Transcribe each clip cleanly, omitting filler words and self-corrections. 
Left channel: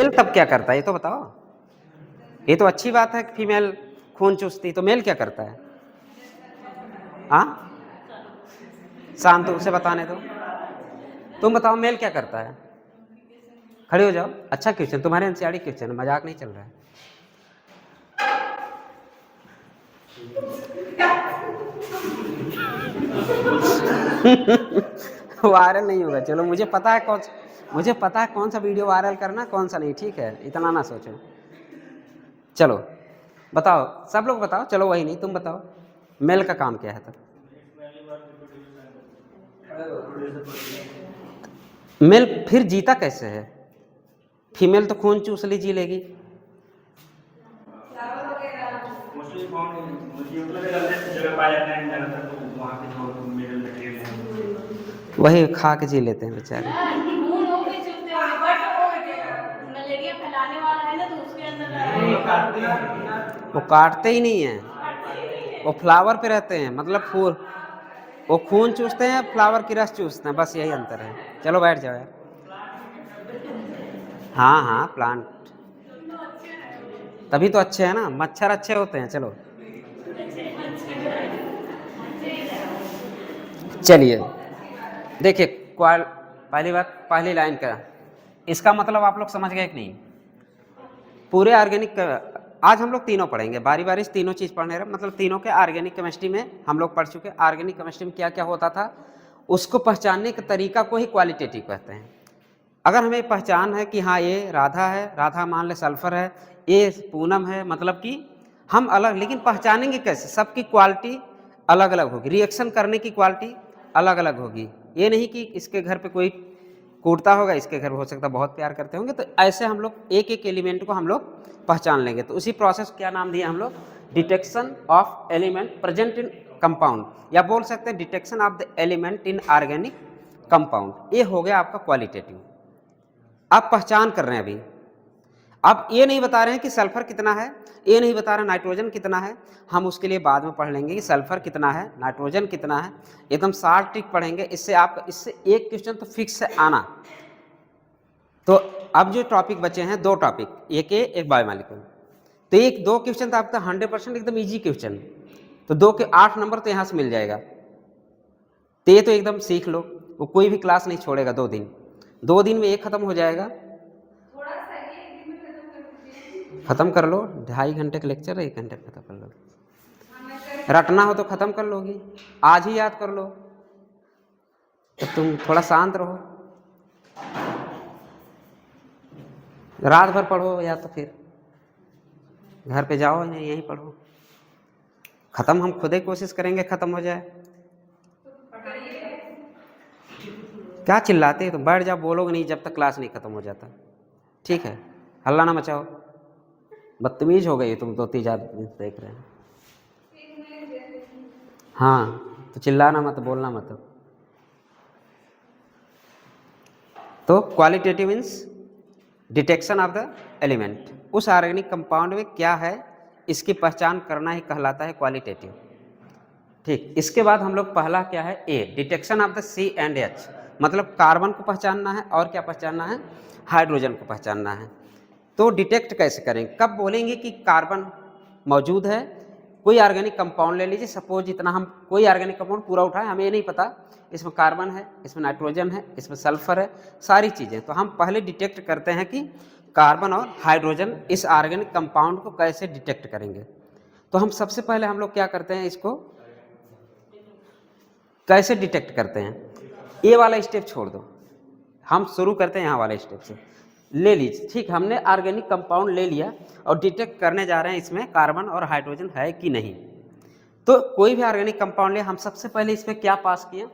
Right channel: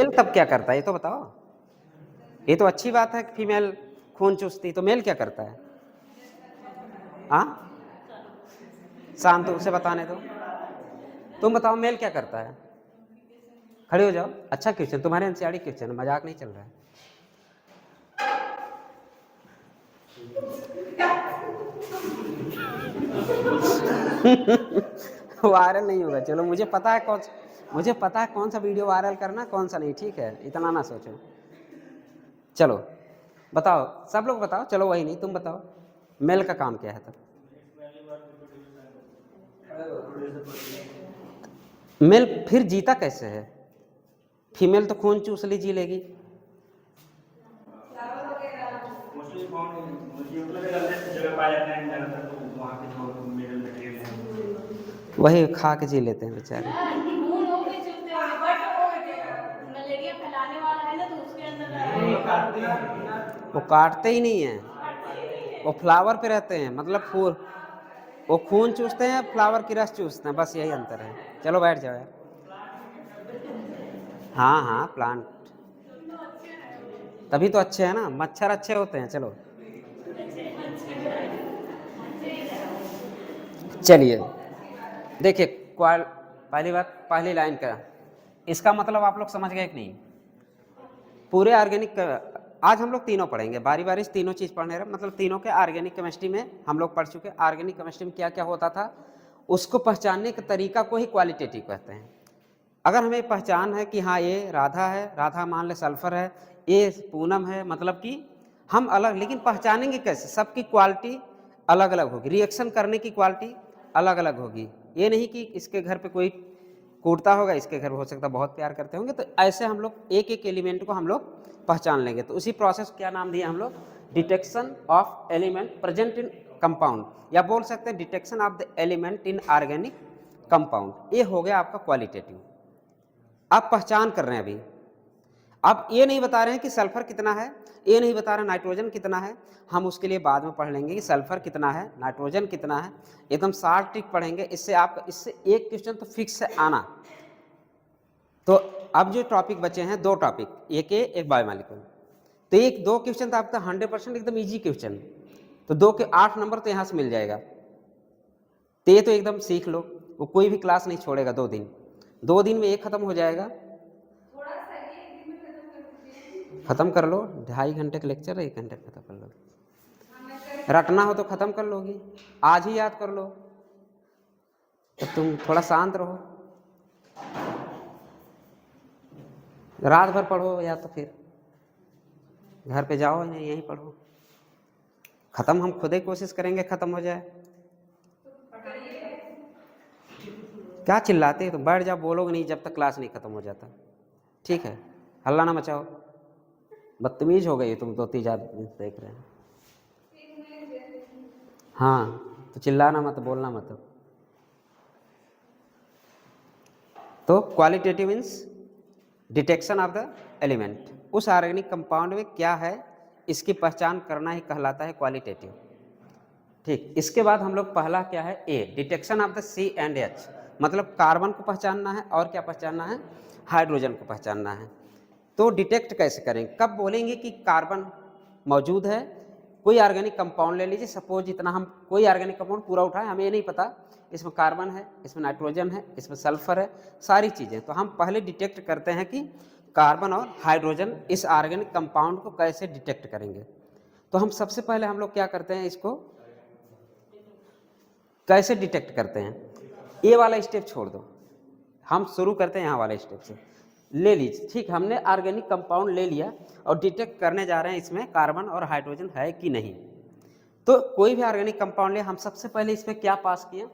Mail तब क्या करता है ये तो बताओ। ये तो अच्छी बात है कि फीमेल खून चूसती, तो मेल क्या करता है? हाँ, शांत रूप से बताने दो। तुम बताओ मेल क्या करता है? खड़े हो जाओ। अच्छा क्वेश्चन, तुम्हारे एनसीईआरटी क्वेश्चन, मजाक नहीं चल रहा है। वायरल नहीं होगा, चलो मुझे पता है कौन सा वीडियो वायरल करना कौन सा नहीं, ठीक है, इतना ना सोचो। चलो बताओ, सब लोग बताओ, चलो वही नहीं, तुम बताओ मेल का काम क्या है तब? मेल फिर जीता कैसे है? फीमेल तो खून चूस ली जी लेगी। वही खा के जी लेते हैं बेचारे। वो काटते ही नहीं है, वो फ्लावर पे रहते हैं, मतलब फूल, वो खून चूसते हैं, फ्लावर की रस चूसते हैं, बस यही अंतर है। चलो बैठ जाओ यार। हाँ हाँ, प्लांट तभी तो अच्छे हैं ना, मच्छर अच्छे होते हैं। चलो चलिए देखिए, पहली बात, पहली लाइन का इसका मतलब आप लोग समझ गए कि नहीं? पूरे ऑर्गेनिक, आज हम लोग तीनों पढ़ेंगे बारी बारी से, तीनों चीज़ पढ़ने रहे, मतलब तीनों के ऑर्गेनिक केमिस्ट्री में हम लोग पढ़ चुके। ऑर्गेनिक केमिस्ट्री में क्या क्या होता था उसको पहचानने के तरीका को ही क्वालिटेटिव कहते हैं। अगर हमें पहचान है कि हाँ ये राधा है, राधा मान ले सल्फर है, ये पूनम है, मतलब कि हम अलग, लेकिन पहचानेंगे कैसे? सबकी क्वालिटी अलग अलग होगी, रिएक्शन करने की क्वालिटी अलग अलग होगी। ये नहीं कि इसके घर पे कोई कूटता होगा, इसके घर हो सकता है बहुत प्यार करते होंगे, तो ऐसे हम लोग एक एक एलिमेंट को हम लोग पहचान लेंगे। तो उसी प्रोसेस क्या नाम दिया हम लोग? Detection of element present in compound, या बोल सकते हैं detection of the element in organic compound. ये हो गया आपका क्वालिटेटिव। आप पहचान कर रहे हैं अभी। अब ये नहीं बता रहे हैं कि सल्फर कितना है, ये नहीं बता रहे नाइट्रोजन कितना है, हम उसके लिए बाद में पढ़ लेंगे कि सल्फर कितना है, नाइट्रोजन कितना है, एकदम शार्ट ट्रिक पढ़ेंगे। इससे आप, इससे एक क्वेश्चन तो फिक्स है आना। तो अब जो टॉपिक बचे हैं, दो टॉपिक, एक बायोमॉलिक्यूल, तो एक दो क्वेश्चन तो आपका 100% एकदम इजी क्वेश्चन, तो 2 के 8 नंबर तो यहाँ से मिल जाएगा। तो ये तो एकदम सीख लो, वो कोई भी क्लास नहीं छोड़ेगा 2 दिन में एक खत्म हो जाएगा। खत्म कर लो, 2.5 घंटे का लेक्चर है, 1 घंटे खत्म कर लो। रटना हो तो खत्म कर लोगी, आज ही याद कर लो। तो तुम थोड़ा शांत रहो, रात भर पढ़ो, या तो फिर घर पे जाओ यहीं पढ़ो। खत्म हम खुद ही कोशिश करेंगे खत्म हो जाए। क्या चिल्लाते हैं? तो बैठ जाओ, बोलोगे नहीं जब तक क्लास नहीं खत्म हो जाता, ठीक है? हल्ला ना मचाओ, बदतमीज हो गई तुम, 2-3 आदमी देख रहे हैं। हाँ तो चिल्लाना मत, बोलना मत। तो qualitative means detection of the element, उस ऑर्गेनिक कंपाउंड में क्या है इसकी पहचान करना ही कहलाता है क्वालिटेटिव। ठीक, इसके बाद हम लोग पहला क्या है, A, detection of the C and H, मतलब कार्बन को पहचानना है और क्या पहचानना है? हाइड्रोजन को पहचानना है। तो डिटेक्ट कैसे करेंगे? कब बोलेंगे कि कार्बन मौजूद है? कोई ऑर्गेनिक कंपाउंड ले लीजिए, सपोज इतना हम कोई ऑर्गेनिक कंपाउंड पूरा उठाए, हमें ये नहीं पता इसमें कार्बन है, इसमें नाइट्रोजन है, इसमें सल्फर है, सारी चीज़ें, तो हम पहले डिटेक्ट करते हैं कि कार्बन और हाइड्रोजन, इस ऑर्गेनिक कंपाउंड को कैसे डिटेक्ट करेंगे। तो हम सबसे पहले हम लोग क्या करते हैं, इसको कैसे डिटेक्ट करते हैं? ये वाला स्टेप छोड़ दो, हम शुरू करते हैं यहाँ वाले स्टेप से। ले लीजिए, ठीक, हमने ऑर्गेनिक कंपाउंड ले लिया और डिटेक्ट करने जा रहे हैं इसमें कार्बन और हाइड्रोजन है कि नहीं। तो कोई भी ऑर्गेनिक कंपाउंड ले, हम सबसे पहले इसमें क्या पास किए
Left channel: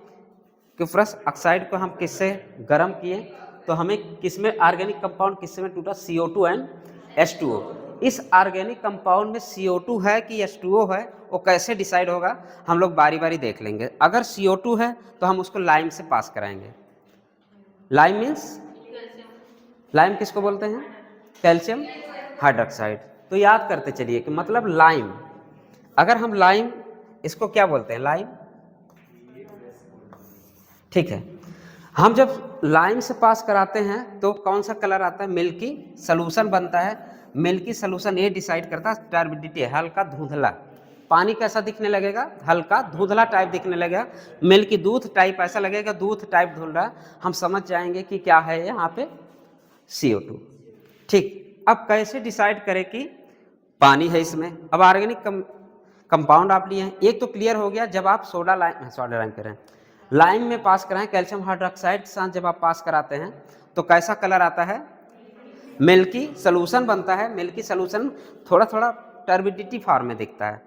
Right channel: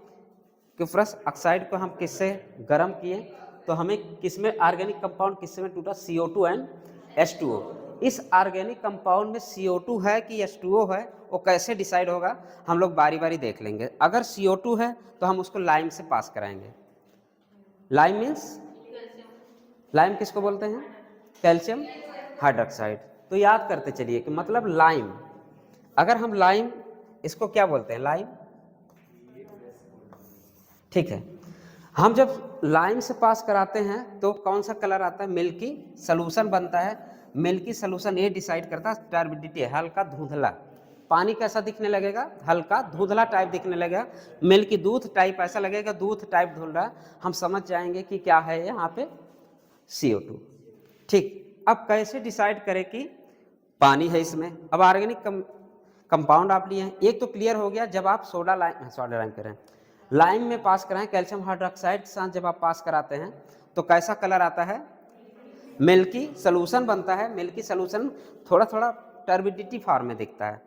कि फर्स्ट ऑक्साइड को हम किससे गर्म किए, तो हमें किसमें ऑर्गेनिक कंपाउंड किसमें टूटा? CO2 and H2O। इस ऑर्गेनिक कंपाउंड में CO2 है कि H2O है, वो कैसे डिसाइड होगा हम लोग बारी बारी देख लेंगे। अगर CO2 है तो हम उसको लाइम से पास कराएंगे। लाइम मीन्स, लाइम किसको बोलते हैं? Calcium hydroxide. तो याद करते चलिए कि मतलब लाइम, अगर हम लाइम, इसको क्या बोलते हैं? लाइम, ठीक है। हम जब लाइम से पास कराते हैं तो कौन सा कलर आता है, मिल्की सॉल्यूशन बनता है। मिल्की सॉल्यूशन ये डिसाइड करता है टर्बिडिटी, हल्का धुंधला। पानी कैसा दिखने लगेगा, हल्का धुंधला टाइप दिखने लगेगा। मिल्की दूध टाइप ऐसा लगेगा, दूध टाइप धुंधला, हम समझ जाएंगे कि क्या है यहाँ पे CO2। ठीक, अब कैसे डिसाइड करें कि पानी है इसमें। अब ऑर्गेनिक कंपाउंड आप लिए हैं, एक तो क्लियर हो गया, जब आप सोडा लाइम करें, लाइम में पास कराएं कैल्शियम हाइड्रोक्साइड के साथ, जब आप पास कराते हैं तो कैसा कलर आता है, मिल्की सॉल्यूशन बनता है। मिल्की सॉल्यूशन थोड़ा थोड़ा टर्बिडिटी फॉर्म में दिखता है,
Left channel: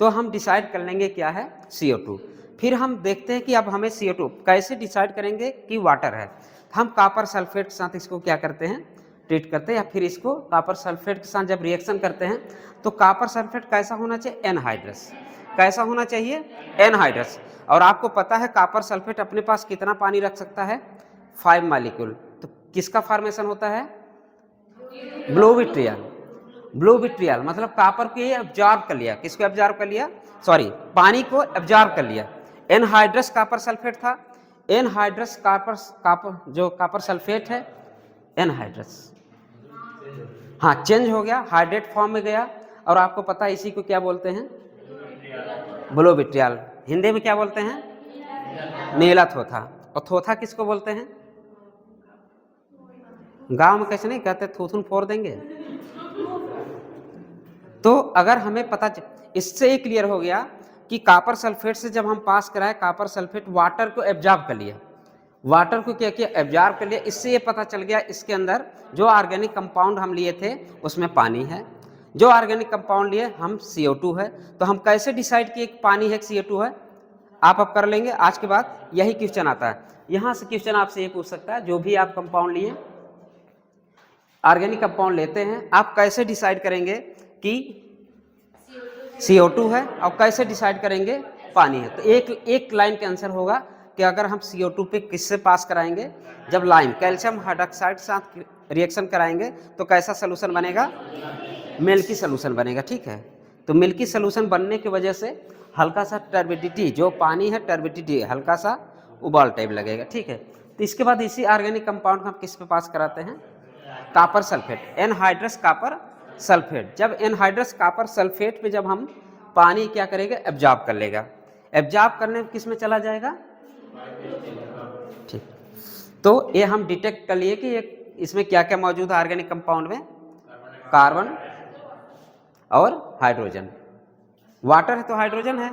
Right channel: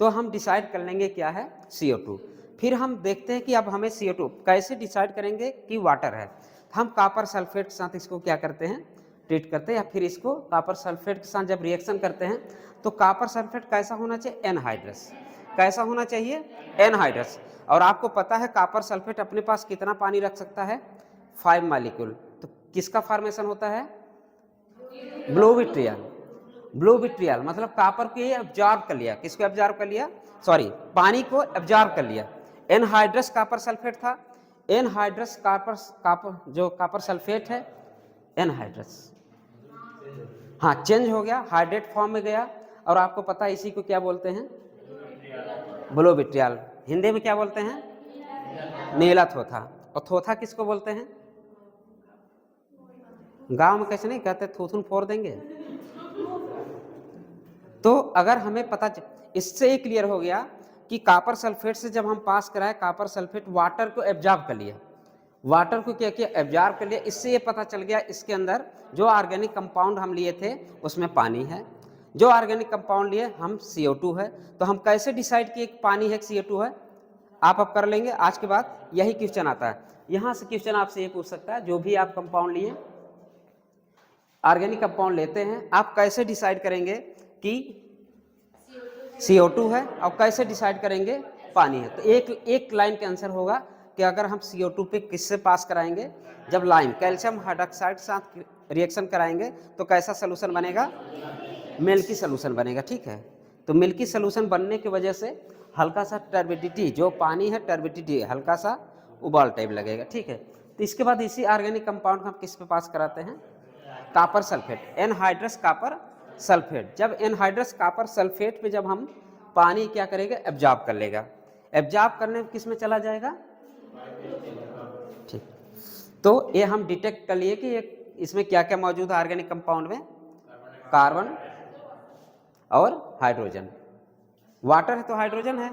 तो हम डिसाइड कर लेंगे क्या है, CO2। फिर हम देखते हैं कि अब हमें CO2 कैसे डिसाइड करेंगे कि वाटर है। हम कॉपर सल्फेट के साथ इसको क्या करते हैं, ट्रीट करते हैं, या फिर इसको कॉपर सल्फेट के साथ जब रिएक्शन करते हैं तो कॉपर सल्फेट कैसा होना चाहिए, एनहाइड्रस। कैसा होना चाहिए, एनहाइड्रस। और आपको पता है कॉपर सल्फेट अपने पास कितना पानी रख सकता है, 5 मॉलिक्यूल। तो किसका फॉर्मेशन होता है, ब्लू विट्रियल। ब्लू विट्रियल मतलब कॉपर को ये एब्जॉर्ब कर लिया, किसको एब्जॉर्ब कर लिया, सॉरी पानी को एब्जॉर्ब कर लिया। एनहाइड्रस कॉपर सल्फेट था, एनहाइड्रस कॉपर जो कॉपर सल्फेट है एनहाइड्रस, हाँ चेंज हो गया, हाइड्रेट फॉर्म में गया। और आपको पता है इसी को क्या बोलते हैं, ब्लू विट्रियल। हिंदी में क्या बोलते हैं, नीला थोथा। और थोथा किसको बोलते हैं, गांव में कैसे नहीं कहते, थूथुन फोड़ देंगे। तो अगर हमें पता इससे ही क्लियर हो गया कि कॉपर सल्फेट से जब हम पास कराए, कॉपर सल्फेट वाटर को एब्जॉर्ब कर लिया, वाटर को क्या किया, एब्जॉर्ब कर लिया। इससे ये पता चल गया इसके अंदर जो ऑर्गेनिक कंपाउंड हम लिए थे उसमें पानी है, जो ऑर्गेनिक कंपाउंड लिए हम CO2 है। तो हम कैसे डिसाइड किए पानी है CO2 है, आप अब कर लेंगे। आज के बाद यही क्वेश्चन आता है, यहाँ से क्वेश्चन आपसे ये पूछ सकता है, जो भी आप कंपाउंड लिए, ऑर्गेनिक कंपाउंड लेते हैं, आप कैसे डिसाइड करेंगे कि CO2 है और कैसे डिसाइड करेंगे पानी है। तो एक लाइन का आंसर होगा कि अगर हम CO2 पे किससे पास कराएंगे, जब लाइम कैल्शियम हाइड्रोक्साइड के साथ रिएक्शन कराएंगे तो कैसा सोल्यूशन बनेगा, मिल्की सोल्यूशन बनेगा। ठीक है, तो मिल्की सोल्यूशन बनने की वजह से हल्का सा टर्बिडिटी, जो पानी है टर्बिडिटी हल्का सा उबाल टाइप लगेगा। ठीक है, तो इसके बाद इसी ऑर्गेनिक कंपाउंड को हम किस पे पास कराते हैं, copper sulphate, anhydrous copper sulphate. जब एनहाइड्रस कॉपर सल्फेट पे जब हम पानी क्या करेंगे, एब्जॉर्ब कर लेगा। एब्जॉर्ब करने किस में चला जाएगा, ठीक। तो ये हम डिटेक्ट कर लिए कि इसमें क्या क्या मौजूद है ऑर्गेनिक कंपाउंड में, कार्बन और हाइड्रोजन। वाटर है तो हाइड्रोजन है।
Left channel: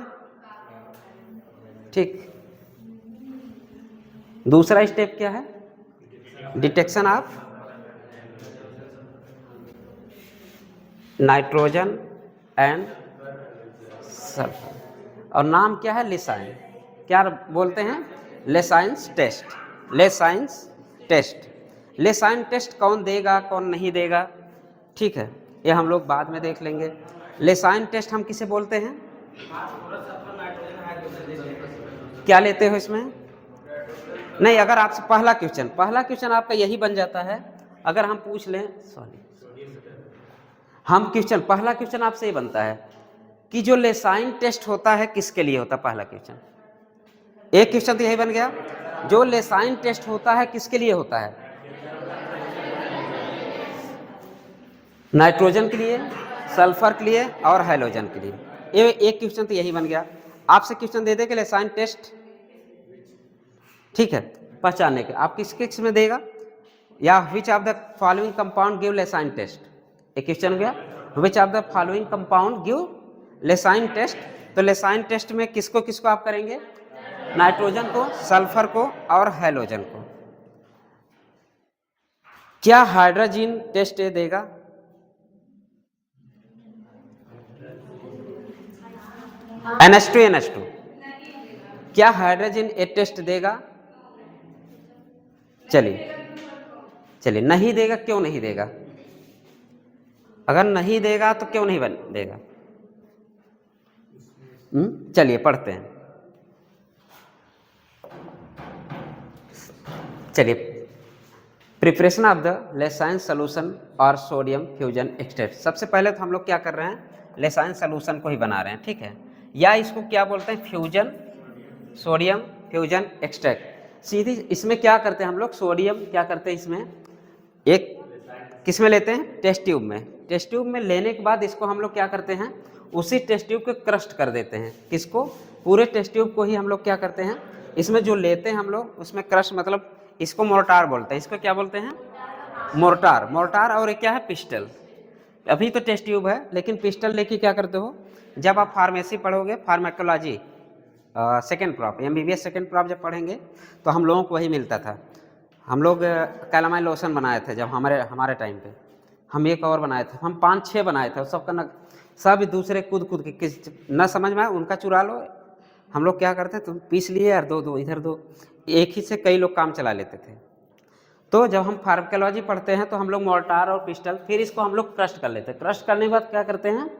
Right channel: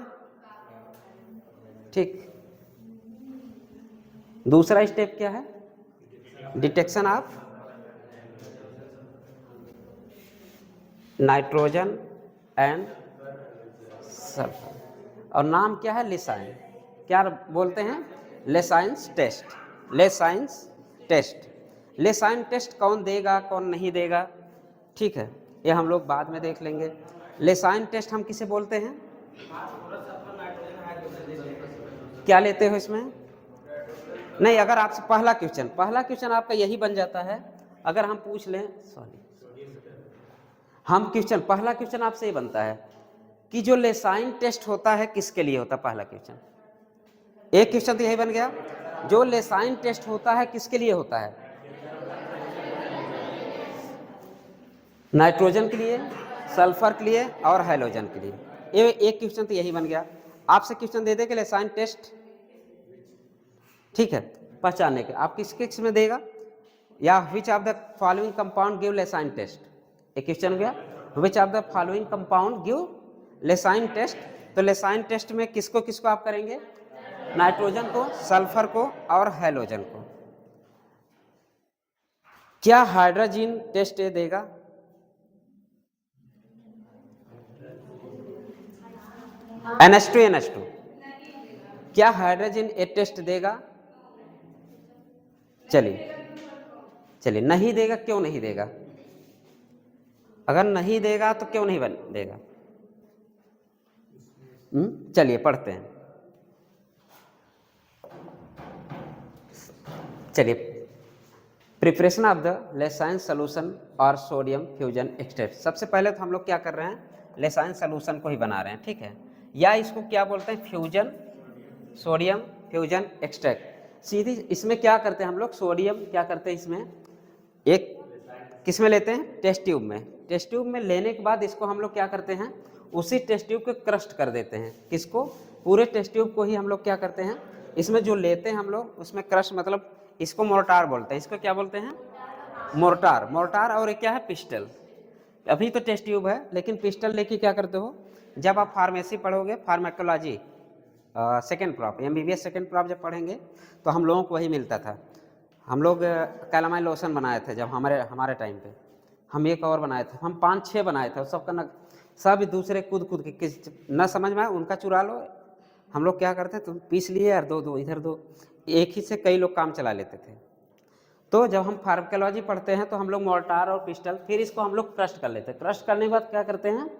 ठीक, दूसरा स्टेप क्या है, detection of nitrogen and sulphur, और नाम क्या है, लेसाइन। क्या बोलते हैं, लेसाइंस टेस्ट। लेसाइंस टेस्ट, लेसाइन टेस्ट कौन देगा कौन नहीं देगा, ठीक है, ये हम लोग बाद में देख लेंगे। लेसाइन टेस्ट हम किसे बोलते हैं, क्या लेते हो इसमें, नहीं अगर आपसे पहला क्वेश्चन आपका यही बन जाता है, अगर हम पूछ लें, सॉरी हम क्वेश्चन, पहला क्वेश्चन आपसे ये बनता है कि जो लेसाइन टेस्ट होता है किसके लिए होता है, पहला क्वेश्चन, एक क्वेश्चन तो यही बन गया, जो लेसाइन टेस्ट होता है किसके लिए होता है, नाइट्रोजन के लिए, सल्फर के लिए और हैलोजन के लिए। ये एक क्वेश्चन तो यही बन गया। आपसे क्वेश्चन दे दे कि लेसाइन टेस्ट, ठीक है, पहचानने के, आप किस किस में देगा, या which of the following compound give Lassaigne test, एक क्वेश्चन गया, which of the following compound give Lassaigne test. तो लेसाइन टेस्ट में किसको किसको आप करेंगे, नाइट्रोजन को, सल्फर को और हैलोजन को। क्या हाइड्रोजन टेस्ट देगा, NH2 क्या हाइड्रोजन टेस्ट देगा, चलिए नहीं देगा, क्यों नहीं देगा, अगर नहीं देगा तो क्यों नहीं देगा, चलिए पढ़ते हैं। चलिए, प्रिपरेशन ऑफ द लेसाइन सोल्यूशन और सोडियम फ्यूजन एक्सट्रैक्ट। सबसे पहले तो हम लोग क्या कर रहे हैं, लेसाइन सोल्यूशन को ही बना रहे हैं, ठीक है, या इसको क्या बोलते हैं, फ्यूजन सोडियम फ्यूजन एक्सट्रैक्ट। सीधी इसमें क्या करते हैं हम लोग, सोडियम क्या करते हैं इसमें, एक किस में लेते हैं, टेस्ट ट्यूब में। टेस्ट ट्यूब में लेने के बाद इसको हम लोग क्या करते हैं, उसी टेस्ट ट्यूब को क्रस्ट कर देते हैं। किसको, पूरे टेस्ट ट्यूब को ही हम लोग क्या करते हैं, इसमें जो लेते हैं हम लोग उसमें क्रश, मतलब इसको मोर्टार बोलते हैं। इसको क्या बोलते हैं, मोर्टार। मोर्टार और क्या है, पिस्टल। अभी तो टेस्ट ट्यूब है, लेकिन पिस्टल लेके क्या करते हो, जब आप फार्मेसी पढ़ोगे, pharmacology second crop, MBBS second crop जब पढ़ेंगे तो हम लोगों को वही मिलता था। हम लोग कैलामाइन लोशन बनाए थे जब हमारे टाइम पे, हम एक और बनाए थे, हम 5-6 बनाए थे, सबका न सब दूसरे कूद कूद के, किस न समझ में आए उनका चुरा लो। हम लोग क्या करते, तुम पीस लिए यार, दो इधर दो, एक ही से कई लोग काम चला लेते थे। तो जब हम फार्माकोलॉजी पढ़ते हैं तो हम लोग मोर्टार और पिस्टल, फिर इसको हम लोग क्रस्ट कर लेते हैं। क्रस्ट करने के बाद क्या करते हैं,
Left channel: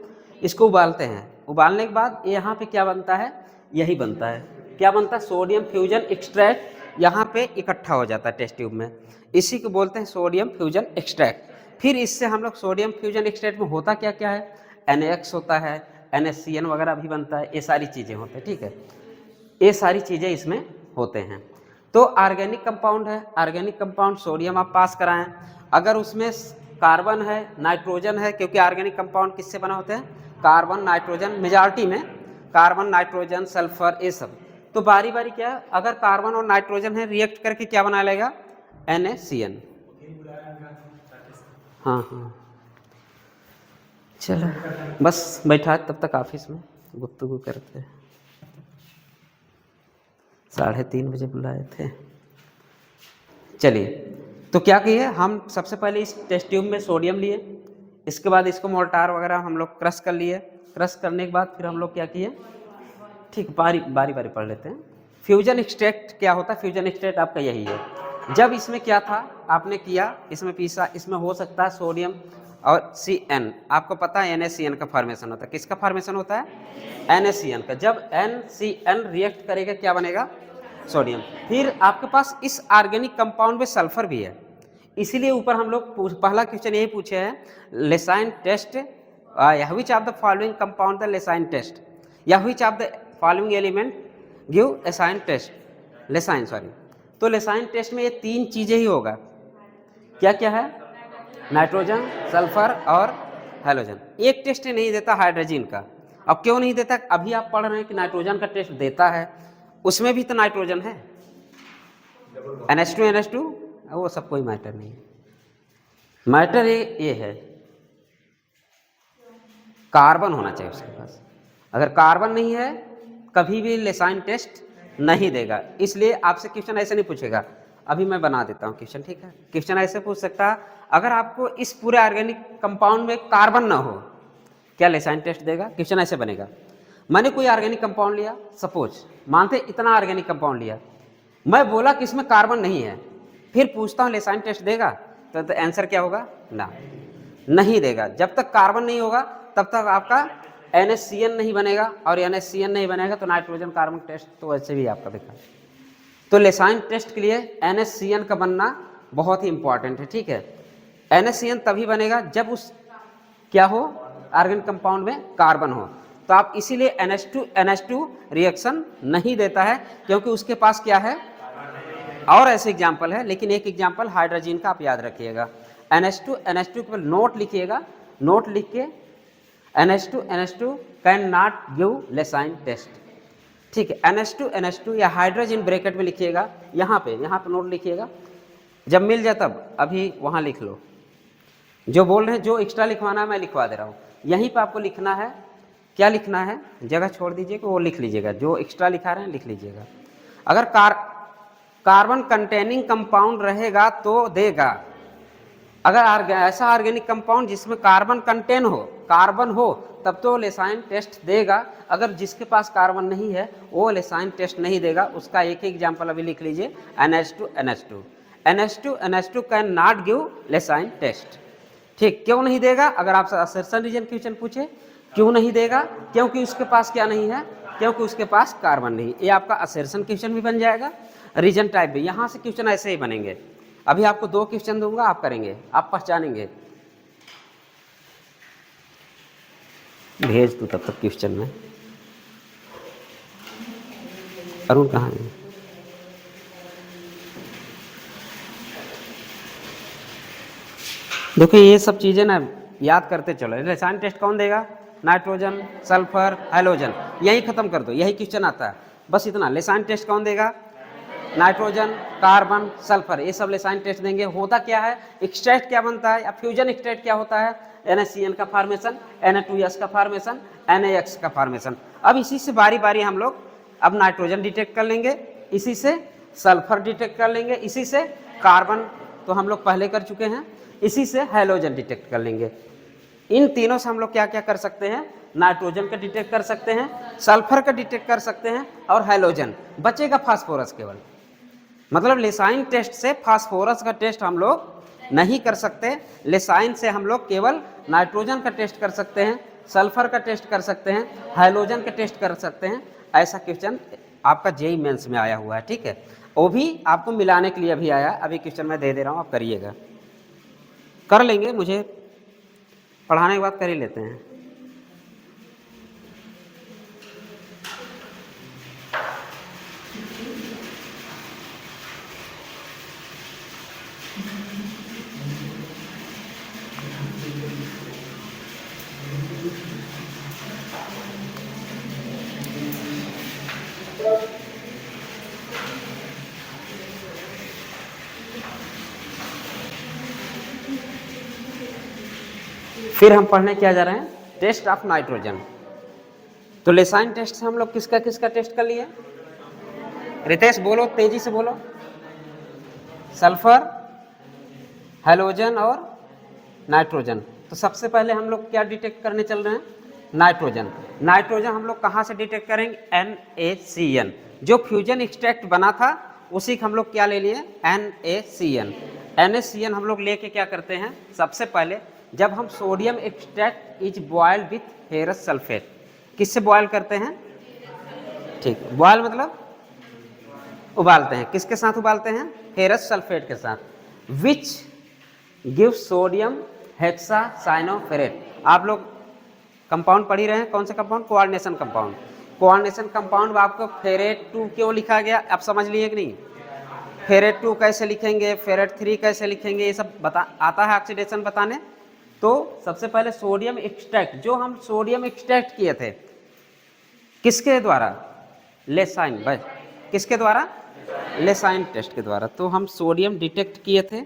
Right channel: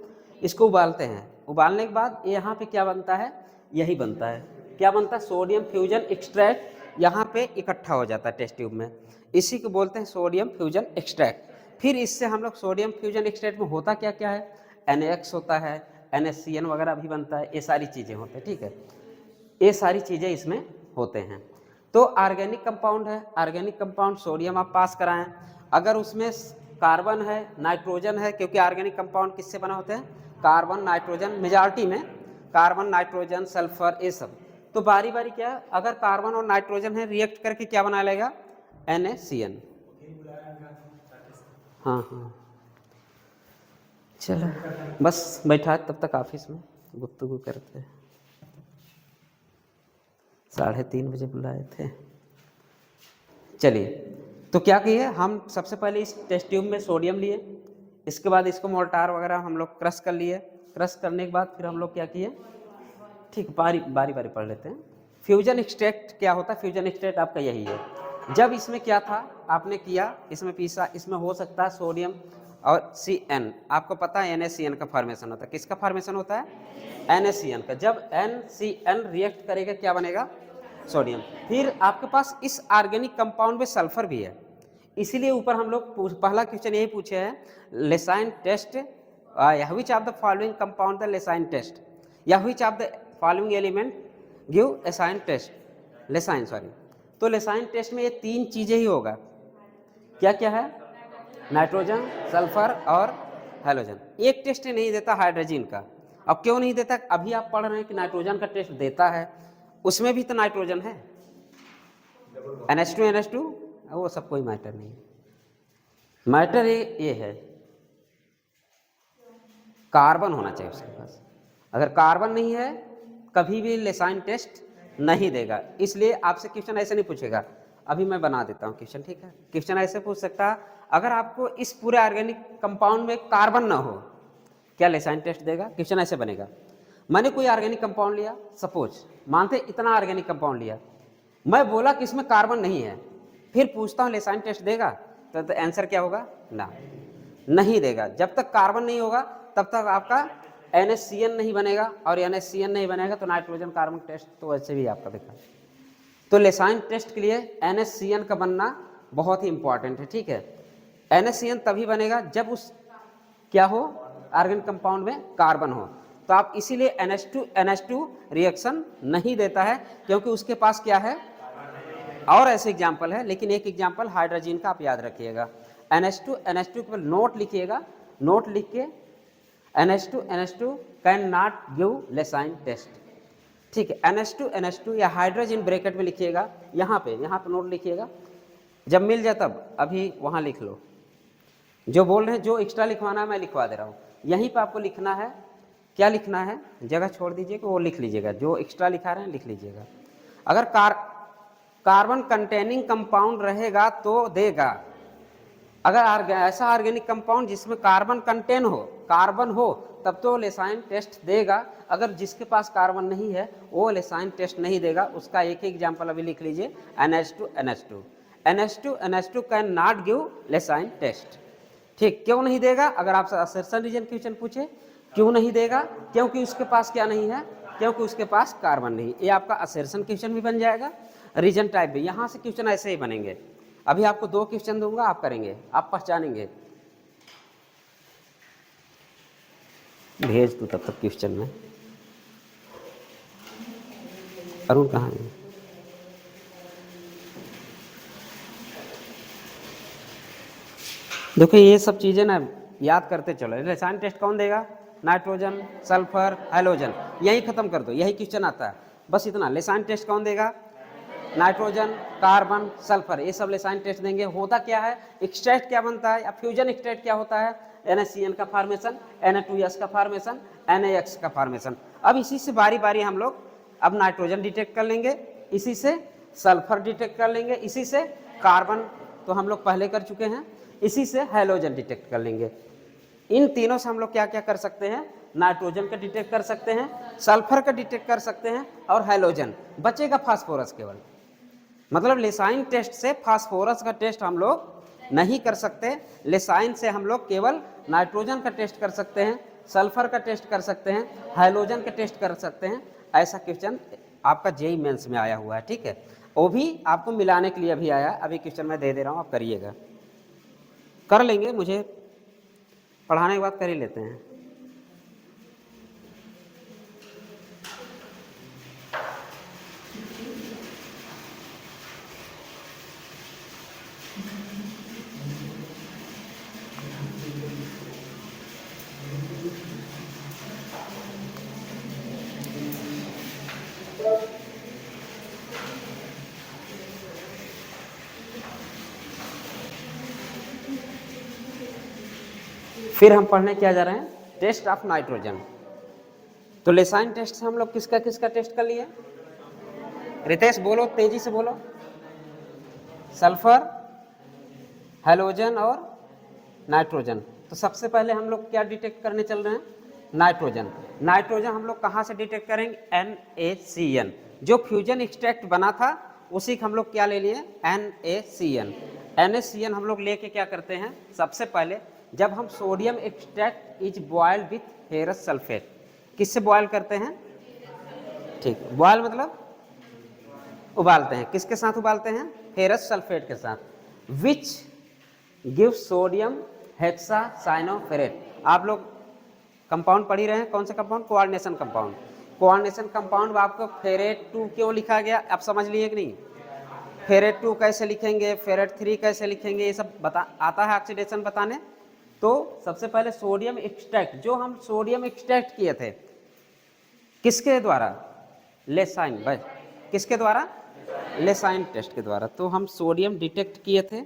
इसको उबालते हैं। उबालने के बाद यहाँ पे क्या बनता है, यही बनता है, क्या बनता है, सोडियम फ्यूजन एक्सट्रैक्ट यहाँ पे इकट्ठा हो जाता है टेस्ट ट्यूब में। इसी को बोलते हैं सोडियम फ्यूजन एक्सट्रैक्ट। फिर इससे हम लोग सोडियम फ्यूजन एक्सट्रैक्ट में होता क्या क्या है, NaX होता है, NaCN वगैरह भी बनता है, ये सारी चीज़ें होती हैं, ठीक है, ये सारी चीज़ें इसमें होते हैं। तो ऑर्गेनिक कंपाउंड है, ऑर्गेनिक कंपाउंड सोडियम आप पास कराएं। अगर उसमें कार्बन है, नाइट्रोजन है, क्योंकि ऑर्गेनिक कंपाउंड किससे बना होते हैं, कार्बन नाइट्रोजन, मेजॉरिटी में कार्बन नाइट्रोजन सल्फर ये सब। तो बारी बारी क्या है, अगर कार्बन और नाइट्रोजन है, रिएक्ट करके क्या बना लेगा, NaCN। हाँ हाँ, चलो बस बैठा तब तक ऑफिस में गुफ्तगू करते हैं। 3:30 बजे बुलाए थे। चलिए, तो क्या किए हम, सबसे पहले इस टेस्ट ट्यूब में सोडियम लिए, इसके बाद इसको मोर्टार वगैरह हम लोग क्रश कर लिए। क्रश करने के बाद फिर हम लोग क्या किए, ठीक, बारी बारी पढ़ लेते हैं। फ्यूजन एक्सट्रैक्ट क्या होता है, फ्यूजन एक्सट्रैक्ट आपका यही है। जब इसमें क्या था, आपने किया, इसमें पीसा, इसमें हो सकता है सोडियम और CN, आपको पता है NaCN का फॉर्मेशन होता है। किसका फॉर्मेशन होता है, NaCN का। जब NCN रिएक्ट करेगा क्या बनेगा, सोडियम। फिर आपके पास इस ऑर्गेनिक कंपाउंड में सल्फर भी है, इसीलिए ऊपर हम लोग पहला क्वेश्चन यही पूछे हैं, Lassaigne test, which of the following compound the Lassaigne test, या which of the following element give Lassaigne test, Lassaigne sorry. तो लेसाइन टेस्ट में ये 3 चीज़ें ही होगा, क्या क्या है, नाइट्रोजन, सल्फर और हैलोजन। एक टेस्ट नहीं देता हाइड्रोजन का। अब क्यों नहीं देता, अभी आप पढ़ रहे हैं कि नाइट्रोजन का टेस्ट देता है, उसमें भी तो नाइट्रोजन है, NH2 वो सब कोई मैटर नहीं है। मैटर ये है, कार्बन होना चाहिए उसके पास। अगर कार्बन नहीं है कभी भी लेसाइन टेस्ट नहीं देगा। इसलिए आपसे क्वेश्चन ऐसे नहीं पूछेगा, अभी मैं बना देता हूँ क्वेश्चन, ठीक है। क्वेश्चन ऐसे पूछ सकता है, अगर आपको इस पूरे ऑर्गेनिक कंपाउंड में कार्बन ना हो, क्या लेसाइन टेस्ट देगा, क्वेश्चन ऐसे बनेगा। मैंने कोई ऑर्गेनिक कंपाउंड लिया, सपोज मानते इतना ऑर्गेनिक कंपाउंड लिया, मैं बोला कि इसमें कार्बन नहीं है, फिर पूछता हूँ लेसाइन टेस्ट देगा, तो आंसर क्या होगा, ना, नहीं देगा। जब तक कार्बन नहीं होगा तब तक आपका NaCN नहीं बनेगा, और NaCN नहीं बनेगा तो नाइट्रोजन कार्बन टेस्ट तो वैसे भी आपका बेकार। तो लेसाइन टेस्ट के लिए NaCN का बनना बहुत ही इंपॉर्टेंट है, ठीक है। NaCN तभी बनेगा जब उस क्या हो, ऑर्गेनिक कंपाउंड में कार्बन हो। तो आप इसीलिए NH2 रिएक्शन नहीं देता है, क्योंकि उसके पास क्या है, और ऐसे एग्जाम्पल है, लेकिन एक एग्जाम्पल हाइड्रोजन का आप याद रखिएगा। NH2 के नोट लिखिएगा, नोट लिख के NH2 can not give Lassaigne test, ठीक है। NH2 या हाइड्रोजन ब्रैकेट में लिखिएगा, यहाँ पे नोट लिखिएगा, जब मिल जाए तब, अभी वहाँ लिख लो। जो बोल रहे हैं, जो एक्स्ट्रा लिखवाना है मैं लिखवा दे रहा हूँ, यहीं पे आपको लिखना है। क्या लिखना है, जगह छोड़ दीजिएगा, वो लिख लीजिएगा, जो एक्स्ट्रा लिखा रहे हैं लिख लीजिएगा। अगर कार्बन कंटेनिंग कंपाउंड रहेगा तो देगा। अगर ऐसा ऑर्गेनिक कंपाउंड जिसमें कार्बन कंटेन हो, कार्बन हो, तब तो लेसाइन टेस्ट देगा। अगर जिसके पास कार्बन नहीं है वो लेसाइन टेस्ट नहीं देगा। उसका एक ही एग्जाम्पल अभी लिख लीजिए, NH2 can not give Lassaigne test, ठीक। क्यों नहीं देगा, अगर आपसे असर्शन रीजन क्वेश्चन पूछे, क्यों नहीं देगा, क्योंकि उसके पास क्या नहीं है, क्योंकि उसके पास कार्बन नहीं। ये आपका असर्शन क्वेश्चन भी बन जाएगा, रीजन टाइप भी। यहाँ से क्वेश्चन ऐसे ही बनेंगे। अभी आपको 2 क्वेश्चन दूंगा, आप करेंगे, आप पहचानेंगे। भेज दूँ तब तक क्वेश्चन में, अरुण कहाँ है, देखिए ये सब चीज़ें ना याद करते चलो। रसायन टेस्ट कौन देगा? नाइट्रोजन, सल्फर, हाइड्रोजन, यही खत्म कर दो, यही क्वेश्चन आता है, बस इतना। रसायन टेस्ट कौन देगा? नाइट्रोजन, कार्बन, सल्फर, ये सब रसायन टेस्ट देंगे। होता क्या है, एक्सट्रैक्ट क्या बनता है, या फ्यूजन एक्सट्रैक्ट क्या होता है? NaCN का फॉर्मेशन, Na2S का फॉर्मेशन, NaX का फॉर्मेशन। अब इसी से बारी बारी हम लोग अब नाइट्रोजन डिटेक्ट कर लेंगे, इसी से सल्फर डिटेक्ट कर लेंगे, इसी से कार्बन तो हम लोग पहले कर चुके हैं, इसी से हाइड्रोजन डिटेक्ट कर लेंगे। इन तीनों से हम लोग क्या क्या कर सकते हैं? नाइट्रोजन का डिटेक्ट कर सकते हैं, सल्फर का डिटेक्ट कर सकते हैं, और हाइड्रोजन बचेगा फास्फोरस केवल। मतलब लेसाइन टेस्ट से फास्फोरस का टेस्ट हम लोग नहीं कर सकते। लेसाइन से हम लोग केवल नाइट्रोजन का टेस्ट कर सकते हैं, सल्फर का टेस्ट कर सकते हैं, हाइड्रोजन का टेस्ट कर सकते हैं। ऐसा क्वेश्चन आपका जेईई मेंस में आया हुआ है, ठीक है। वो भी आपको मिलाने के लिए अभी आया, अभी क्वेश्चन मैं दे रहा हूँ, आप करिएगा। कर लेंगे, मुझे पढ़ाने के बाद कर ही लेते हैं। फिर हम पढ़ने क्या जा रहे हैं? Test of nitrogen. तो लेसाइन टेस्ट से हम लोग किसका किसका टेस्ट कर लिए? रितेश बोलो, तेजी से बोलो। सल्फर, हाइड्रोजन और नाइट्रोजन। तो सबसे पहले हम लोग क्या डिटेक्ट करने चल रहे हैं? नाइट्रोजन। नाइट्रोजन हम लोग कहाँ से डिटेक्ट करेंगे? NaCN। जो फ्यूजन एक्सट्रैक्ट बना था उसी को हम लोग क्या ले लिए? NaCN। NaCN हम लोग लेके क्या करते हैं? सबसे पहले जब हम sodium extract is boiled with ferrous sulphate, किससे बॉयल करते हैं? ठीक, बॉयल मतलब उबालते हैं। किसके साथ उबालते हैं? फेरस सल्फेट के साथ। Which give sodium hexacyanoferrate. आप लोग कंपाउंड पढ़ ही रहे हैं, कौन से compound? Coordination compound. Coordination compound में आपको फेरेट 2 क्यों लिखा गया, आप समझ लिए कि नहीं? फेरेट 2 कैसे लिखेंगे, फेरेट 3 कैसे लिखेंगे, ये सब बता आता है ऑक्सीडेशन बताने। तो सबसे पहले सोडियम एक्सट्रैक्ट, जो हम सोडियम एक्सट्रैक्ट किए थे किसके द्वारा? लेसाइन। भाई किसके द्वारा? लेसाइन टेस्ट के द्वारा। तो हम सोडियम डिटेक्ट किए थे,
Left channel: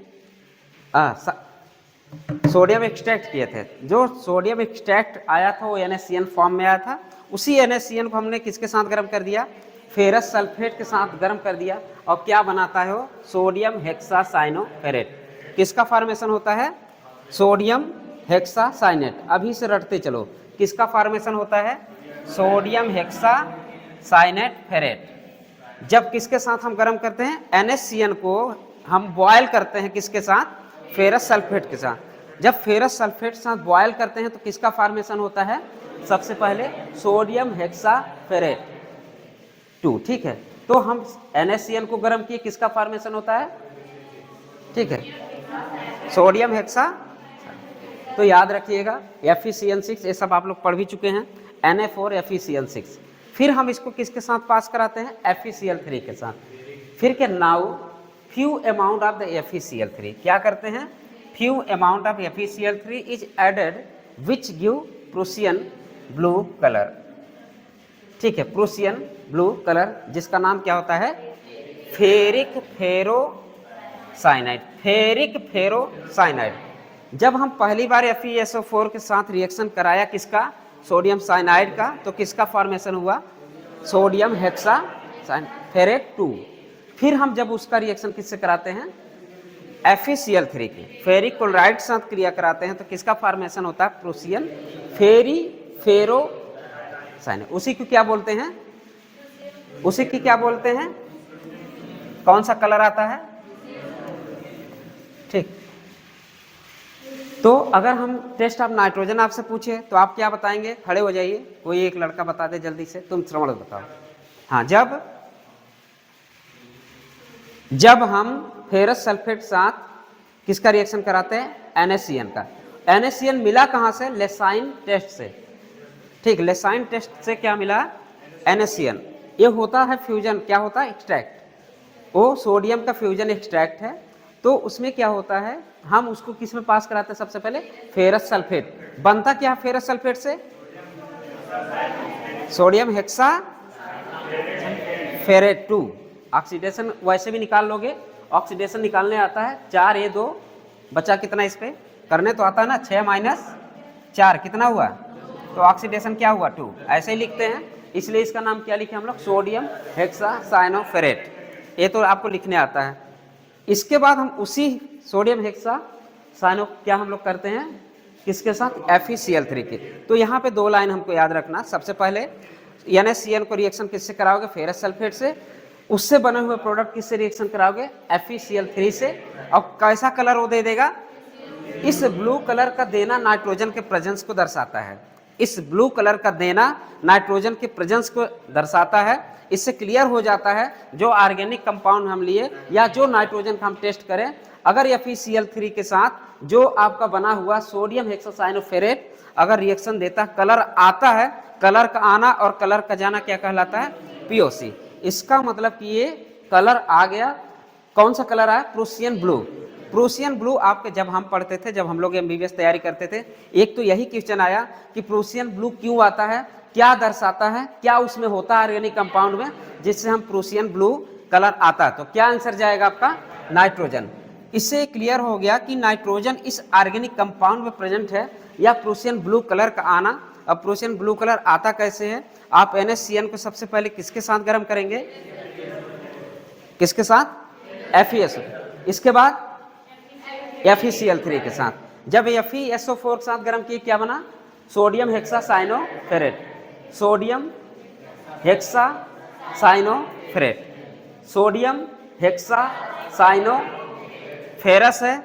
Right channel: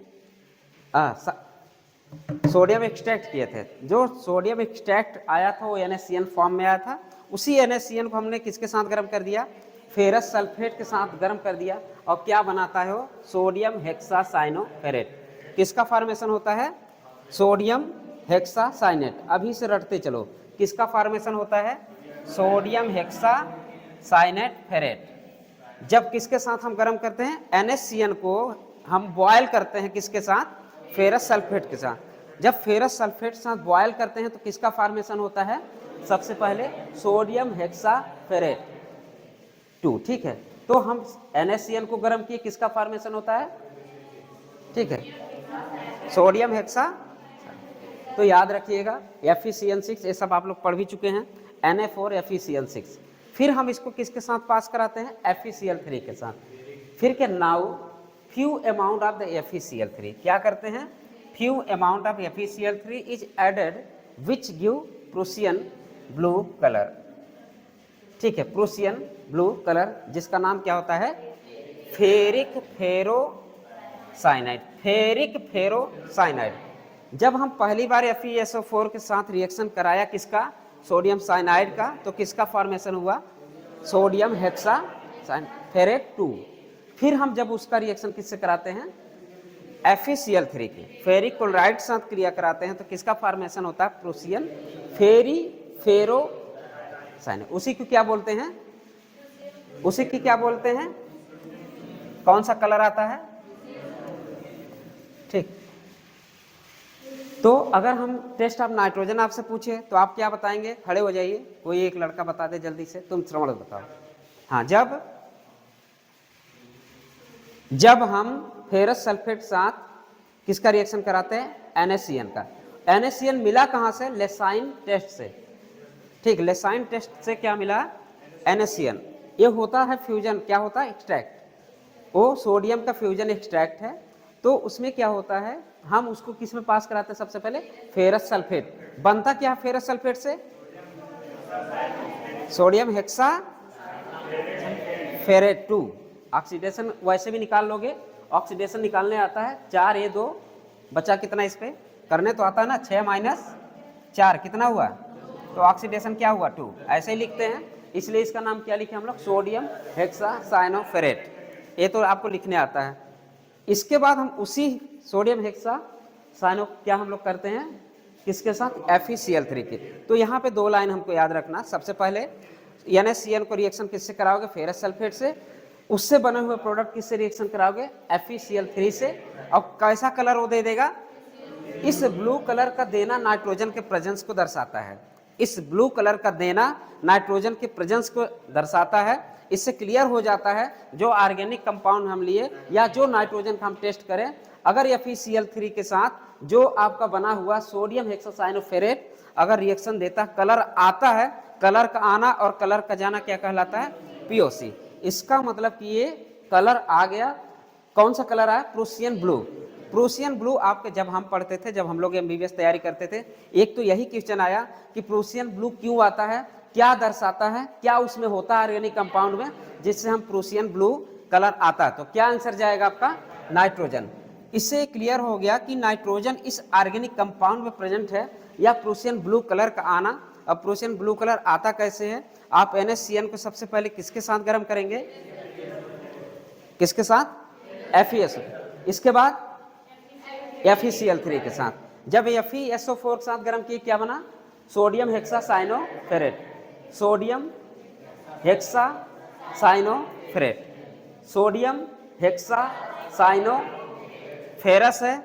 सोडियम एक्सट्रैक्ट किए थे। जो सोडियम एक्सट्रैक्ट आया था वो NaCN फॉर्म में आया था। उसी NaCN को हमने किसके साथ गर्म कर दिया? फेरस सल्फेट के साथ गर्म कर दिया। और क्या बनाता है वो? Sodium hexacyanoferrate. किसका फॉर्मेशन होता है? Sodium hexacyanate. अभी से रटते चलो, किसका फॉर्मेशन होता है? Sodium hexacyanate ferrate. जब किसके साथ हम गर्म करते हैं? NaCN को हम बॉयल करते हैं, किसके साथ? फेरस सल्फेट के साथ। जब फेरस सल्फेट के साथ बॉयल करते हैं तो किसका फॉर्मेशन होता है? सबसे पहले सोडियम हेक्साफेरेट 2, ठीक है। तो हम NaCN को गर्म किए, किसका फॉर्मेशन होता है? ठीक है, सोडियम हेक्सा। तो याद रखिएगा FeCN6, ये सब आप लोग पढ़ भी चुके हैं, Na4 FeCN6। फिर हम इसको किसके साथ पास कराते हैं? FeCl3 के साथ। फिर के now few amount of the FeCl3 क्या करते हैं? Few amount of FeCl3 is added which give Prussian blue colour. ठीक है, प्रूसियन ब्लू कलर, जिसका नाम क्या होता है? Ferric ferrocyanide. Ferric ferrocyanide. जब हम पहली बार FeSO4 के साथ रिएक्शन कराया, किसका? सोडियम साइनाइड का, तो किसका फॉर्मेशन हुआ? सोडियम हेक्साफेरेट 2। फिर हम जब उसका रिएक्शन किससे कराते हैं? FeCl3 के फेरिक क्लोराइड के साथ क्रिया कराते हैं तो किसका फॉर्मेशन होता है? प्रूसियन फेरी फेरोसाइनाइड। उसी को क्या बोलते हैं? उसी की क्या बोलते हैं? कौन सा कलर आता है? ठीक। तो अगर हम टेस्ट ऑफ नाइट्रोजन आपसे पूछे तो आप क्या बताएंगे? खड़े हो जाइए, कोई एक लड़का बता दे जल्दी से। तुम श्रवण बताओ। हाँ, जब हम फेरस सल्फेट साथ किसका रिएक्शन कराते हैं? NaCN का। NaCN मिला कहाँ से? लेसाइन टेस्ट से। ठीक, लेसाइन टेस्ट से क्या मिला? NaCN। ये होता है फ्यूजन, क्या होता है? एक्सट्रैक्ट। वो सोडियम का फ्यूजन एक्सट्रैक्ट है। तो उसमें क्या होता है, हम उसको किस में पास कराते हैं, सबसे पहले फेरस सल्फेट। बनता क्या फेरस सल्फेट से, सोडियम हेक्सा फेरेट 2। ऑक्सीडेशन वैसे भी निकाल लोगे, ऑक्सीडेशन निकालने आता है 4A2, बचा कितना इस पे, करने तो आता है ना, 6 - 4 कितना हुआ, तो ऑक्सीडेशन क्या हुआ 2, ऐसे ही लिखते हैं। इसलिए इसका नाम क्या लिखे हम लोग, सोडियम हेक्सासाइनोफेरेट, ये तो आपको लिखने आता है। इसके बाद हम उसी सोडियम हेक्सासाइनो क्या हम लोग करते हैं किसके साथ, FeCl3 के। तो यहाँ पे 2 लाइन हमको याद रखना, सबसे पहले NaCl को रिएक्शन किससे कराओगे, फेरस सल्फेट से, उससे बने हुए प्रोडक्ट किससे रिएक्शन कराओगे, FeCl3 से। और कैसा कलर वो दे देगा, इस ब्लू कलर का देना नाइट्रोजन के प्रेजेंस को दर्शाता है, इस ब्लू कलर का देना नाइट्रोजन के प्रेजेंस को दर्शाता है। इससे क्लियर हो जाता है जो ऑर्गेनिक कंपाउंड हम लिए या जो नाइट्रोजन का हम टेस्ट करें, अगर FeCl3 के साथ जो आपका बना हुआ सोडियम हेक्सासाइनोफेरेट अगर रिएक्शन देता, कलर आता है, कलर का आना और कलर का जाना क्या कहलाता है, POC। इसका मतलब कि ये कलर आ गया, कौन सा कलर आया, प्रूसियन ब्लू। प्रूसियन ब्लू आपके जब हम पढ़ते थे, जब हम लोग MBBS तैयारी करते थे, एक तो यही क्वेश्चन आया कि प्रूसियन ब्लू क्यों आता है, क्या दर्शाता है, क्या उसमें होता है ऑर्गेनिक कंपाउंड में जिससे हम प्रूसियन ब्लू कलर आता है। तो क्या आंसर जाएगा आपका, नाइट्रोजन। इससे क्लियर हो गया कि नाइट्रोजन इस ऑर्गेनिक कंपाउंड में प्रेजेंट है, या प्रूसियन ब्लू कलर का आना। अब प्रूसियन ब्लू कलर आता कैसे है, आप NaCN को सबसे पहले किसके साथ गर्म करेंगे, किसके साथ, FeSO, इसके बाद FeCl3 के साथ। जब FeSO4 के साथ गर्म किए क्या बना, sodium hexacyanoferrate, sodium hexacyanoferrate, sodium हेक्सासाइनोफेरस है।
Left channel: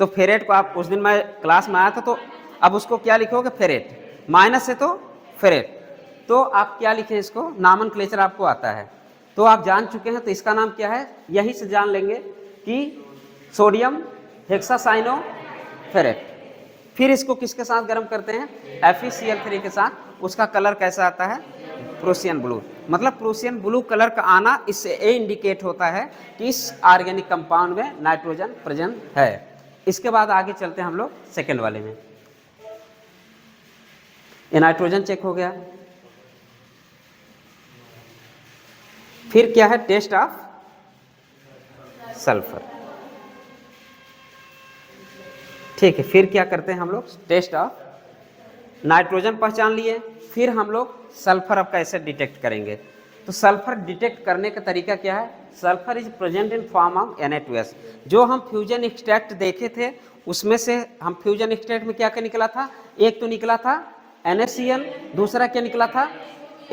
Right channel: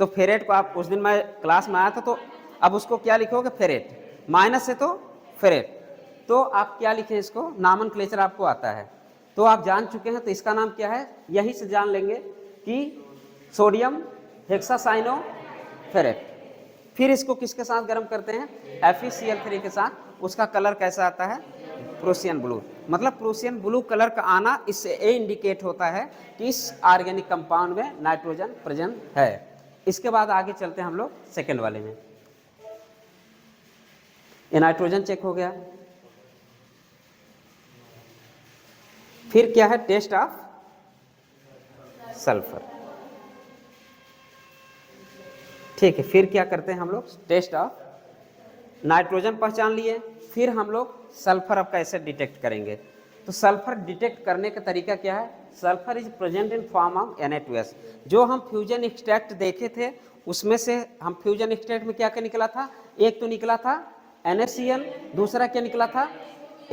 तो फेरेट को आप उस दिन मैं क्लास में आया था, तो अब उसको क्या लिखोगे, फेरेट, माइनस है तो फेरेट, तो आप क्या लिखें इसको, नॉमेनक्लेचर आपको आता है, तो आप जान चुके हैं। तो इसका नाम क्या है, यही से जान लेंगे कि सोडियम हेक्सासाइनोफेरेट। फिर इसको किसके साथ गर्म करते हैं, FeCl3 के साथ, उसका कलर कैसा आता है, प्रूसियन ब्लू। मतलब प्रूसियन ब्लू कलर का आना इससे ये इंडिकेट होता है कि इस ऑर्गेनिक कंपाउंड में नाइट्रोजन प्रेजेंट है। इसके बाद आगे चलते हैं हम लोग सेकेंड वाले में। ये नाइट्रोजन चेक हो गया, फिर क्या है, टेस्ट ऑफ सल्फर। ठीक है, फिर क्या करते हैं हम लोग, टेस्ट ऑफ, नाइट्रोजन पहचान लिए, फिर हम लोग सल्फर अब कैसे डिटेक्ट करेंगे। तो सल्फर डिटेक्ट करने का तरीका क्या है, sulphur is present in form of Na2S। जो हम फ्यूजन एक्सट्रैक्ट देखे थे उसमें से हम फ्यूजन एक्सट्रैक्ट में क्या क्या निकला था, एक तो निकला था NaCl, दूसरा क्या निकला था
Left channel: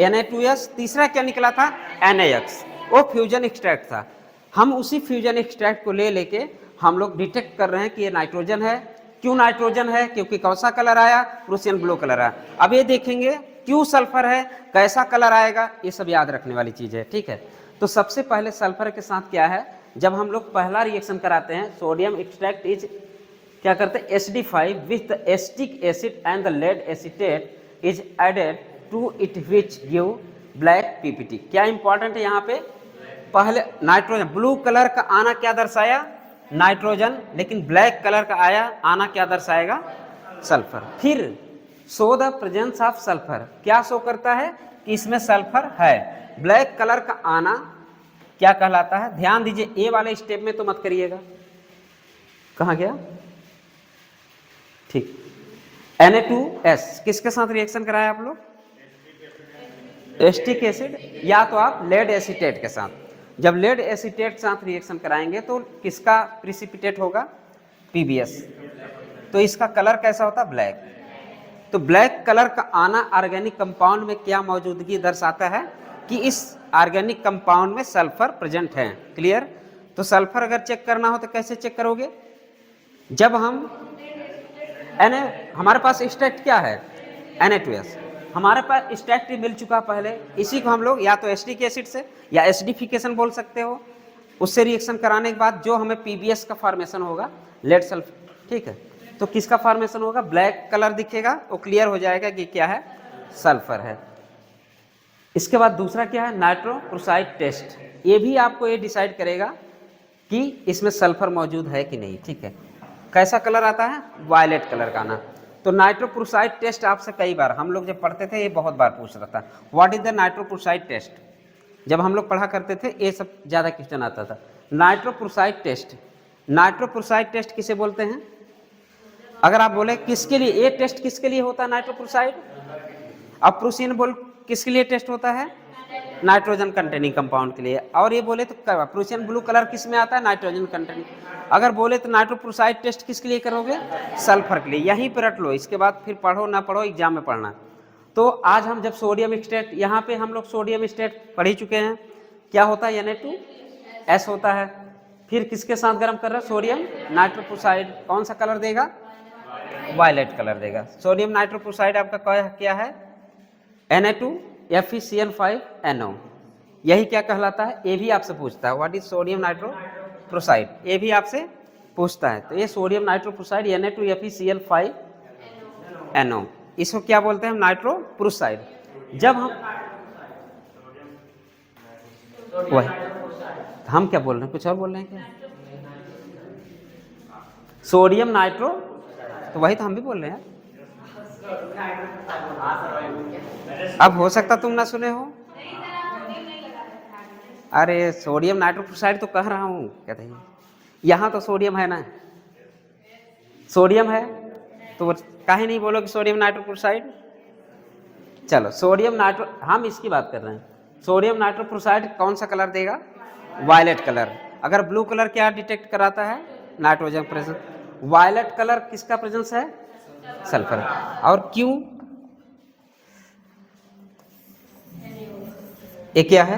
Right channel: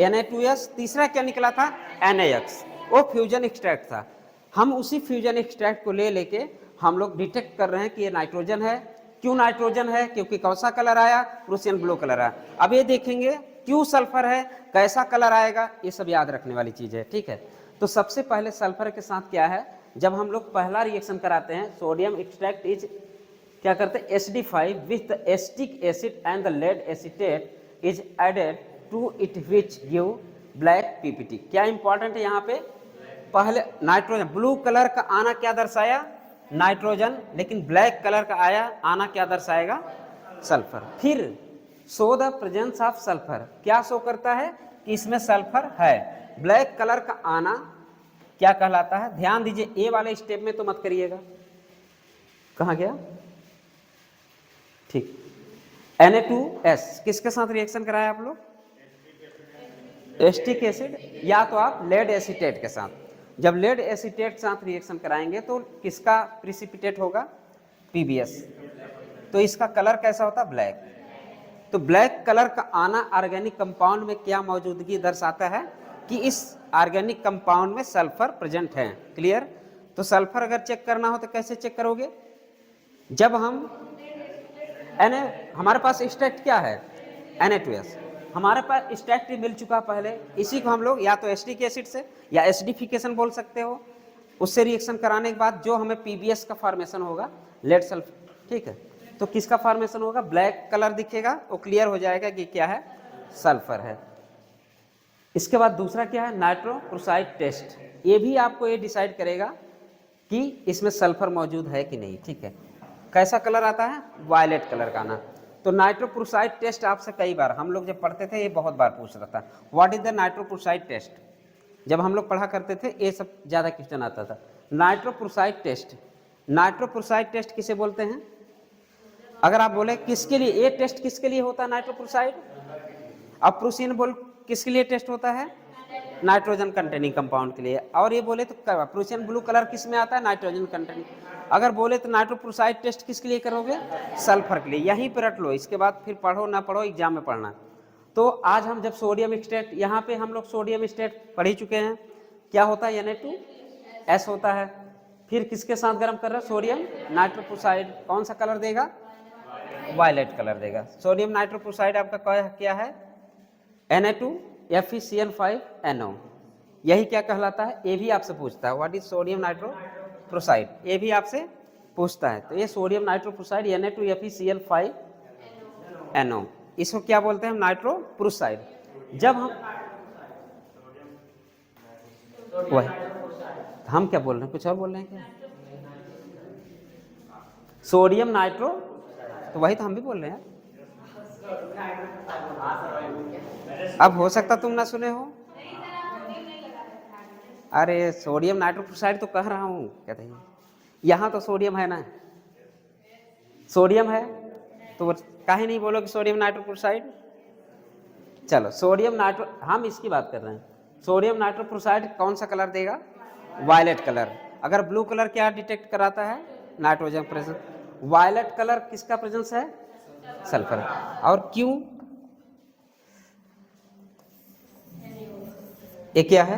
Na2S, तीसरा क्या निकला था NaX। वो फ्यूजन एक्सट्रैक्ट था। हम उसी फ्यूजन एक्सट्रैक्ट को ले लेके हम लोग डिटेक्ट कर रहे हैं कि ये नाइट्रोजन है। क्यों नाइट्रोजन है, क्योंकि कौन सा कलर आया, प्रूसियन ब्लू कलर आया। अब ये देखेंगे क्यों सल्फर है, कैसा कलर आएगा, ये सब याद रखने वाली चीज है, ठीक है। तो सबसे पहले सल्फर के साथ क्या है, जब हम लोग पहला रिएक्शन कराते हैं, सोडियम एक्सट्रैक्ट इज क्या करते हैं, HD5 with acetic acid and the lead acetate is added to it which give black PPT। क्या इंपॉर्टेंट है यहाँ पे, पहले नाइट्रोजन ब्लू कलर का आना क्या दर्शाया, नाइट्रोजन, लेकिन ब्लैक कलर का आया आना क्या दर्शाएगा, सल्फर। फिर show the presence of sulphur, क्या शो करता है कि इसमें सल्फर है। ब्लैक कलर का आना क्या कहलाता है, ध्यान दीजिए, ए वाले स्टेप में तो मत करिएगा, कहाँ गया, ठीक। Na2S किसके साथ रिएक्शन कराया आप लोग, एसिटिक एसिड या तो आप लेड एसीटेट के साथ। जब लेड एसीटेट के साथ रिएक्शन कराएंगे तो किसका प्रिसिपिटेट होगा, PBS। तो इसका कलर कैसा होता है, ब्लैक। तो ब्लैक कलर का आना ऑर्गेनिक कंपाउंड में क्या मौजूदगी दर्शाता है कि इस ऑर्गेनिक कंपाउंड में सल्फर प्रेजेंट है। क्लियर। तो सल्फर अगर चेक करना हो तो कैसे चेक करोगे, जब हम हमारे पास एक्सट्रैक्ट क्या है, Na2S, हमारे पास एक्सट्रैक्ट मिल चुका पहले, इसी को हम लोग या तो एसिटिक एसिड से या एसिडिफिकेशन बोल सकते हो, उससे रिएक्शन कराने के बाद जो हमें PBS का फॉर्मेशन होगा, लेड सल्फर, ठीक है। तो किसका फॉर्मेशन होगा, ब्लैक कलर दिखेगा, वो क्लियर हो जाएगा कि क्या है, सल्फर है। इसके बाद दूसरा क्या है, नाइट्रोक्लोराइड टेस्ट। ये भी आपको ये डिसाइड करेगा कि इसमें सल्फर मौजूद है कि नहीं। ठीक है, कैसा कलर आता है, वायलेट कलर का आना। तो नाइट्रोप्रोसाइड टेस्ट आपसे कई बार हम लोग जब पढ़ते थे ये बहुत बार पूछ रहा था, what is the nitroprusside test. जब हम लोग पढ़ा करते थे ये सब ज़्यादा क्वेश्चन आता था। नाइट्रोप्रोसाइड टेस्ट, नाइट्रोप्रोसाइड टेस्ट किसे बोलते हैं। अगर आप बोले किसके लिए ये टेस्ट किसके लिए होता है नाइट्रोप्रोसाइड, अब प्रोसीन बोल किसके लिए टेस्ट होता है, नाइट्रोजन कंटेनिंग कंपाउंड के लिए। और ये बोले तो प्रोसीन ब्लू कलर किस में आता है, नाइट्रोजन कंटेनिंग। अगर बोले तो नाइट्रोप्रोसाइड टेस्ट किसके लिए करोगे, सल्फर के लिए। यहीं पर रट लो, इसके बाद फिर पढ़ो ना पढ़ो एग्जाम में पढ़ना। तो आज हम जब सोडियम स्टेट, यहाँ पे हम लोग सोडियम स्टेट पढ़ ही चुके हैं, क्या होता है Na2S होता है। फिर किसके साथ गर्म कर रहा है, सोडियम नाइट्रोप्रोसाइड, कौन सा कलर देगा, वायलेट कलर देगा। सोडियम नाइट्रोप्रोसाइड आपका क्या है, Na2FeCl5NO, यही क्या कहलाता है। ये भी आपसे पूछता है व्हाट इज सोडियम नाइट्रोप्रोसाइड, ये भी आपसे पूछता है। तो ये सोडियम नाइट्रोप्रोसाइड Na2FeCl5NO, इसको क्या बोलते हैं हम, नाइट्रोप्रोसाइड। जब हम क्या बोल रहे हैं, कुछ और बोल रहे हैं क्या, सोडियम नाइट्रो, तो वही तो हम भी बोल रहे हैं। अब हो सकता तुम ना सुने हो, अरे सोडियम नाइट्रोक्साइड तो कह रहा हूँ, कहते हैं यहाँ तो सोडियम है ना, सोडियम है तो काहे नहीं बोलोगे सोडियम नाइट्रोक्साइड। चलो सोडियम नाइट्रो, हम इसकी बात कर रहे हैं। सोडियम नाइट्रोक्साइड कौन सा कलर देगा, वायलेट कलर। अगर ब्लू कलर क्या डिटेक्ट कराता है, नाइट्रोजन प्रेजेंस। वायलेट कलर किसका प्रेजेंस है, सल्फर। और क्यों, ये क्या है,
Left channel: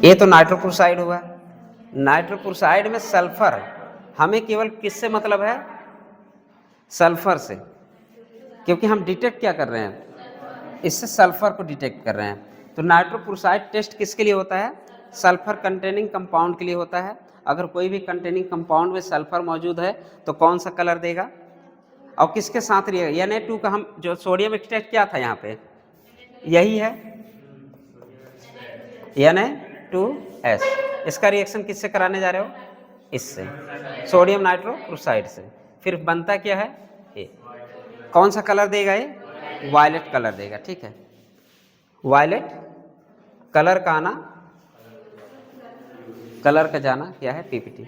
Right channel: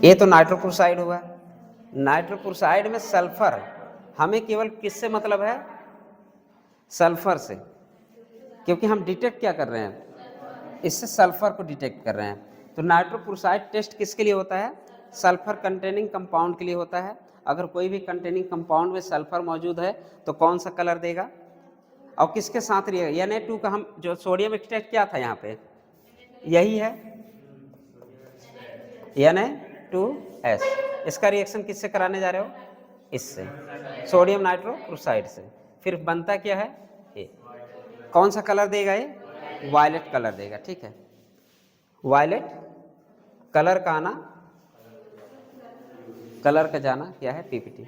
ये तो नाइट्रोक्साइड हुआ। नाइट्रोक्साइड में सल्फर, हमें केवल किससे मतलब है, सल्फर से, क्योंकि हम डिटेक्ट क्या कर रहे हैं, इससे सल्फर को डिटेक्ट कर रहे हैं। तो नाइट्रोक्साइड टेस्ट किसके लिए होता है, सल्फर कंटेनिंग कंपाउंड के लिए होता है। अगर कोई भी कंटेनिंग कंपाउंड में सल्फर मौजूद है तो कौन सा कलर देगा, और किसके साथ रहेगा। Na2 का हम जो सोडियम एक्सट्रैक्ट क्या था यहाँ पे, यही है Na2S। इसका रिएक्शन किससे कराने जा रहे हो, इससे, सोडियम नाइट्रोक्साइड से। फिर बनता क्या है, ये कौन सा कलर देगा, ये वायलेट कलर देगा। ठीक है, वायलेट कलर का आना, कलर का जाना क्या है, पीपीटी।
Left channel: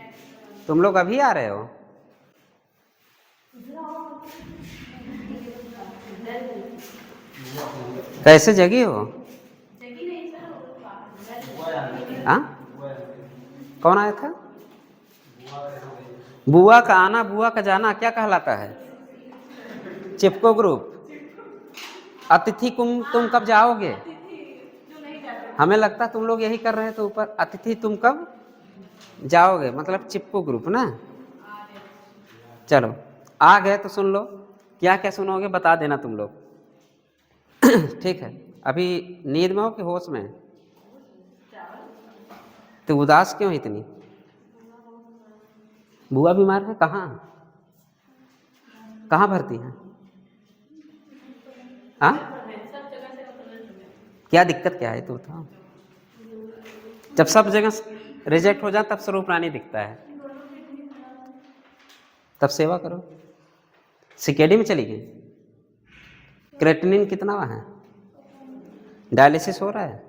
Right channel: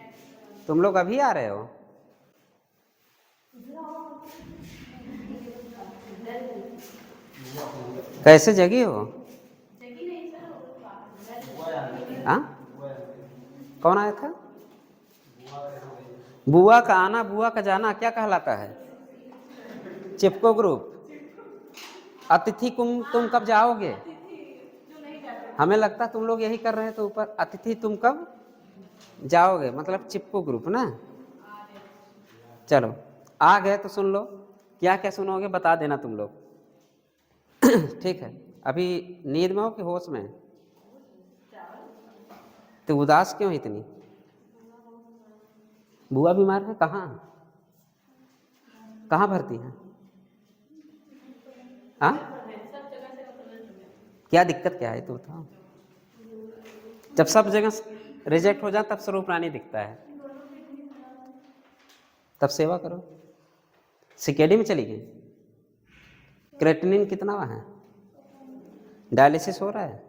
तुम लोग अभी आ रहे हो, कैसे जगी हो, हाँ कौन आया था, बुआ का आना बुआ का जाना क्या कहलाता है, चिपको ग्रुप। अतिथि तुम कब जाओगे, हमें लगता तुम लोग यही कर रहे हैं, तो ऊपर अतिथि तुम कब जाओगे, मतलब चिपको ग्रुप ना। चलो आ गए तो सुन लो, क्या क्या सुनोगे बता देना तुम लोग। ठीक है, अभी नींद में हो कि होश में, तो उदास क्यों इतनी, बुआ बीमार है, कहाँ कहाँ भर्ती है, हाँ क्या दिक्कत क्या है तो बताओ। जब सब जगह रिजेक्ट हो जाए तब स्वरूप रानी दिखता है, तब सेवा करो। सीकेडी में चली गई, क्रेटिनिन कितना है, डायलिसिस हो रहा है,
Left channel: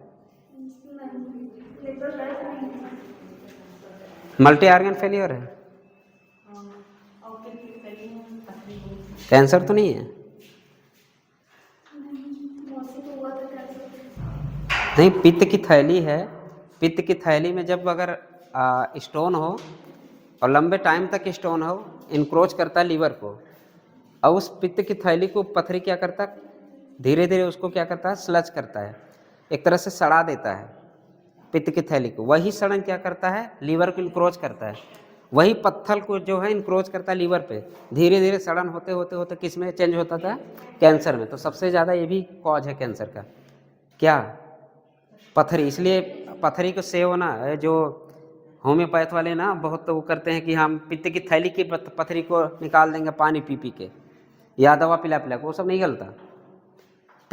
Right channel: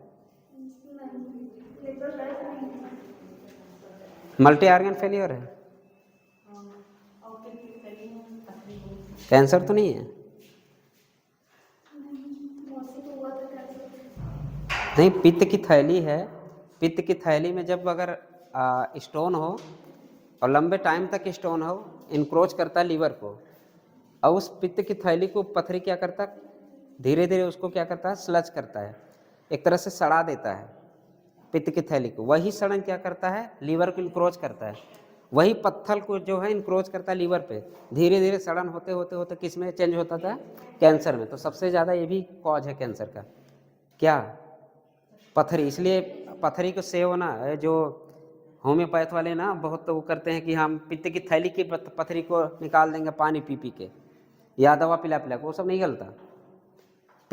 मल्टी ऑर्गन फेलियर है, कैंसर तो नहीं है, नहीं पित्त की थैली है। पित्त की थैली में जब अगर स्टोन हो और लंबे टाइम तक स्टोन हो, इनक्रोच करता है लीवर को, और उस पित्त की थैली को पथरी क्या करता है, धीरे धीरे उसको क्या करता है, स्लज करता है, एक तरह से सड़ा देता है पित्त की थैली को। वही सड़न क्या करता है, लीवर को इनक्रोच करता है, वही पत्थर को जो है इनक्रोच करता है लीवर पे। धीरे धीरे सड़न होते होते होते किस में चेंज होता था, कैंसर में। तो सबसे ज़्यादा ये भी कॉज है कैंसर का, क्या, पथरी। इसलिए पथरी को सेव ना, जो होम्योपैथ वाले ना बहुत तो वो करते हैं कि हम पित्त की थैली की पथरी को निकाल देंगे पानी पी पी के, या दवा पिला पिला के, वो सब नहीं गलता।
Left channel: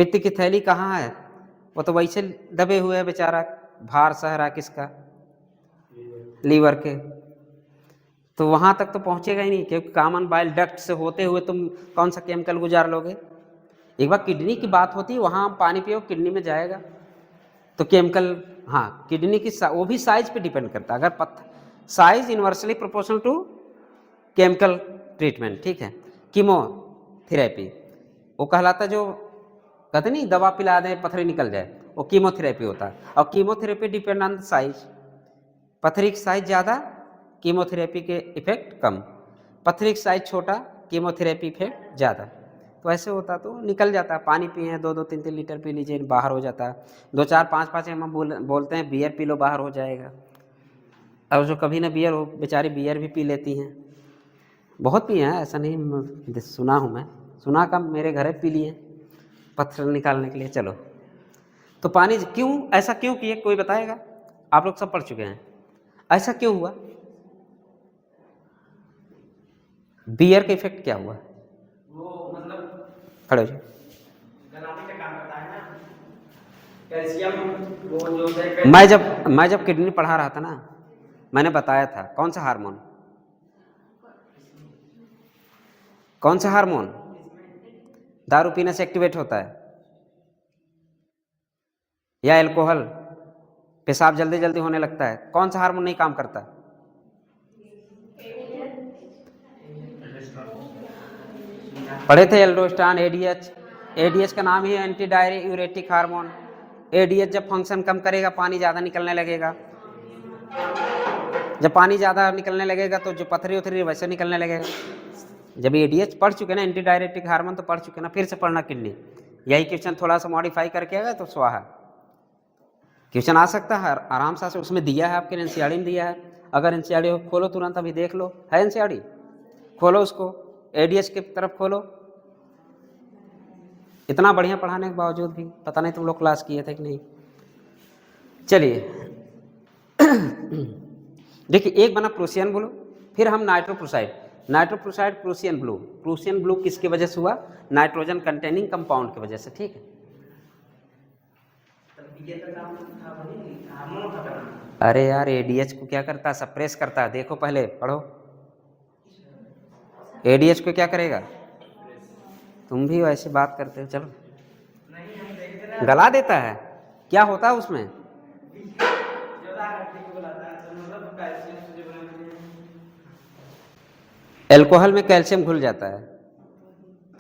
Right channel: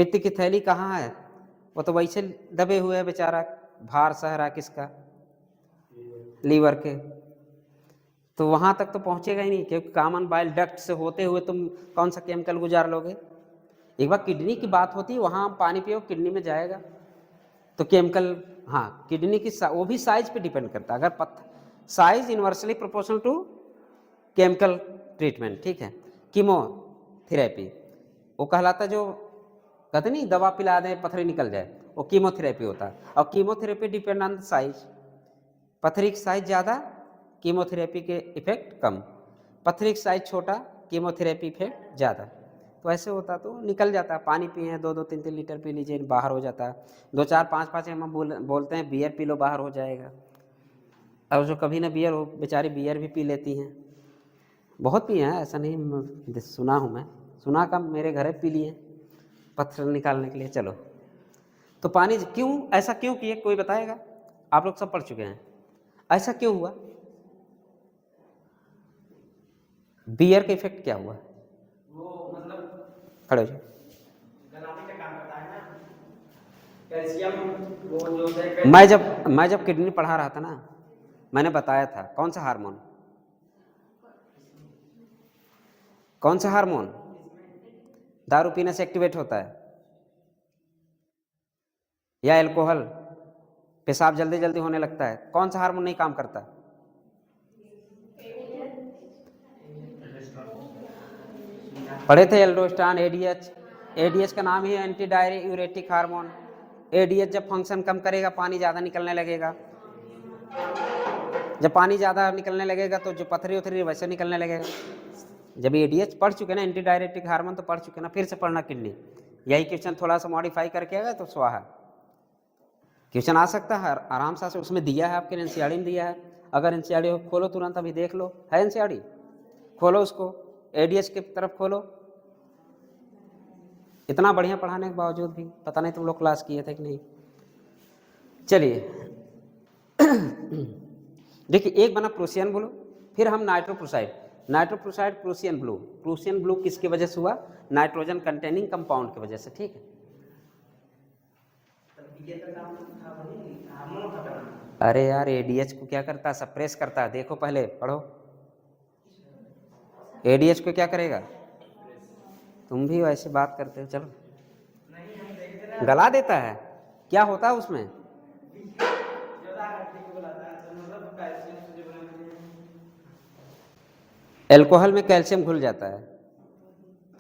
पित्त की थैली कहाँ है? वो तो वैसे दबे हुए है बेचारा, भार सह रहा किसका? लीवर के। तो वहां तक तो पहुंचेगा ही नहीं, क्योंकि कॉमन बाइल डक्ट से होते हुए तुम कौन सा केमिकल गुजार लोगे? एक बार किडनी की बात होती है, वहां पानी पियो किडनी में जाएगा तो केमिकल, हाँ किडनी की वो भी साइज पे डिपेंड करता है। अगर size inversely proportional to chemical treatment, ठीक है। कीमोथेरेपी वो कहलाता, जो कहते नहीं दवा पिला दे पथरी निकल जाए, वो कीमोथेरेपी होता है। और कीमोथेरेपी डिपेंड ऑन साइज, पथरी की साइज ज़्यादा, कीमोथेरेपी के इफेक्ट कम, पथरी की साइज छोटा, कीमोथेरेपी इफेक्ट ज़्यादा। तो ऐसे होता तो निकल जाता है। पानी पिए 2-2 3-3 लीटर पी लीजिए, बाहर हो जाता है। 2-4-5-5 mm बोलते हैं बियर पी लो बाहर हो जाएगा। और जो कभी ना बियर हो बेचारी बियर भी पी लेती हैं, बहुत पिए हैं, ऐसा नहीं, सुना हूँ मैं, सुना का मेरे घर पी लिए पत्थर निकालने के लिए। चलो, तो पानी क्यों ऐसा क्यों किए, कोई बताएगा? आप लोग सब पढ़ चुके हैं, ऐसा क्यों हुआ? बियर का इफेक्ट क्या हुआ? वो मतलब खड़े हो, गलाने का काम करता है ना, कैल्शियम। वो जो मैं जब किडनी पढ़ा रहा था ना, मैंने बताया था कौन सा हार्मोन, कौन सा हार्मोन दारू पीने से एक्टिवेट होता है, या अल्कोहल, पेशाब जल्दी जल्दी होने लगता है, कौन सा हार्मोन नहीं काम करता? पढ़े थे एल्डोस्टेरोन, एडीएच। एडीएच का नाम ही है एंटी डाययूरेटिक हार्मोन। एडीएच जब फंक्शन कम करेगा, पानी ज़्यादा निकलने लगेगा, जब पानी ज़्यादा निकलने लगेगा तो जो पथरी उथरी वैसे निकलने लगेगा। जब एडीएच पढ़ चुके ना, एंटी डाययूरेटिक हार्मोन, तो पढ़ चुके ना, फिर से पढ़ना किडनी। यही क्वेश्चन थोड़ा सा मॉडिफाई करके आएगा तो स्वाहा क्वेश्चन आ सकता है आराम से। उसमें दिया है आपके एनसीईआरटी में दिया है। अगर एनसीईआरटी हो खोलो तुरंत, अभी देख लो, है एनसीईआरटी, खोलो उसको, एडीएच की तरफ खोलो। इतना बढ़िया पढ़ाने के बावजूद भी पता नहीं तुम लोग क्लास किए थे कि नहीं। चलिए देखिए, एक बना प्रूसियन ब्लू, फिर हम nitroprusside. Nitroprusside Prussian blue, Prussian blue किसकी वजह से हुआ? नाइट्रोजन कंटेनिंग कंपाउंड की वजह से, ठीक है। अरे यार, एडीएच को क्या करता है? सप्रेस करता है। देखो पहले पढ़ो, एडीएच को क्या करेगा? तुम भी वैसी बात करते हो, चलो। गला देता है, क्या होता है उसमें? अल्कोहल में कैल्शियम घुल जाता है।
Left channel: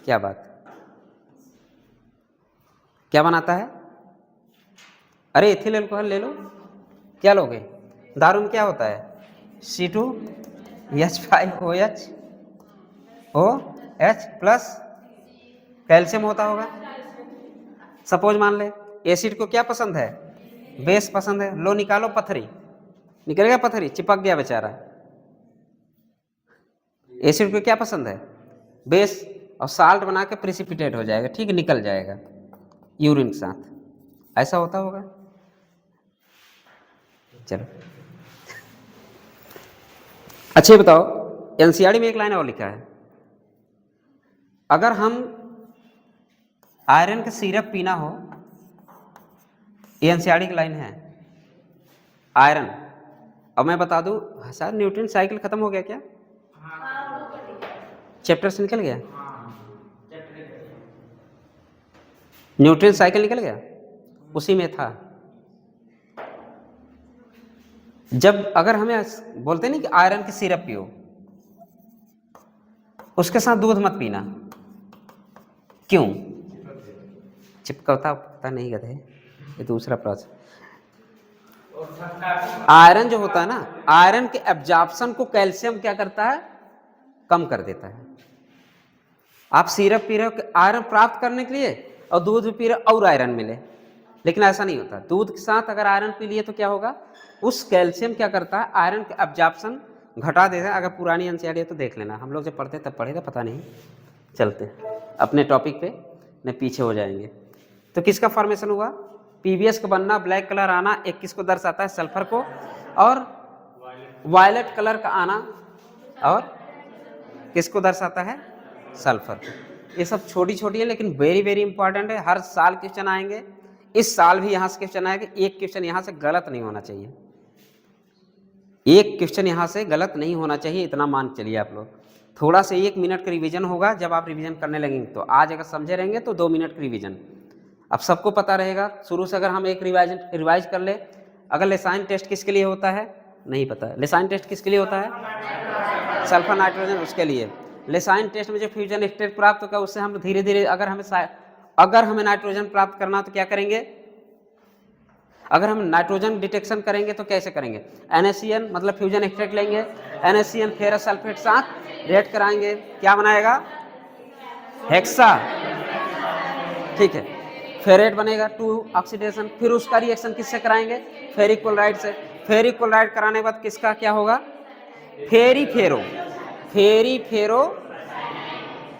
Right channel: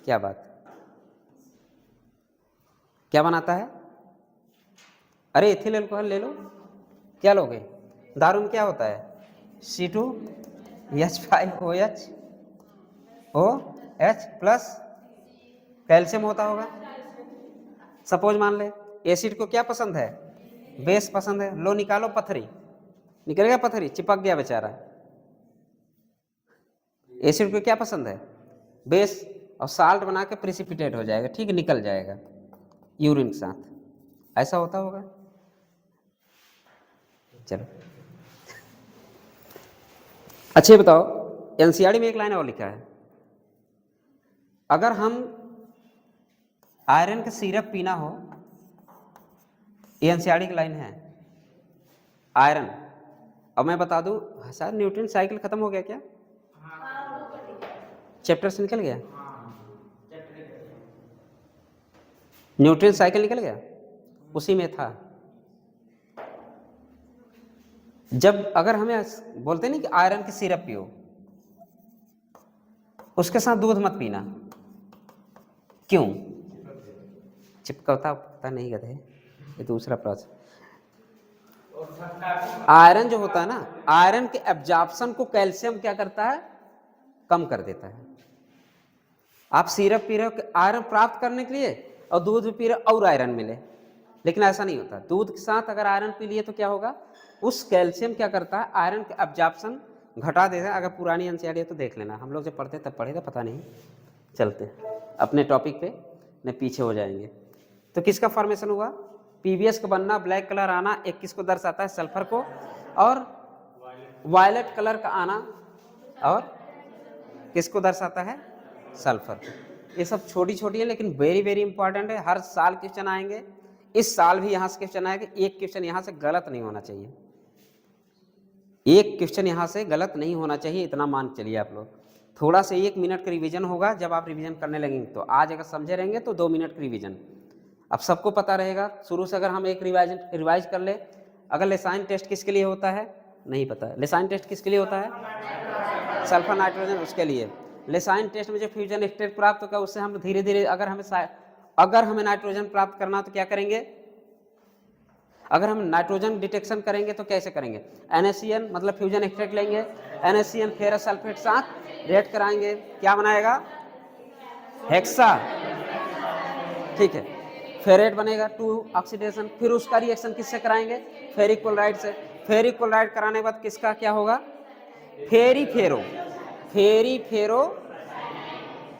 क्या बात, क्या बनाता है? अरे एथिल अल्कोहल ले लो, क्या लोगे? दारू में क्या होता है? C2H5OH प्लस कैल्शियम होता होगा। सपोज मान ले एसिड को क्या पसंद है? बेस पसंद है। लो निकालो पथरी, निकल गया पथरी, चिपक गया बेचारा। एसिड को क्या पसंद है? बेस, और साल्ट बना के प्रिसिपिटेट हो जाएगा, ठीक, निकल जाएगा यूरिन के साथ। ऐसा होता होगा। चलो अच्छे बताओ, एनसीईआरटी में एक लाइन और लिखा है, अगर हम आयरन का सिरप पीना हो, ये एनसीईआरटी की लाइन है, आयरन। अब मैं बता दूं, शायद न्यूट्रिएंट साइकिल खत्म हो गया क्या? चैप्टर से निकल गया, न्यूट्रिएंट साइकिल निकल गया, उसी में था। जब अगर हमें बोलते नहीं कि आयरन की सिरप पियो, उसके साथ दूध मत पीना, क्यों? चिपकता पता नहीं गधे, ये दूसरा प्रोसेस। आयरन जो होता है ना, आयरन के एब्जॉर्प्शन को कैल्शियम क्या करता है? कम कर देता है। आप सिरप पी रहे हो आयरन प्राप्त करने के लिए, और दूध पी रहे हो और आयरन मिले, लेकिन ऐसा नहीं होता। दूध के साथ अगर आयरन पी लिए तो क्या होगा? उस कैल्शियम क्या करता है? आयरन के एब्जॉर्प्शन घटा देता है। अगर पुरानी एनसीईआरटी है तो देख लेना, हम लोग जब पढ़ते तब पढ़े थे, पता नहीं। चलते अपने टॉपिक पे, न पीछे हो जाएंगे। तो किसका फॉर्मेशन हुआ? पीबीएस का बनना, ब्लैक कलर आना, एक किसको दर्शाता है? सल्फर को, और वायलेट कलर का आना, और किसको दर्शाता है? सल्फर को। ये सब छोटी छोटी है लेकिन वेरी वेरी इंपॉर्टेंट है। हर साल क्वेश्चन आएंगे, इस साल भी यहाँ से क्वेश्चन आएगा। एक क्वेश्चन यहाँ से गलत नहीं होना चाहिए, एक क्वेश्चन यहाँ से गलत नहीं होना चाहिए, इतना मान के चलिए आप लोग। थोड़ा से 1 मिनट का रिवीजन होगा, जब आप रिवीजन करने लगेंगे तो आज अगर समझे रहेंगे तो 2 मिनट का रिवीजन अब सबको पता रहेगा। शुरू से अगर हम एक रिवाइज कर ले, अगर लेसाइन टेस्ट किसके लिए होता है नहीं पता है, लेसाइन टेस्ट किसके लिए होता है, सल्फर नाइट्रोजन, उसके लिए। लेसाइन टेस्ट में जो फ्यूजन स्टेट प्राप्त होगा उससे हम धीरे धीरे अगर हमें नाइट्रोजन प्राप्त करना हो तो क्या करेंगे, अगर हम नाइट्रोजन डिटेक्शन करेंगे तो कैसे करेंगे, NaCN मतलब फ्यूजन स्टेट लेंगे, NaCN फेरस सल्फेट साथ रिएक्ट कराएंगे, क्या बनाएगा, हेक्सा, ठीक है, फेरेट बनेगा 2 ऑक्सीडेशन। फिर उसका रिएक्शन किससे कराएंगे, फेरिक क्लोराइड से। फेरिक क्लोराइड कराने के बाद किसका क्या होगा, फेरी फेरो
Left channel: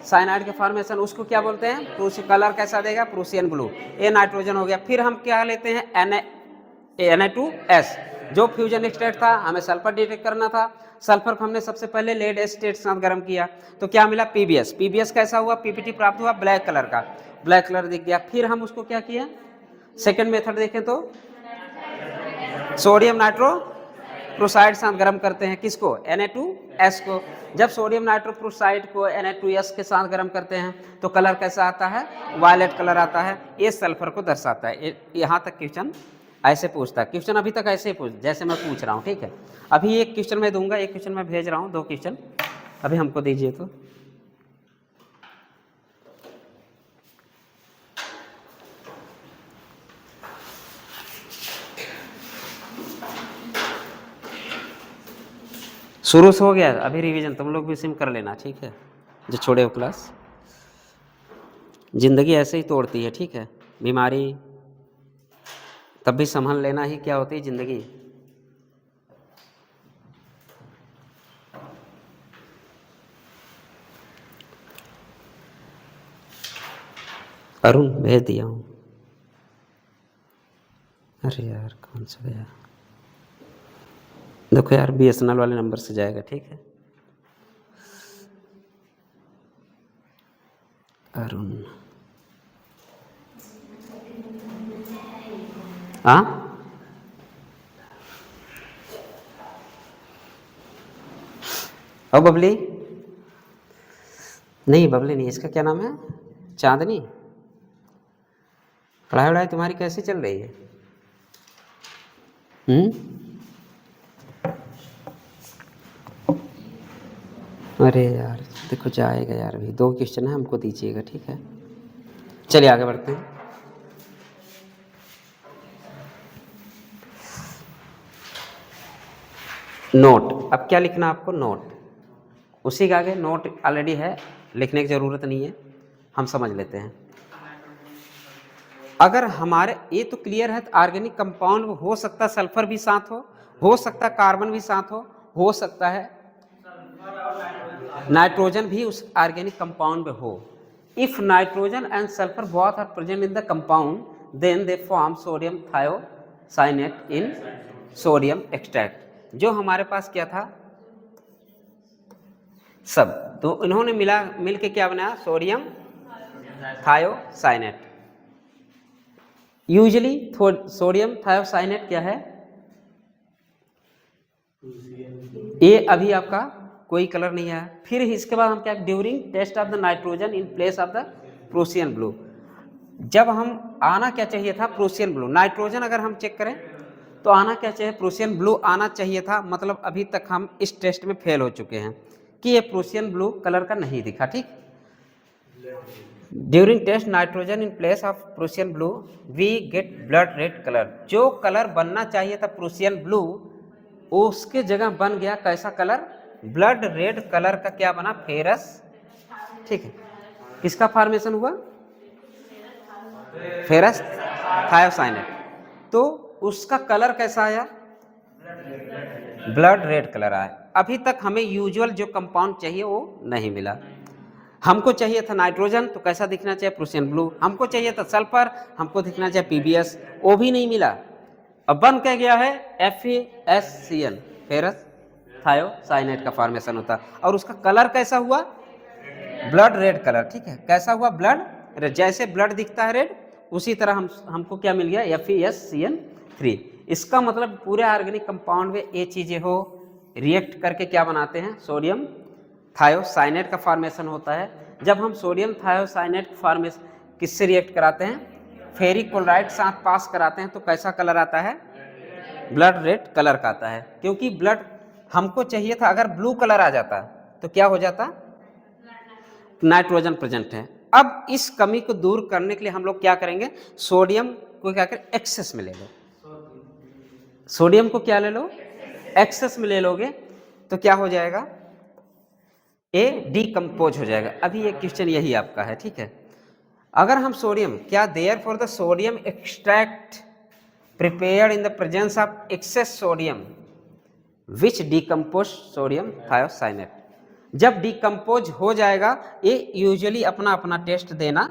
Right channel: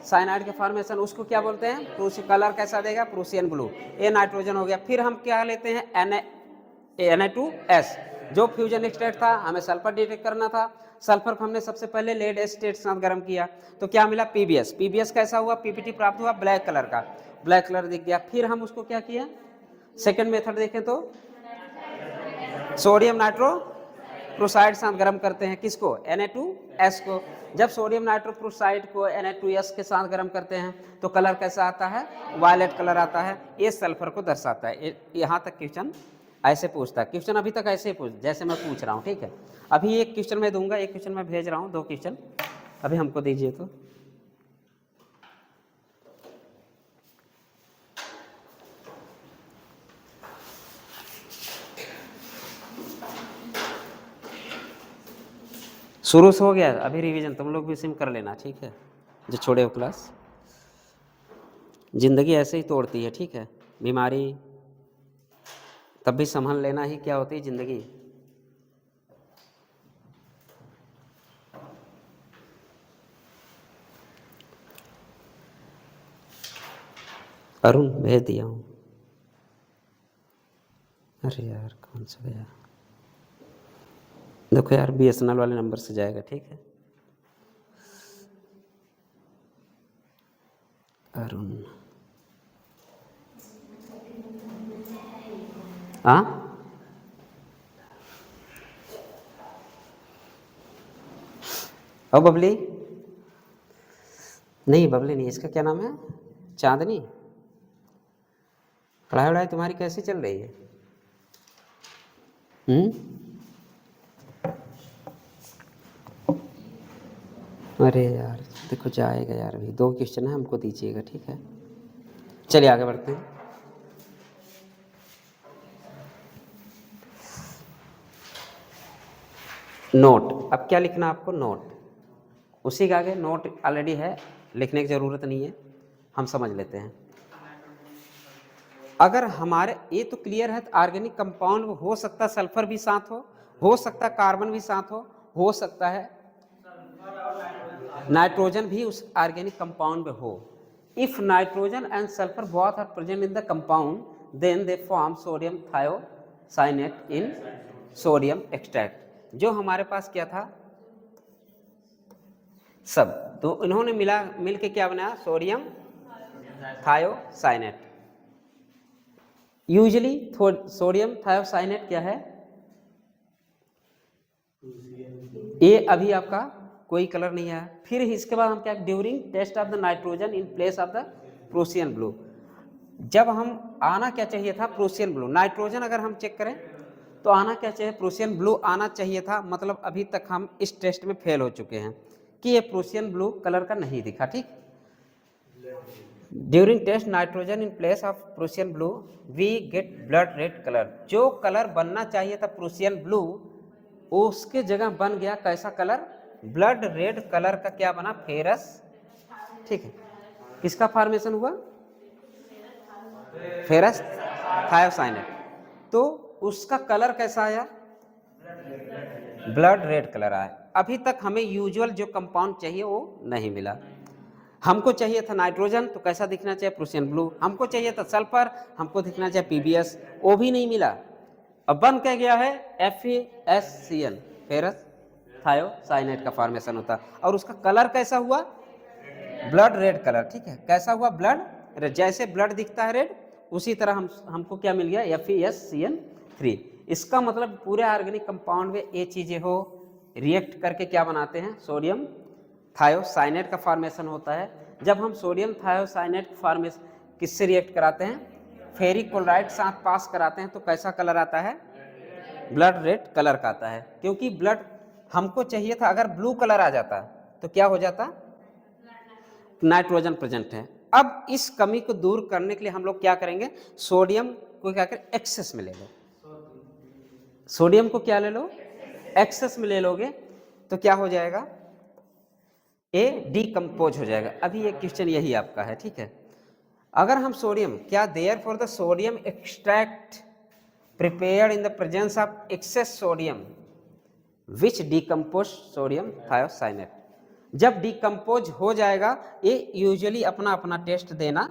साइनाइड के फॉर्मेशन, उसको क्या बोलते हैं, कलर कैसा देगा, प्रूसियन ब्लू। ये नाइट्रोजन हो गया। फिर हम क्या लेते हैं, Na2S, जो फ्यूजन स्टेट था, हमें सल्फर डिटेक्ट करना था। सल्फर को हमने सबसे पहले लेड एसिड साथ गर्म किया तो क्या मिला, PbS कैसा हुआ, PPT प्राप्त हुआ ब्लैक कलर का, ब्लैक कलर दिख गया। फिर हम उसको क्या किया, सेकेंड मेथड देखें तो सोडियम नाइट्रोक्लोराइड साथ गर्म करते हैं, किसको, Na2S को। जब सोडियम नाइट्रोक्लोराइड को Na2S के साथ गर्म करते हैं तो कलर कैसा आता है, वायलेट कलर आता है, ये सल्फर को दर्शाता है। यहाँ तक क्वेश्चन ऐसे पूछता है, क्वेश्चन अभी तक ऐसे ही पूछ जैसे मैं पूछ रहा हूँ, ठीक है। अभी एक क्वेश्चन मैं दूंगा, एक क्वेश्चन मैं भेज रहा हूँ, 2 क्वेश्चन अभी हमको दीजिए तो। शुरू से हो गया अभी रिवीजन, तुम लोग भी सिम कर लेना, ठीक है, जो छोड़े हो क्लास। जिंदगी ऐसे ही तोड़ती है, ठीक है, बीमारी तब भी संभाल लेना ही क्या होती है जिंदगी। अरुण भेज दिया हूँ, अरे यार कौन सा गया, देखो यार BSNL वाले नंबर से जाएगा, ठीक है। अरुण, हाँ और बबली, नहीं बबली नहीं, इसका क्या नाम है, चांदनी। पढ़ाई वढ़ाई तुम्हारी कैसी चल रही है, अरे यार देखो जाएगा यार, अभी 2 क्वेश्चन है, हमको दीजिएगा, ठीक है। चलिए आगे बढ़ते हैं। नोट, अब क्या लिखना आपको, नोट, उसी के आगे नोट ऑलरेडी है, लिखने की ज़रूरत नहीं है, हम समझ लेते हैं। अगर हमारे ये तो क्लियर है, ऑर्गेनिक कंपाउंड हो सकता है सल्फर भी साथ हो सकता है कार्बन भी साथ हो सकता है नाइट्रोजन भी उस ऑर्गेनिक कंपाउंड में हो। If nitrogen and sulphur both are present in the compound then they form sodium thiocyanate in sodium extract. जो हमारे पास क्या था, सब तो इन्होंने मिल के क्या बनाया, sodium thiocyanate. Usually sodium thiocyanate क्या है, ये अभी आपका कोई कलर नहीं आया। फिर इसके बाद हम क्या, during test of the nitrogen in place of the Prussian blue, जब हम आना क्या चाहिए था, प्रूसियन ब्लू। नाइट्रोजन अगर हम चेक करें तो आना क्या चाहिए, प्रूसियन ब्लू आना चाहिए था, मतलब अभी तक हम इस टेस्ट में फेल हो चुके हैं कि ये प्रूसियन ब्लू कलर का नहीं दिखा, ठीक। During test nitrogen in place of Prussian blue we get blood red colour. जो कलर बनना चाहिए था प्रूसियन ब्लू, उसके जगह बन गया कैसा कलर, ब्लड रेड कलर का क्या बना, फेरस, ठीक है। किसका फॉर्मेशन हुआ, फेरस थायोसाइनेट। तो उसका कलर कैसा आया, ब्लड रेड कलर आया। अभी तक हमें यूजुअल जो कंपाउंड चाहिए वो नहीं मिला। हमको चाहिए था नाइट्रोजन तो कैसा दिखना चाहिए, प्रूसियन ब्लू। हमको चाहिए था सल्फर, हमको दिखना चाहिए PbS, वो भी नहीं मिला। अब बन क्या गया है, FeSCl, फेरस थायोसाइनेट का फॉर्मेशन होता। और उसका कलर कैसा हुआ, ब्लड रेड कलर, ठीक है। कैसा हुआ? ब्लड रेड, जैसे ब्लड दिखता है रेड, उसी तरह हमको क्या मिल गया? FeSCN3। इसका मतलब पूरे ऑर्गेनिक कंपाउंड में ये चीजें हो रिएक्ट करके क्या बनाते हैं? सोडियम थायोसाइनेट का फॉर्मेशन होता है। जब हम सोडियम थायोसाइनेट फॉर्मेशन किससे रिएक्ट कराते हैं? फेरिक क्लोराइड साथ पास कराते हैं, तो कैसा कलर आता है? ब्लड रेड कलर का आता है। क्योंकि ब्लड हमको चाहिए था, अगर ब्लू कलर आ जाता तो क्या हो जाता? नाइट्रोजन प्रेजेंट है। अब इस कमी को दूर करने के लिए हम लोग क्या करेंगे? सोडियम को क्या करें? एक्सेस में ले लो। सोडियम को क्या ले लो? एक्सेस में ले लोगे तो क्या हो जाएगा? ए डीकम्पोज हो जाएगा। अभी ये क्वेश्चन यही आपका है, ठीक है। अगर हम सोडियम क्या there for the sodium extract prepared in the presence of excess sodium which decompose sodium thiocyanate, जब डीकम्पोज हो जाएगा ये यूजुअली अपना अपना टेस्ट देना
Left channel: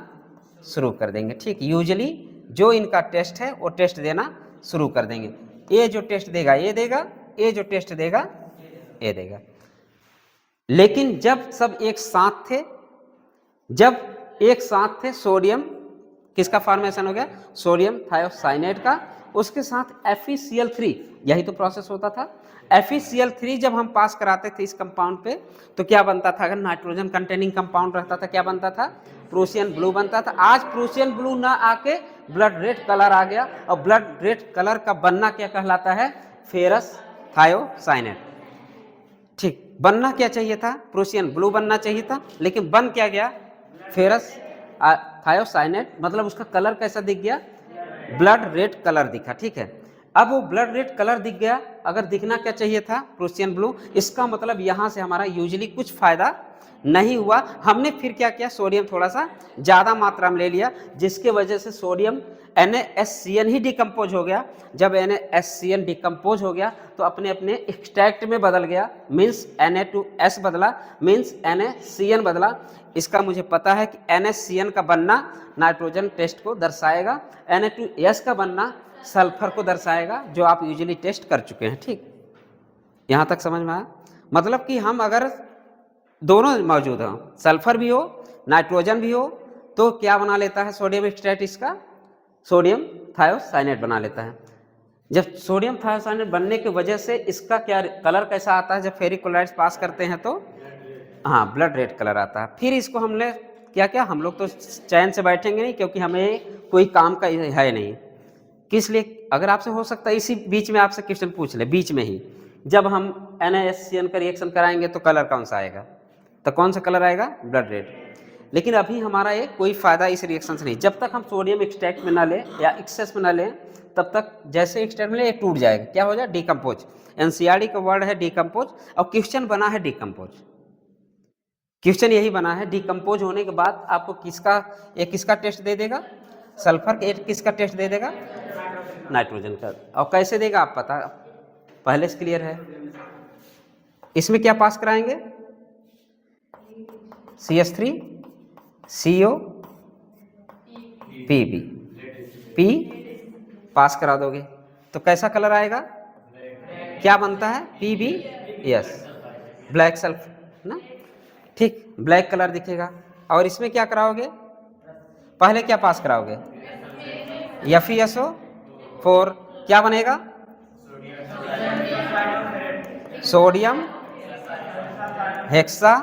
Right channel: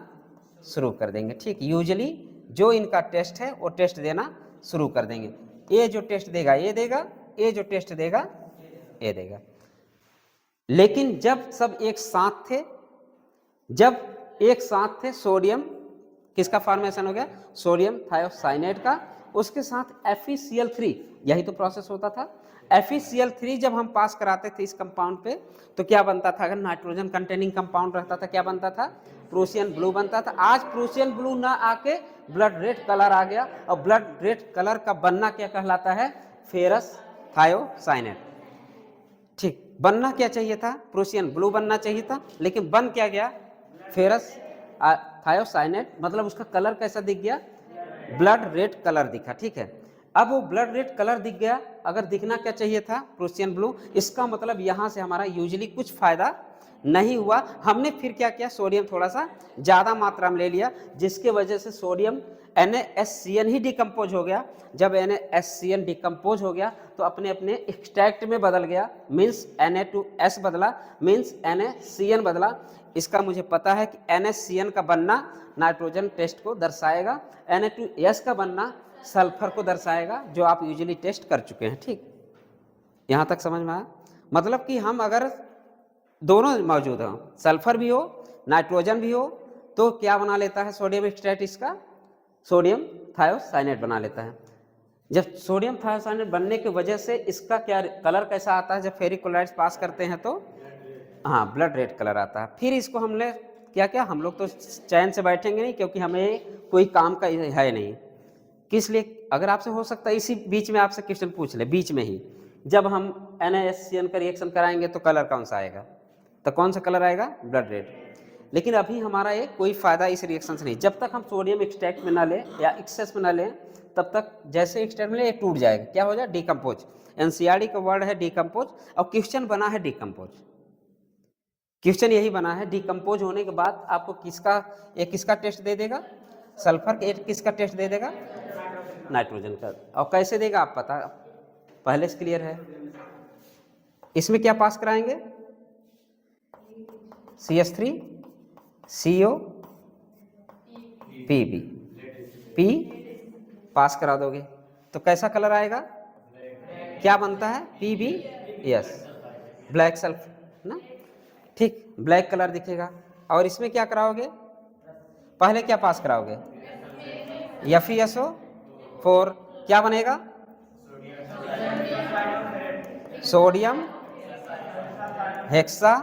शुरू कर देंगे, ठीक। यूजुअली जो इनका टेस्ट है वो टेस्ट देना शुरू कर देंगे। ये जो टेस्ट देगा ये देगा, ये जो टेस्ट देगा ये देगा। लेकिन जब सब एक साथ थे, जब एक साथ थे, सोडियम किसका फॉर्मेशन हो गया? सोडियम थायोसाइनेट का, उसके साथ FeCl3, यही तो प्रोसेस होता था। FeCl3 जब हम पास कराते थे इस कंपाउंड पे तो क्या बनता था? अगर नाइट्रोजन कंटेनिंग कंपाउंड रहता था क्या बनता था? प्रूसियन ब्लू बनता था। आज प्रूसियन ब्लू ना आके ब्लड रेड कलर आ गया, और ब्लड रेड कलर का बनना क्या कहलाता है? फेरस थायोसाइनेट, ठीक। बनना क्या चाहिए था? प्रूसियन ब्लू बनना चाहिए था, लेकिन बन क्या गया? Ferrous thiocyanate. मतलब उसका कलर कैसा दिख गया? ब्लड रेड कलर दिखा, ठीक है। अब वो ब्लड रेड कलर दिख गया, अगर दिखना क्या चाहिए था? Prussian blue. इसका मतलब यहां से हमारा यूजुअली कुछ फायदा नहीं हुआ। हमने फिर क्या किया? सोडियम थोड़ा सा ज्यादा मात्रा में ले लिया, जिसके वजह से सोडियम NaSCN ही डिकम्पोज हो गया। जब NaSCN डिकम्पोज हो गया तो अपने अपने एक्सट्रैक्ट में बदल गया, मीन्स Na2S बदला, मीन्स NaCN बदला। इसका मुझे पता है कि NaCN का बनना नाइट्रोजन टेस्ट को दर्शाएगा, Na2S का बनना सल्फर को दर्शाएगा, जो आप यूजुअली टेस्ट कर चुके हैं, ठीक। यहां तक समझ में आया? मतलब कि हम अगर दोनों मौजूद हो, सल्फर भी हो नाइट्रोजन भी हो, तो क्या बना लेता है सोडियम एक्सट्रैक्ट? इसका सोडियम थायोसाइनेट बना लेता है। जब सोडियम थायोसाइनेट बनने की वजह से इसका क्या कलर कैसा आता है? जब फेरिक क्लोराइड्स पास करते हैं तो हाँ ब्लड रेड कलर आता है। फिर इसको हमने क्या क्या, हम लोग तो चैन से बैठेंगे नहीं, क्योंकि हमें कोई काम का है नहीं। किस लिए? अगर आपसे हो सकता है इसी बीच में आपसे क्वेश्चन पूछ ले, बीच में ही जब हम NaSCN का रिएक्शन कराएंगे तो कलर कौन सा आएगा? तो कौन सा कलर आएगा? Blood red. लेकिन अभी हमारा ये कोई फायदा इस रिएक्शन से नहीं। जब तक हम सोडियम एक्सट्रैक्ट में ना लें या एक्सेस में ना लें, तब तक जैसे एक्सट्रैक्ट में ले ये टूट जाएगा। क्या हो जाए? डिकम्पोज। NCERT का वर्ड है डिकम्पोज, और क्वेश्चन बना है डिकम्पोज। क्वेश्चन यही बना है, डिकम्पोज होने के बाद आपको किसका टेस्ट दे देगा? सल्फर। किसका टेस्ट दे देगा? नाइट्रोजन का। और कैसे देगा आप पता पहले से क्लियर है। इसमें क्या पास कराएंगे? CH3 CO Pb, P पास करा दोगे तो कैसा कलर आएगा? क्या बनता है? PbS, ब्लैक सल्फर ना, ठीक, ब्लैक कलर दिखेगा। और इसमें क्या कराओगे? पहले क्या पास कराओगे? FeSO4, क्या बनेगा? Sodium hexa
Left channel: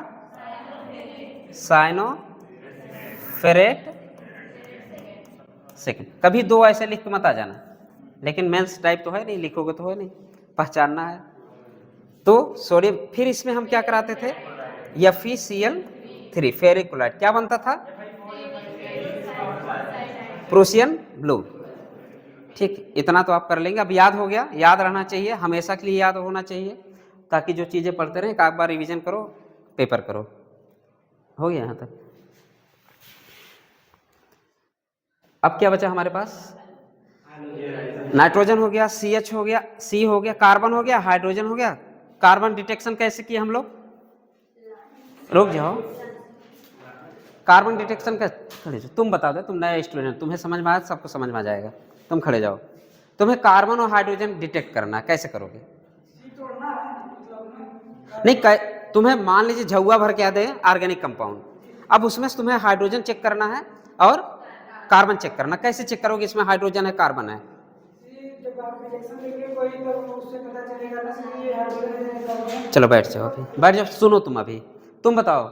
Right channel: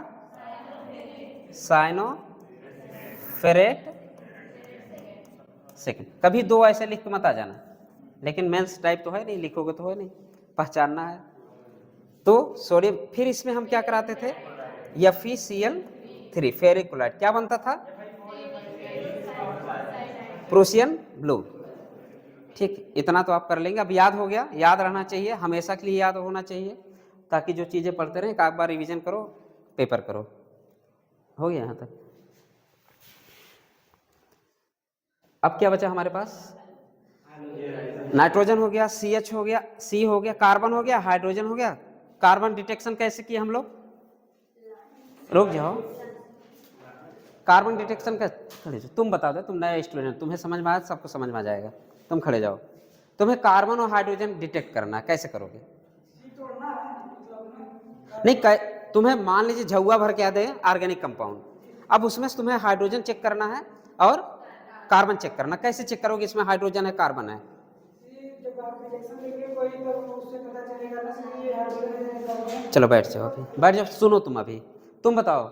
साइनोफेरेट second. कभी दो ऐसे लिख के मत आ जाना, लेकिन मेंस टाइप तो है नहीं, लिखोगे तो है नहीं, पहचानना है। तो सोडियम, फिर इसमें हम क्या कराते थे? FeCl3 फेरिक क्लोराइड, क्या बनता था? प्रूसियन ब्लू, ठीक। इतना तो आप कर लेंगे, अब याद हो गया, याद रहना चाहिए, हमेशा के लिए याद होना चाहिए, ताकि जो चीजें पढ़ते रहे एक बार रिवीजन करो, पेपर करो। हो गया यहां तक? अब क्या बचा हमारे पास? नाइट्रोजन हो गया, CH हो गया, C हो गया, कार्बन हो गया, हाइड्रोजन हो गया। कार्बन डिटेक्शन कैसे किए हम लोग? रुक जाओ, कार्बन डिटेक्शन का खड़े जाओ, तुम बता दो, तुम नए स्टूडेंट, तुम्हें समझ में आया, सबको समझ में आ जाएगा। तुम खड़े जाओ, तुम्हें कार्बन और हाइड्रोजन डिटेक्ट करना, कैसे करोगे? नहीं, तुम्हें मान लीजिए झुआ भर के दे ऑर्गेनिक कंपाउंड, अब उसमें तुम्हें हाइड्रोजन चेक करना है और कार्बन चेक करना। कैसे चेक करोगे इसमें हाइड्रोजन है कार्बन है? चलो बैठ जाओ, अभी बैठ जाओ, सुनो तुम, अभी तुम बताओ।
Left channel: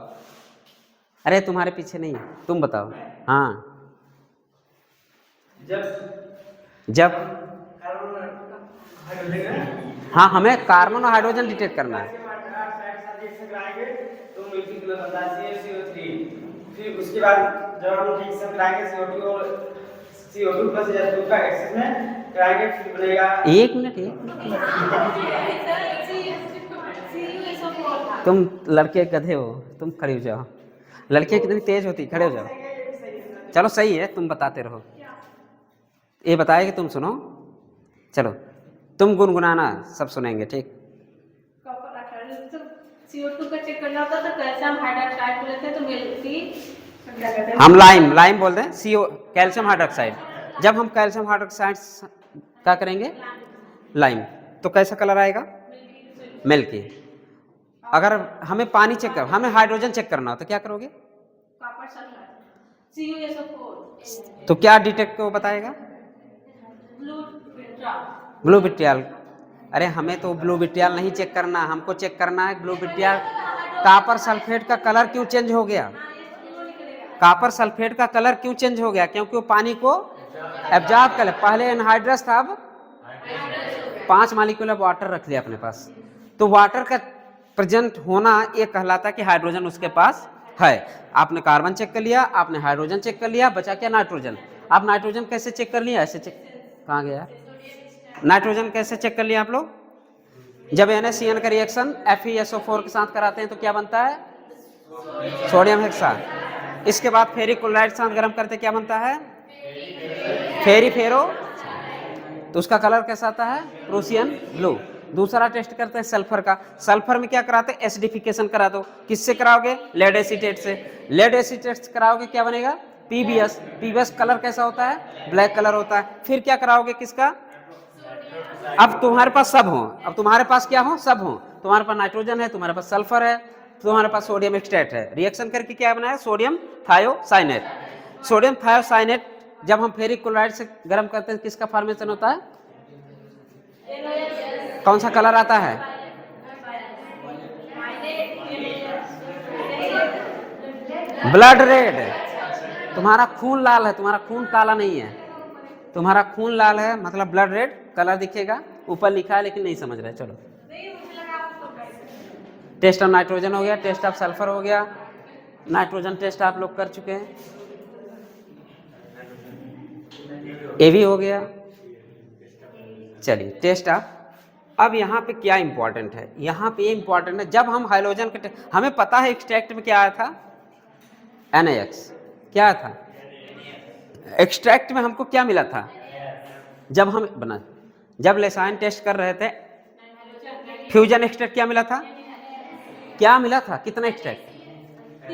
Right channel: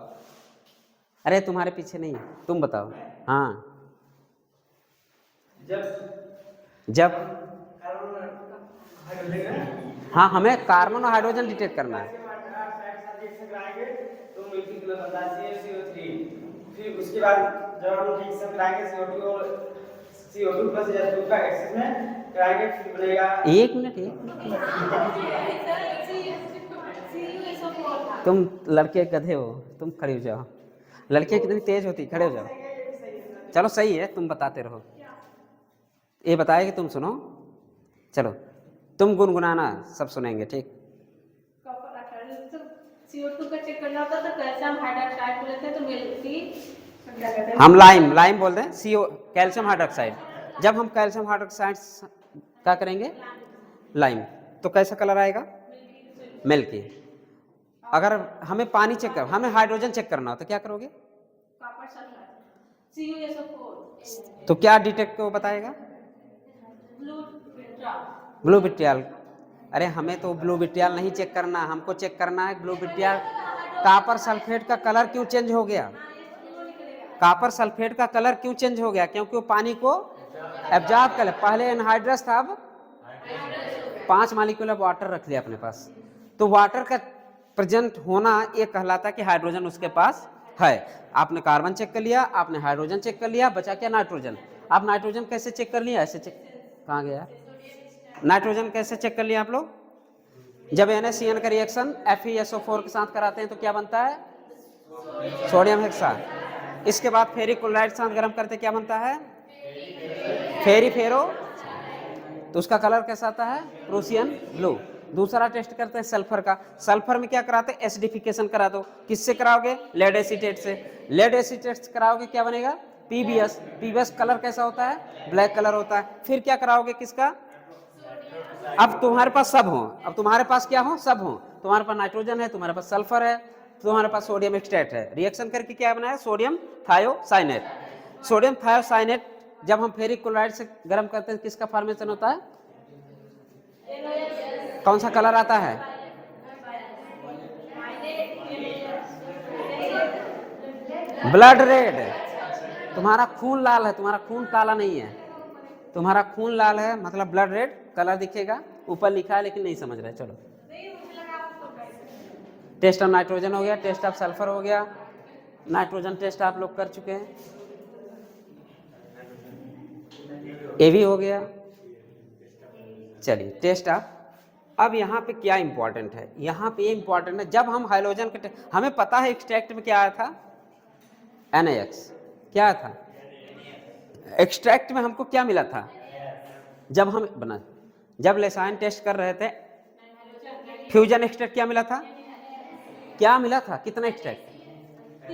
अरे तुम्हारे पीछे नहीं, तुम बताओ। हाँ, जब हाँ हमें कार्बन और हाइड्रोजन डिटेक्ट करना है। फिर उसके बाद जब हम रिएक्शन कराएंगे CO2 और CO2 प्लस H2 का एक्सेस में कराएंगे, फिर बनेगा। एक मिनट तुम लड़के गधे हो, तुम खड़े हो जाओ। लड़कियां कितनी तेज होती, खड़े हो जाओ। चलो सही है, तुम बताते रहो, ये बताएगी तुम सुनो। चलो तुम गुनगुनाना, सब सुनेंगे, ठीक। CO2 का चेक करना होता था, कैल्शियम हाइड्रोक्साइड को लेते हैं तो मिलती, हम लाइम बोलते हैं, CO कैल्शियम हाइड्रोक्साइड। जब हम कैल्शियम हाइड्रोक्साइड क्या करेंगे, लाइम, तो कैसा कलर आएगा, मिल्की। अगर हमें पानी चेक कर, हमें हाइड्रोजन चेक करना हो तो क्या करोगे, तो क्या डिटेक्ट को बताएगा, ब्लू विट्रियल। अरे हमें तो ब्लू विट्रियल नहीं चेक करना, हमको चेक करना है ब्लू विट्रियल। कॉपर सल्फेट का कलर क्यों चेंज हो गया, कॉपर सल्फेट का कलर क्यों चेंज हो गया, क्योंकि वो पानी को एब्जॉर्ब कर ले। पहले एनहाइड्रस था, अब 5 मॉलिक्यूल ऑफ वाटर रख लिया अपने पास, तो वाटर का प्रेजेंट होना ये कहलाता है कि हाइड्रोजन उसके पास है। आपने कार्बन चेक कर लिया, आपने हाइड्रोजन चेक कर लिया, बचा क्या, नाइट्रोजन। आप नाइट्रोजन कैसे चेक कर लिया, ऐसे चेक, कहाँ गया नाइट्रोजन, कैसे चेक कर लिया आप लोग, जब NaCN का रिएक्शन FeSO4 के साथ कराते हैं तो क्या बनता है, सोडियम हेक्सा। इसके बाद फेरिक क्लोराइड के साथ गर्म करते क्या बनता है, फेरी-फेरो, तो उसका कलर कैसा आता है, प्रूसियन ब्लू। दूसरा टेस्ट करते हैं सल्फर का। सल्फर में क्या कराते हैं, एसिडिफिकेशन करा दो। किससे कराओगे, लेड एसीटेट से। लेड एसीटेट कराओगे क्या बनेगा, PbS। PbS कलर कैसा होता है, ब्लैक कलर होता है। फिर क्या कराओगे, किसका, अब तुम्हारे पास सब हो, अब तुम्हारे पास क्या हो, सब हो। तुम्हारे पास नाइट्रोजन है, तुम्हारे पास सल्फर है, तुम्हारे पास सोडियम एक्सट्रैक्ट है। रिएक्शन करके क्या बनाया, सोडियम थायोसाइनेट। सोडियम थायोसाइनेट जब हम फेरिक क्लोराइड से गर्म करते हैं किसका फॉर्मेशन होता है, कौन सा कलर आता है, ब्लड रेड। तुम्हारा खून लाल है, तुम्हारा खून काला नहीं है, तुम्हारा खून लाल है, मतलब ब्लड रेड कलर दिखेगा। ऊपर लिखा है लेकिन नहीं समझ रहे। चलो, टेस्ट ऑफ नाइट्रोजन हो गया, टेस्ट ऑफ सल्फर हो गया, नाइट्रोजन टेस्ट आप लोग कर चुके हैं, ये भी हो गया। चलिए टेस्ट ऑफ, अब यहाँ पे क्या इंपॉर्टेंट है, यहाँ पे ये इंपॉर्टेंट है, जब हम हाइड्रोजन के हमें पता है एक्सट्रैक्ट में क्या आया था, NaX। क्या था एक्सट्रैक्ट में, हमको क्या मिला था, जब हम बना, जब लेसाइन टेस्ट कर रहे थे, फ्यूजन एक्सट्रैक्ट क्या मिला था, क्या मिला था, कितना एक्सट्रैक्ट,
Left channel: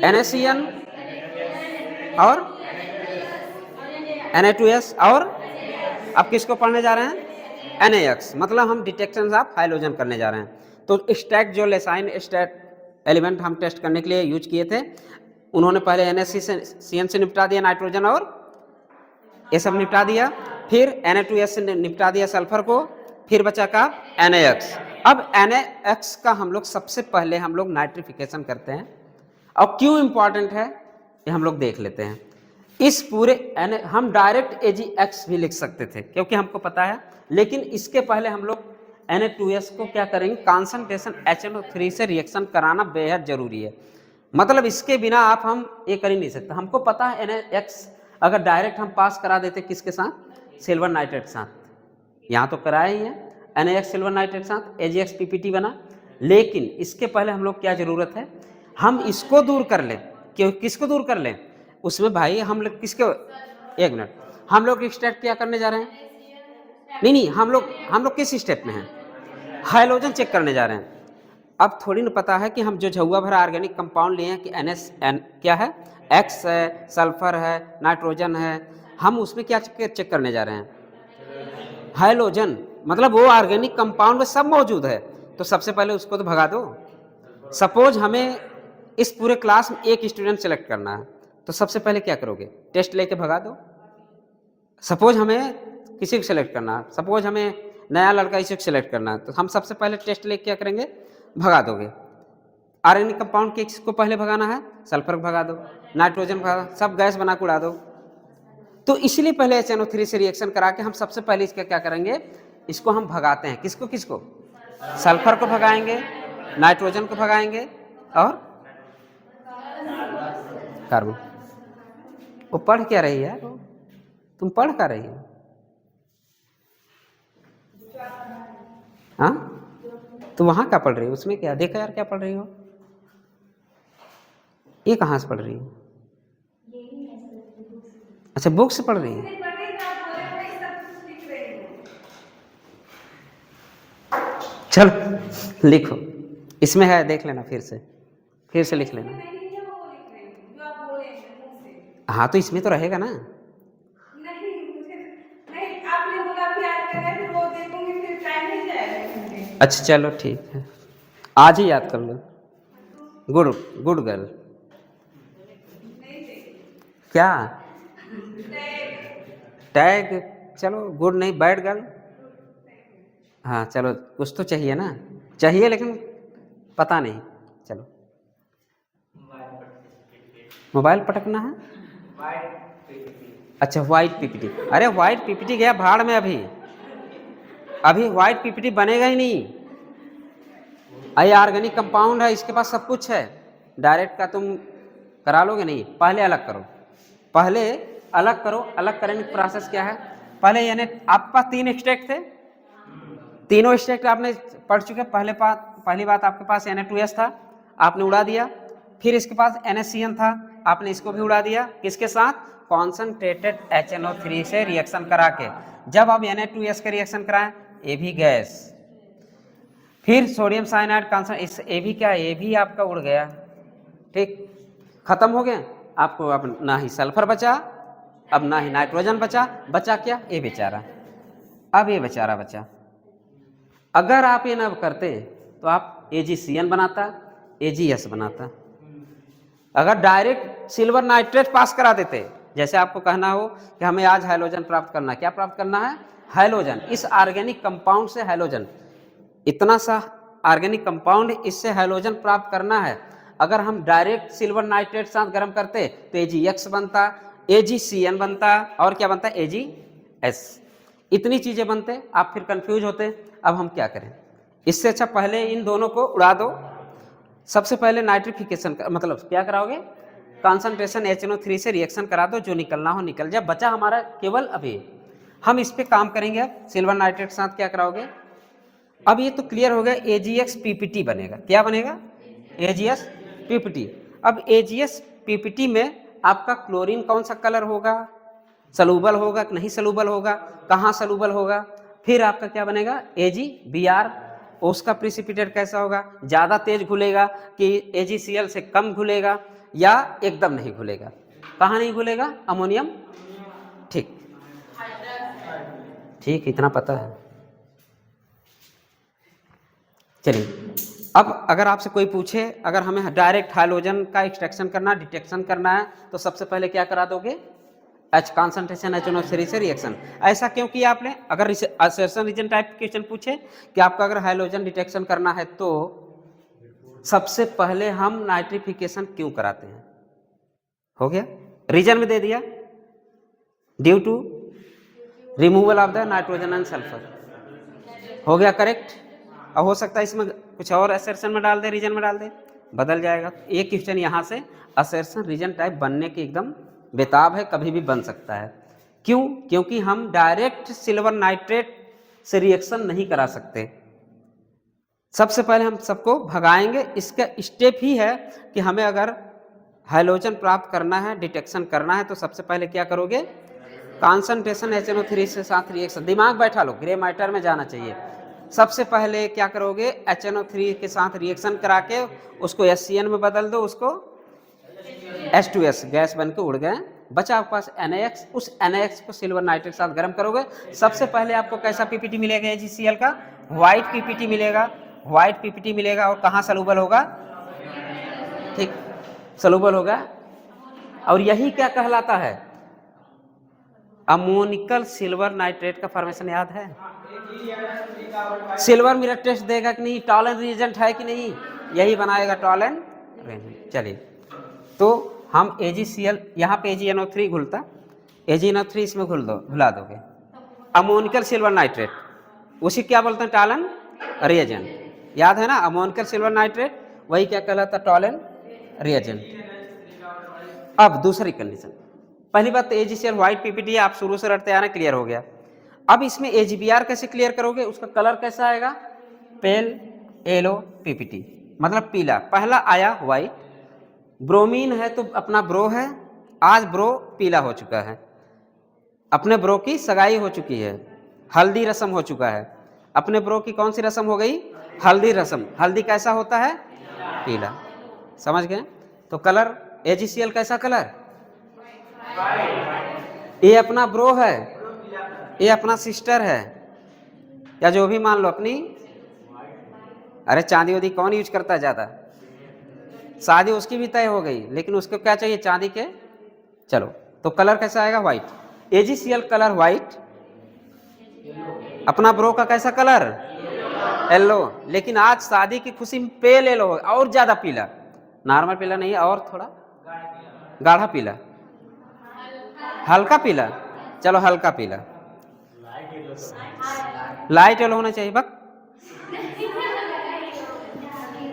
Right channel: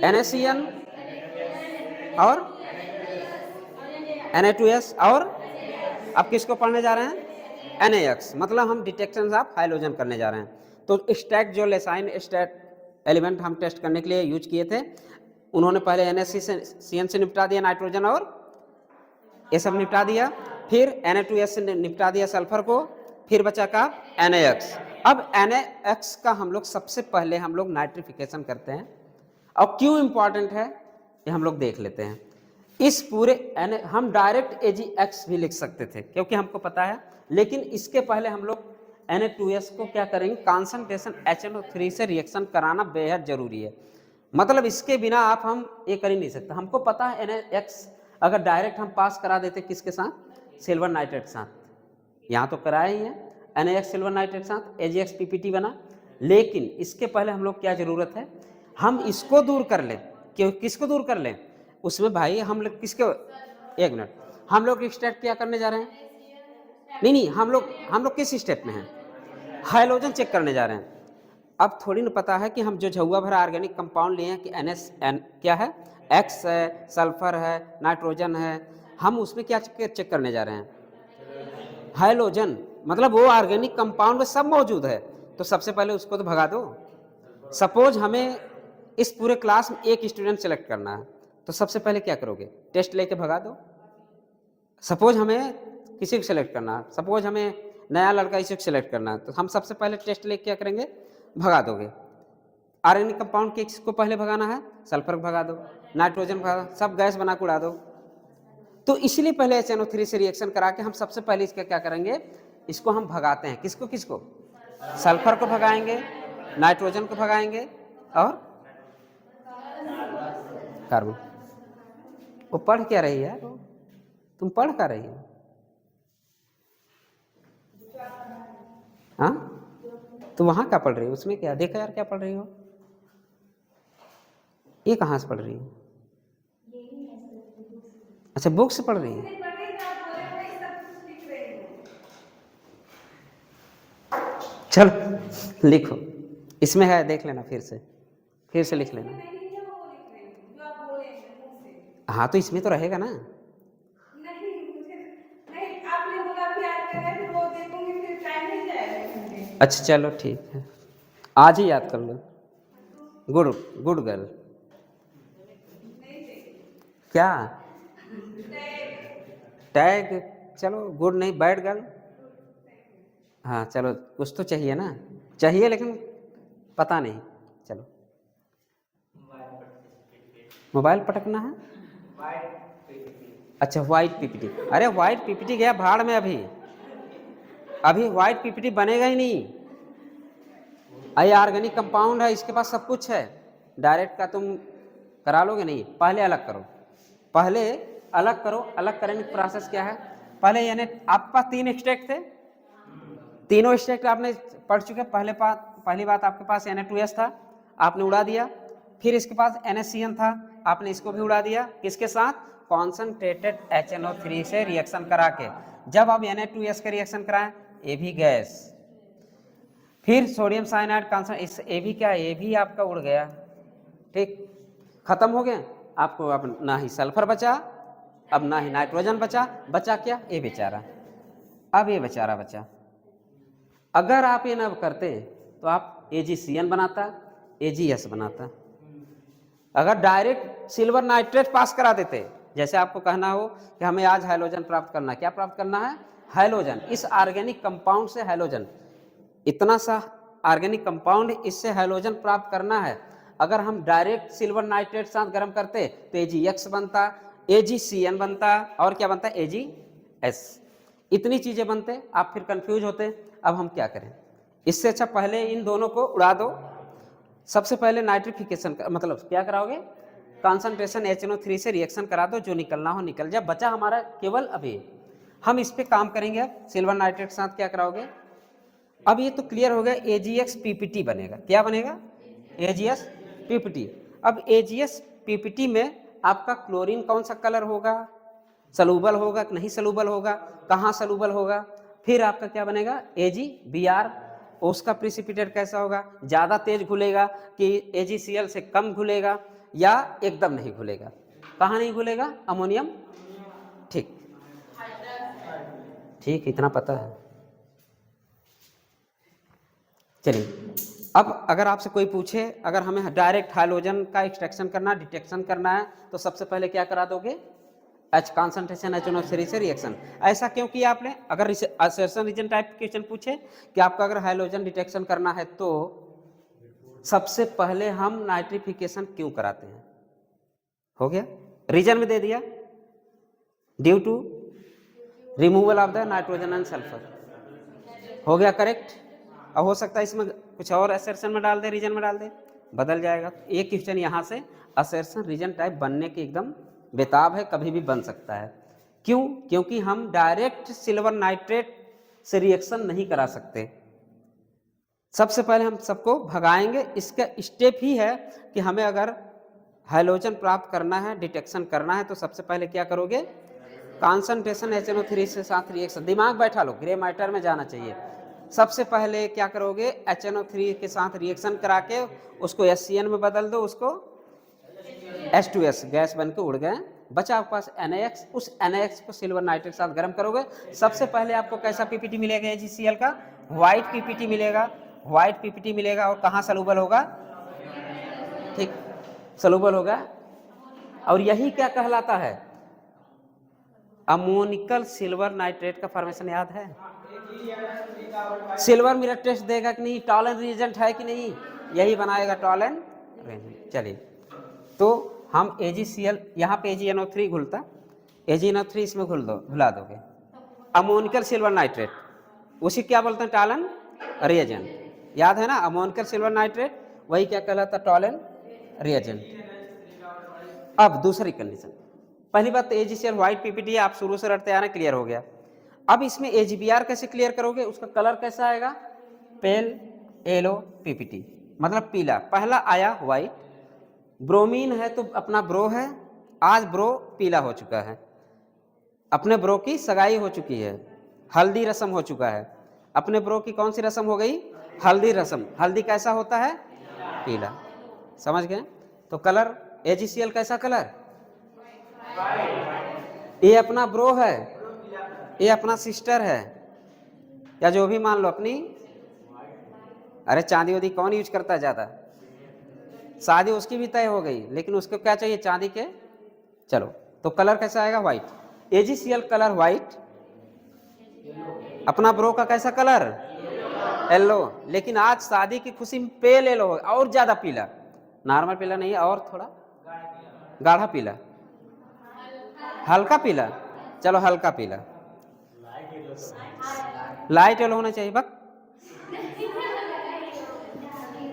NaCN और Na2S, और अब किसको पढ़ने जा रहे हैं, NaX। मतलब हम डिटेक्शन ऑफ हाइड्रोजन करने जा रहे हैं। तो एक्सट्रैक्ट जो लेसाइन एक्सट्रैक्ट एलिमेंट हम टेस्ट करने के लिए यूज किए थे, उन्होंने पहले NaCN से निपटा दिया नाइट्रोजन और ये सब निपटा दिया, फिर Na2S से निपटा दिया सल्फर को, फिर बचा का NaX। अब NaX का हम लोग सबसे पहले हम लोग नाइट्रिफिकेशन करते हैं, और क्यों इंपॉर्टेंट है ये हम लोग देख लेते हैं। इस पूरे हम डायरेक्ट AgX भी लिख सकते थे क्योंकि हमको पता है, लेकिन इसके पहले हम लोग Na2S को क्या करेंगे, कॉन्सेंट्रेशन HNO3 से रिएक्शन कराना बेहद जरूरी है। मतलब इसके बिना आप हम ये कर ही नहीं सकते। हमको पता है NaX अगर डायरेक्ट हम पास करा देते किसके साथ, सिल्वर नाइट्रेट के साथ, यहाँ तो कराया ही है, NaX सिल्वर नाइट्रेट के साथ AgX PPT बना। लेकिन इसके पहले हम लोग क्या जरूरत है, हम इसको दूर कर लें। क्यों, किसको दूर कर लें, उसमें भाई हम लोग किसके, एक मिनट, हम लोग एक्सट्रैक्ट क्या करने जा रहे हैं, नहीं हम लोग किस स्टेप में हैं, हाइड्रोजन चेक करने जा रहे हैं। अब थोड़ी ना पता है कि हम जो झुआ भरा ऑर्गेनिक कंपाउंड लिए हैं कि NaN क्या है, X है, सल्फर है, नाइट्रोजन है, हम उसमें क्या चेक करने जा रहे हैं, हाइड्रोजन। मतलब वो ऑर्गेनिक कंपाउंड में सब मौजूद है, तो सबसे पहले उसको तो भगा दो। सपोज हमें इस पूरे क्लास में एक स्टूडेंट सेलेक्ट करना है, तो सबसे पहले क्या करोगे? टेस्ट लेके भगा दो। सपोज हमें किसी को सेलेक्ट करना है, सपोज हमें नया लड़का इसी को सेलेक्ट करना है, तो हम सबसे पहले टेस्ट लेके क्या करेंगे? भगा दोगे। आर्गेनिक कंपाउंड किसको पहले भगाना है? सल्फर को भगा दो, नाइट्रोजन भगा दो, सब गैस बना के उड़ा दो। तो इसलिए पहले HNO3 से रिएक्शन करा के हम सबसे पहले इसका क्या करेंगे? इसको हम भगाते हैं। किसको किसको? सल्फर को भगाएंगे, नाइट्रोजन को भगाएंगे और कार्बन। वो पढ़ क्या रही है? तुम पढ़ क्या रही हो? हाँ, तुम वहां क्या पढ़ रही हो? उसमें क्या देखा यार, क्या पढ़ रही हो? ये कहाँ से पढ़ रही हो? अच्छा, बुक से पढ़ रही है। चलो लिखो, इसमें है, देख लेना, फिर से लिख लेना। हाँ, तो इसमें तो रहेगा ना। अच्छा चलो ठीक है, आज ही याद कर लो। Good good girl. क्या टैग? चलो गुड नहीं, बैड गर्ल। हाँ चलो, कुछ तो चाहिए ना, चाहिए लेकिन पता नहीं। चलो, मोबाइल पटकना है। अच्छा, व्हाइट पीपीटी। अरे व्हाइट पीपीटी गया भाड़ में। अभी व्हाइट पीपीटी बनेगा ही नहीं। ये ऑर्गेनिक कंपाउंड है, इसके पास सब कुछ है। डायरेक्ट का तुम करा लोगे नहीं, पहले अलग करो, पहले अलग करो। अलग करने की प्रोसेस क्या है? पहले यानी आपके पास 3 एक्सट्रैक्ट थे, तीनों एक्सट्रैक्ट आपने पढ़ चुके। पहली बात आपके पास Na2S था, आपने उड़ा दिया। फिर इसके पास NaCN था, आपने इसको भी उड़ा दिया। किसके साथ? कॉन्सनट्रेटेड HNO3 से रिएक्शन करा के। जब आप Na2S का रिएक्शन कराएं, ये भी गैस, फिर सोडियम साइनाइड कॉन्सन, ये भी क्या, ये भी आपका उड़ गया। ठीक, खत्म हो गया। आपको अब ना ही सल्फर बचा, अब ना ही नाइट्रोजन बचा क्या? ये बेचारा। अब ये बेचारा बचा। अगर आप ये ना करते तो आप AgCN बनाता, AgS बनाता। अगर डायरेक्ट सिल्वर नाइट्रेट पास करा देते, जैसे आपको कहना हो कि हमें आज हाइलोजन प्राप्त करना है, क्या प्राप्त करना है? हाइलोजन। इस ऑर्गेनिक कंपाउंड से हाइलोजन, इतना सा ऑर्गेनिक कंपाउंड, इससे हाइलोजन प्राप्त करना है। अगर हम डायरेक्ट सिल्वर नाइट्रेट साथ गर्म करते तो AgX बनता, AgCN बनता, और क्या बनता? AgS। इतनी चीजें बनते, आप फिर कंफ्यूज होते। अब हम क्या करें? इससे अच्छा पहले इन दोनों को उड़ा दो। सबसे पहले नाइट्रिफिकेशन मतलब क्या कराओगे? कॉन्सेंट्रेशन HNO3 से रिएक्शन करा दो, जो निकलना हो निकल जाए। बचा हमारा केवल अभी, हम इस पे काम करेंगे। अब सिल्वर नाइट्रेट के साथ क्या कराओगे? अब ये तो क्लियर हो गया, AgX PPT बनेगा। क्या बनेगा? AgS PPT। अब AgS PPT में आपका क्लोरीन कौन सा कलर होगा? सलूबल होगा कि नहीं सलूबल होगा? कहाँ सलूबल होगा? फिर आपका क्या बनेगा? AgBr। उसका प्रिसिपिटेट कैसा होगा? ज़्यादा तेज घुलेगा कि AgCl से कम घुलेगा, या एकदम नहीं घुलेगा? कहाँ नहीं घुलेगा? अमोनियम। ठीक ठीक, इतना पता है। चलिए, अब अगर आपसे कोई पूछे, अगर हमें डायरेक्ट हाइलोजन का एक्सट्रैक्शन करना, डिटेक्शन करना है, तो सबसे पहले क्या करा दोगे? कॉन्सेंट्रेशन HNO3 से रिएक्शन। ऐसा क्यों किया आपने? अगर असर्शन रीजन टाइप क्वेश्चन पूछे कि आपका अगर हाइलोजन डिटेक्शन करना है, तो सबसे पहले हम नाइट्रिफिकेशन क्यों कराते हैं? हो गया, रीजन में दे दिया, due to removal of the nitrogen and sulphur. हो गया करेक्ट। अब हो सकता है इसमें कुछ और असर्शन में डाल दे, रीजन में डाल दे, बदल जाएगा। एक क्वेश्चन यहाँ से असर्शन रीजन टाइप बनने की एकदम बेताब है, कभी भी बन सकता है। क्यों? क्योंकि हम डायरेक्ट सिल्वर नाइट्रेट से रिएक्शन नहीं करा सकते। सबसे पहले हम सबको भगाएंगे। इसका स्टेप ही है कि हमें अगर हाइलोजन प्राप्त करना है, डिटेक्शन करना है, तो सबसे पहले क्या करोगे? कॉन्सेंट्रेशन HNO3 से साथ रिएक्शन। दिमाग बैठा लो, ग्रे मैटर में जाना चाहिए। सबसे पहले क्या करोगे? HNO3 के साथ रिएक्शन करा के उसको SCN में बदल दो, उसको H2S गैस बन के उड़ गए। बचा आपके पास NaX। उस NaX को सिल्वर नाइट्रेट के साथ गर्म करोगे। सबसे पहले आपको कैसा PPT मिलेगा? AgCl का व्हाइट PPT मिलेगा। व्हाइट PPT मिलेगा, और कहाँ सलूबल होगा? ठीक, सलूबल होगा। और यही क्या कहलाता है? अमोनिकल सिल्वर नाइट्रेट का फॉर्मेशन याद है? सिल्वर मिरर टेस्ट देगा कि नहीं, टॉलन रिएजेंट है कि नहीं, यही बनाएगा टॉलन रिएजेंट। चलिए, तो हम AgCl, यहाँ पे AgNO3 घुलता, AgNO3 इसमें घुला दोगे, अमोनिकल सिल्वर नाइट्रेट, उसी क्या बोलते हैं? Tollens reagent. याद है ना, अमोनिकल सिल्वर नाइट्रेट वही क्या कहलाता? Tollens reagent. अब दूसरी कंडीशन, पहली बात तो AgCl व्हाइट PPT आप शुरू से रटते आना, क्लियर हो गया। अब इसमें AgBr कैसे क्लियर करोगे? उसका कलर कैसा आएगा? पेल येलो PPT, मतलब पीला। पहला आया व्हाइट, ब्रोमीन है तो अपना ब्रो है, आज ब्रो पीला हो चुका है, अपने ब्रो की सगाई हो चुकी है, हल्दी रस्म हो चुका है। अपने ब्रो की कौन सी रस्म हो गई? हल्दी रस्म। हल्दी कैसा होता है? पीला। समझ गए? तो कलर AgCl कैसा कलर? ये अपना ब्रो है, ये अपना सिस्टर है, या जो भी मान लो अपनी, अरे चांदी वादी कौन यूज करता है ज्यादा? शादी उसकी भी तय हो गई, लेकिन उसको क्या चाहिए? चांदी के। चलो, तो कलर कैसा आएगा? व्हाइट। AgCl कलर व्हाइट, अपना ब्रो का कैसा कलर? येलो। लेकिन आज शादी की खुशी में पेल येलो हो, और ज्यादा पीला, नॉर्मल पीला नहीं, और थोड़ा गाढ़ा पीला, हल्का पीला। चलो हल्का पीला, लाइट येलो होना चाहिए। बक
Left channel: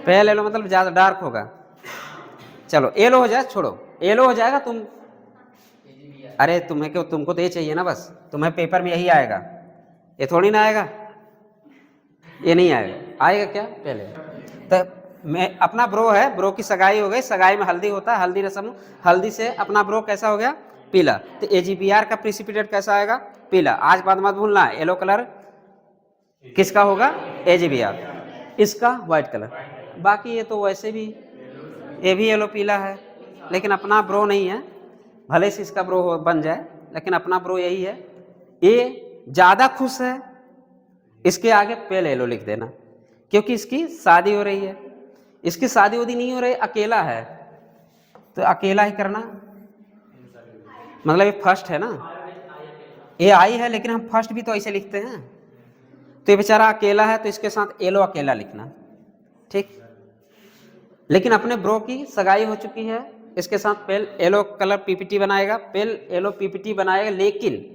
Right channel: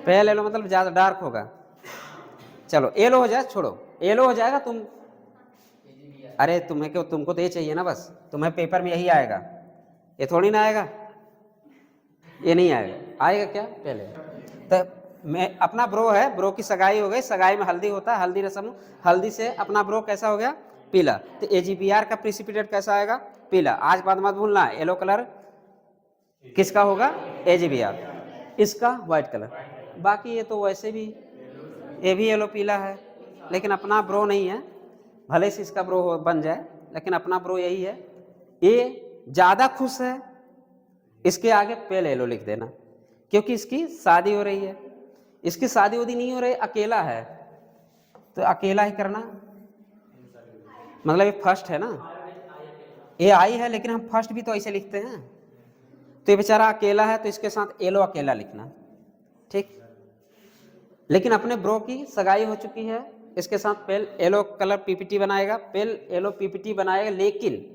पेल येलो मतलब ज्यादा डार्क होगा। चलो येलो हो जाए, छोड़ो येलो हो जाएगा। तुम, अरे तुम्हें क्यों, तुमको तो ये चाहिए ना बस, तुम्हें पेपर में यही आएगा, ये थोड़ी ना आएगा, ये नहीं आएगा। आएगा क्या? पहले तो मैं, अपना ब्रो है, ब्रो की सगाई हो गई, सगाई में हल्दी होता है, हल्दी रस्म, हल्दी से अपना ब्रो कैसा हो गया? पीला। तो AgBr का प्रिसिपिटेट कैसा आएगा? पीला। आज बात मत भूलना, येलो कलर किसका होगा? AgBr, इसका व्हाइट कलर। बाकी ये तो वैसे भी, ये भी येलो पीला है, लेकिन अपना ब्रो नहीं है, भले से इसका ब्रो बन जाए, लेकिन अपना ब्रो यही है। ये ज्यादा खुश है, इसके आगे पेल येलो लिख देना, क्योंकि इसकी शादी हो रही है। इसकी शादी उदी नहीं हो रही, अकेला है, तो अकेला ही करना, मतलब ये फर्स्ट है ना, ये आई है, लेकिन हम फर्स्ट भी तो ऐसे लिखते हैं। तो ये बेचारा अकेला है, तो इसके साथ येलो अकेला लिखना, ठीक। लेकिन अपने ब्रो की सगाई हो चुकी है, इसके साथ पेल येलो कलर PPT बनाएगा, पेल येलो PPT बनाएगा, लेकिन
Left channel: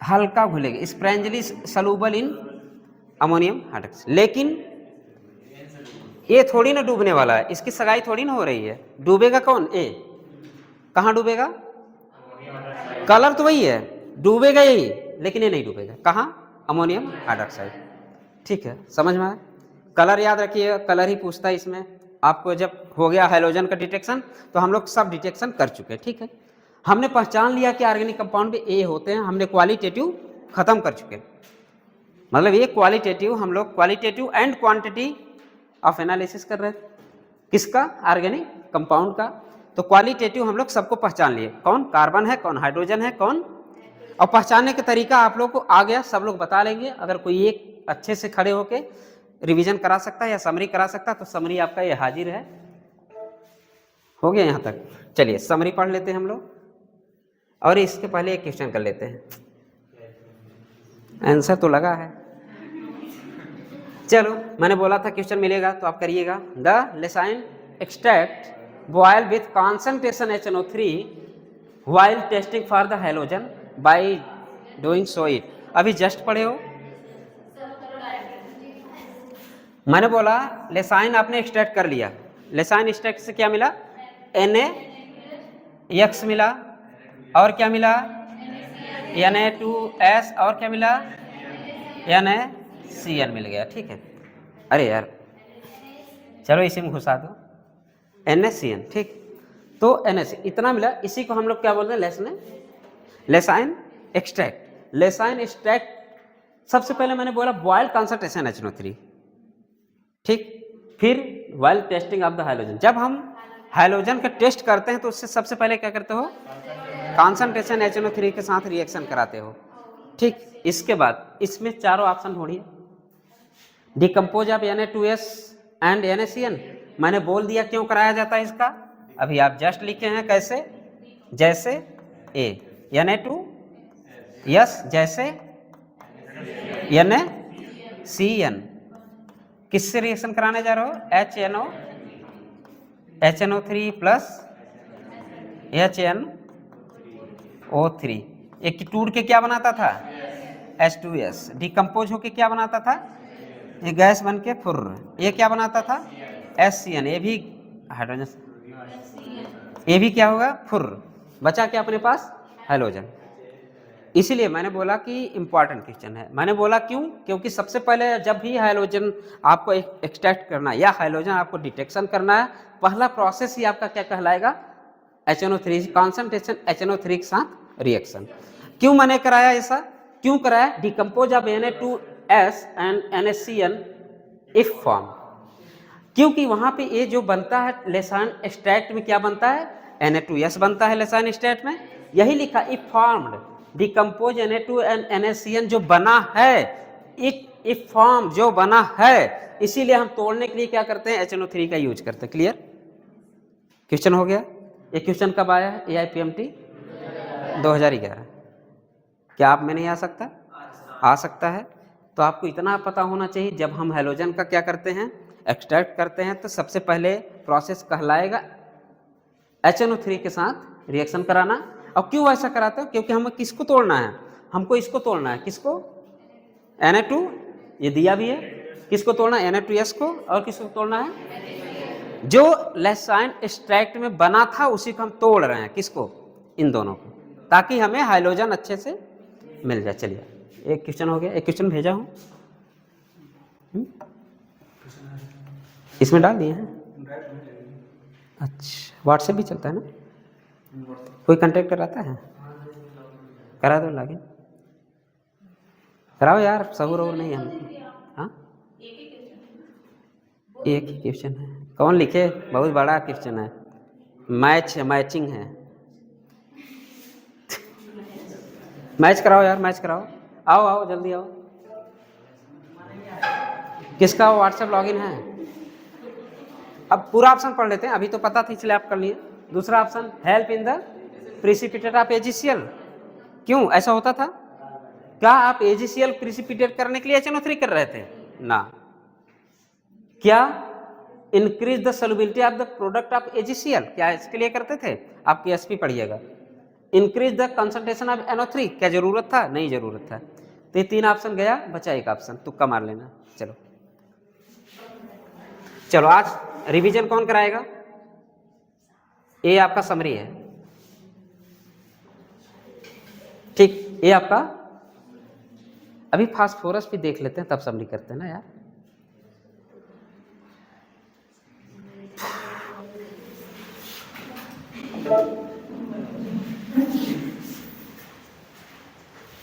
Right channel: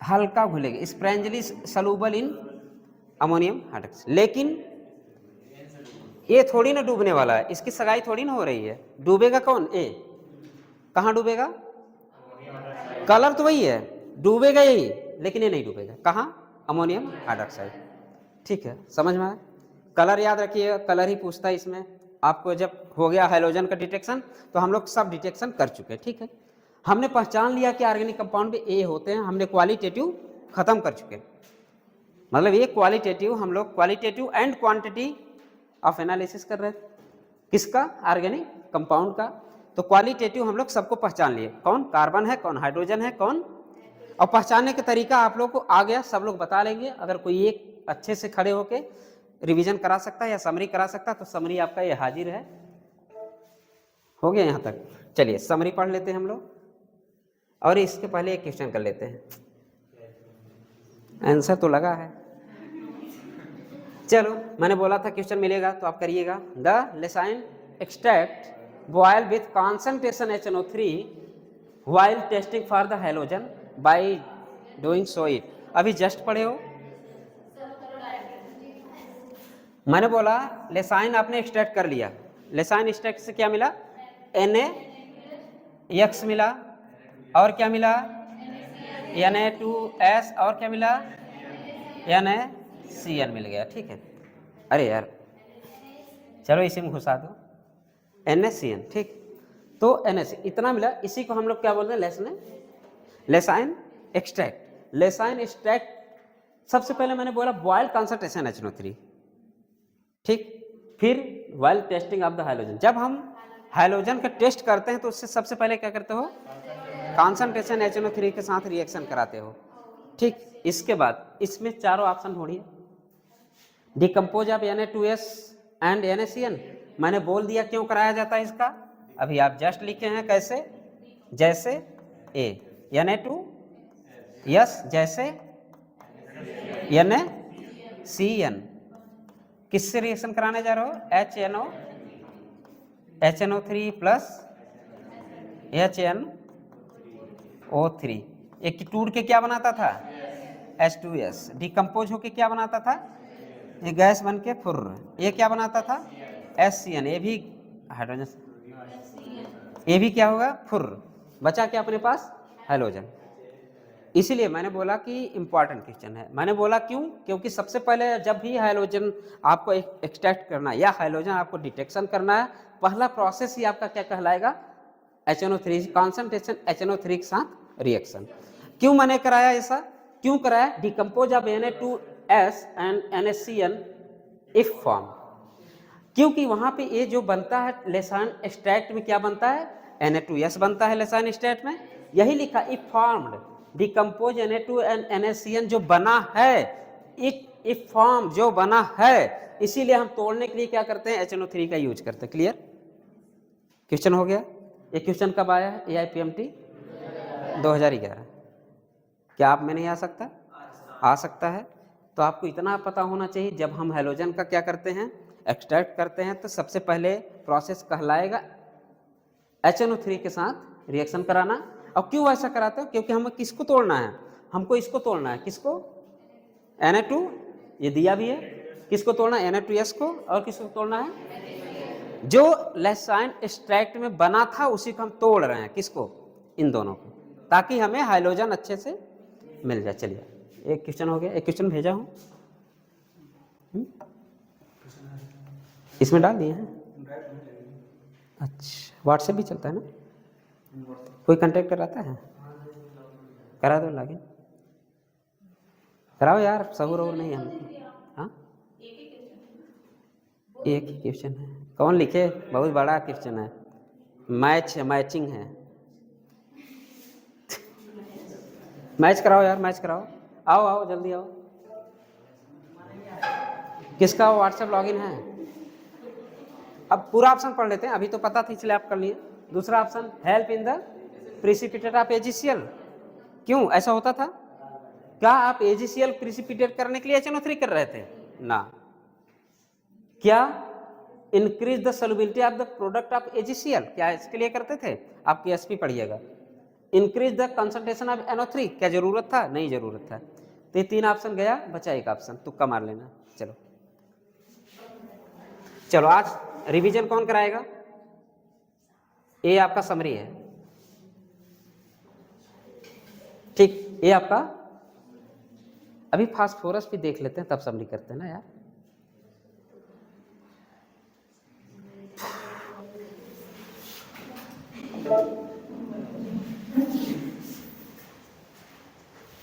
हल्का घुलेगा, स्प्रेंजली सलूबल इन अमोनियम हाइड्रोक्साइड। लेकिन ये थोड़ी ना डूबने वाला है, इसकी सगाई थोड़ी ना हो रही है। डूबेगा कौन? ए। कहाँ डूबेगा? कलर तो वही है, डूबेगा यही, लेकिन ये नहीं डूबेगा। कहाँ? Ammonium hydroxide. ठीक है, समझ में आया? कलर याद रखिएगा, कलर ही पूछता है इसमें आपको। जब हो गया हाइड्रोजन का डिटेक्शन, तो हम लोग सब डिटेक्शन कर चुके, ठीक है। हमने पहचान लिया कि ऑर्गेनिक कंपाउंड में ए होते हैं, हमने क्वालिटेटिव खत्म कर चुके। मतलब ये क्वालिटेटिव, हम लोग qualitative and quantity of analysis कर रहे हैं, किसका? ऑर्गेनिक कंपाउंड का। तो क्वालिटेटिव हम लोग सबको पहचान लिए, कौन कार्बन है, कौन हाइड्रोजन है, कौन, और पहचानने का तरीका आप लोग को आ गया, सब लोग बता लेंगे। अगर कोई एक अच्छे से खड़े होके रिवीजन करा सकता है या समरी करा सकता है, तो समरी आपका ये हाजिर है। हो गया यहाँ तक? चलिए समरी पढ़ लेते हैं हम लोग, और इसके पहले एक क्वेश्चन कर लेते हैं। आंसर तो लगा है, चलो मैंने बोला था क्वेश्चन मिलेगा तो आप करिएगा। The Lassaigne extract boil with concentration HNO3 while testing for the halogen by doing so it. अभी जस्ट पढ़े हो, मैंने बोला लेसाइन आपने एक्सट्रैक्ट कर लिया, लेसाइन एक्सट्रैक्ट से क्या मिला? NaX मिला, और क्या मिला? Na2S, और क्या मिला? NaCN मिल गया, ठीक है। अरे यार चलो इसी में घुसा दो, NaCN, ठीक। तो NaC इतना मिला, इसी को हम लोग क्या बोलते हैं? लेसाइन एक्सट्रैक्ट। लेसाइन एक्सट्रैक्ट सबसे पहले मैंने बोला बॉयल कॉन्सेंट्रेशन HNO3, ठीक। फिर while testing of the hydrogen, जब हम हाइड्रोजन का टेस्ट करते हैं तो उससे सबसे पहले क्या करते हो? कॉन्सेंट्रेशन HNO3 के साथ रिएक्शन कराते हो, ठीक। इसके बाद इसमें चारों ऑप्शन ढूंढिए, decompose of Na2S and NaCN। मैंने बोल दिया क्यों कराया जाता है इसका, अभी आप जस्ट लिखे हैं कैसे, जैसे ए, Na2 जैसे NaCN। किससे रिएक्शन कराने जा रहे हो, HNO3 प्लस HNO3। एक टूट के क्या बनाता था, H2S। डिकम्पोज होके क्या बनाता था, ये गैस बन के फुर, ये क्या बनाता था, HCN। ये भी हाइड्रोजन, ये भी क्या होगा, फुर, बचा क्या अपने पास, हैलोजन। इसीलिए मैंने बोला कि इंपॉर्टेंट क्वेश्चन है। मैंने बोला क्यों, क्योंकि सबसे पहले जब भी हाइड्रोजन आपको एक्सट्रैक्ट करना है या हाइड्रोजन आपको डिटेक्शन करना है, पहला प्रोसेस ही आपका क्या कहलाएगा, HNO3 कॉन्सेंट्रेशन HNO3 के साथ रिएक्शन। क्यों मैंने कराया ऐसा, क्यों कराया, decompose of Na2S and NaCN if form, क्योंकि वहां पे ये जो बनता है लेसान एक्सट्रैक्ट में क्या बनता है, Na2S बनता है लेसान एक्सट्रैक्ट में, यही लिखा if formed decompose Na2 and NaCN जो बना है, इफ फॉर्म जो बना है, इसीलिए हम तोड़ने के लिए क्या करते हैं, HNO3 का यूज करते हैं। क्लियर, क्वेश्चन हो गया। ये क्वेश्चन कब आया है, AIPMT 2011। क्या आप में नहीं आ सकता, आ सकता है। तो आपको इतना पता होना चाहिए, जब हम हैलोजन का क्या करते हैं, एक्सट्रैक्ट करते हैं, तो सबसे पहले प्रोसेस कहलाएगा HNO3 के साथ रिएक्शन कराना। और क्यों ऐसा कराते हो, क्योंकि हमें किसको तोड़ना है, हमको इसको तोड़ना है, किसको, Na2, ये दिया भी है, किसको तोड़ना है, Na2S को, और किसको तोड़ना है, जो लेसाइन एक्सट्रैक्ट में बना था उसी को हम तोड़ रहे हैं, किसको, इन दोनों को, ताकि हमें हाइड्रोजन अच्छे से मिल जाए। चलिए एक क्वेश्चन हो गया, एक क्वेश्चन भेजा हूं, इसमें डाल दिए हैं। अच्छा, व्हाट्सएप भी चलता है ना, कोई कांटेक्ट कराता है, करा दो, लागे कराओ यार, सहूर और नहीं हमको। हाँ, एक ही क्वेश्चन है, कौन लिखे, बहुत बड़ा क्वेश्चन है, मैचिंग है। मैच कराओ यार, मैच कराओ, आओ आओ जल्दी आओ। किसका व्हाट्सएप लॉगिन है, अब पूरा ऑप्शन पढ़ लेते हैं, अभी तो पता था इसलिए आप कर लिए। दूसरा option, help in the precipitate of AgCl। क्यों ऐसा होता था, क्या आप AgCl प्रिसिपिटेट करने के लिए HNO3 कर रहे थे ना, क्या increase the solubility of the product of AgCl, क्या इसके लिए करते थे, आप PSP पढ़िएगा। Increase the concentration of NO3, क्या जरूरत था, नहीं जरूरत था। तो ये तीन ऑप्शन गया, बचा एक ऑप्शन, तुक्का मार लेना। चलो चलो, आज रिवीजन कौन कराएगा, ये आपका समरी है, ठीक, ये आपका, अभी फास्फोरस भी देख लेते हैं तब समरी करते हैं ना यार।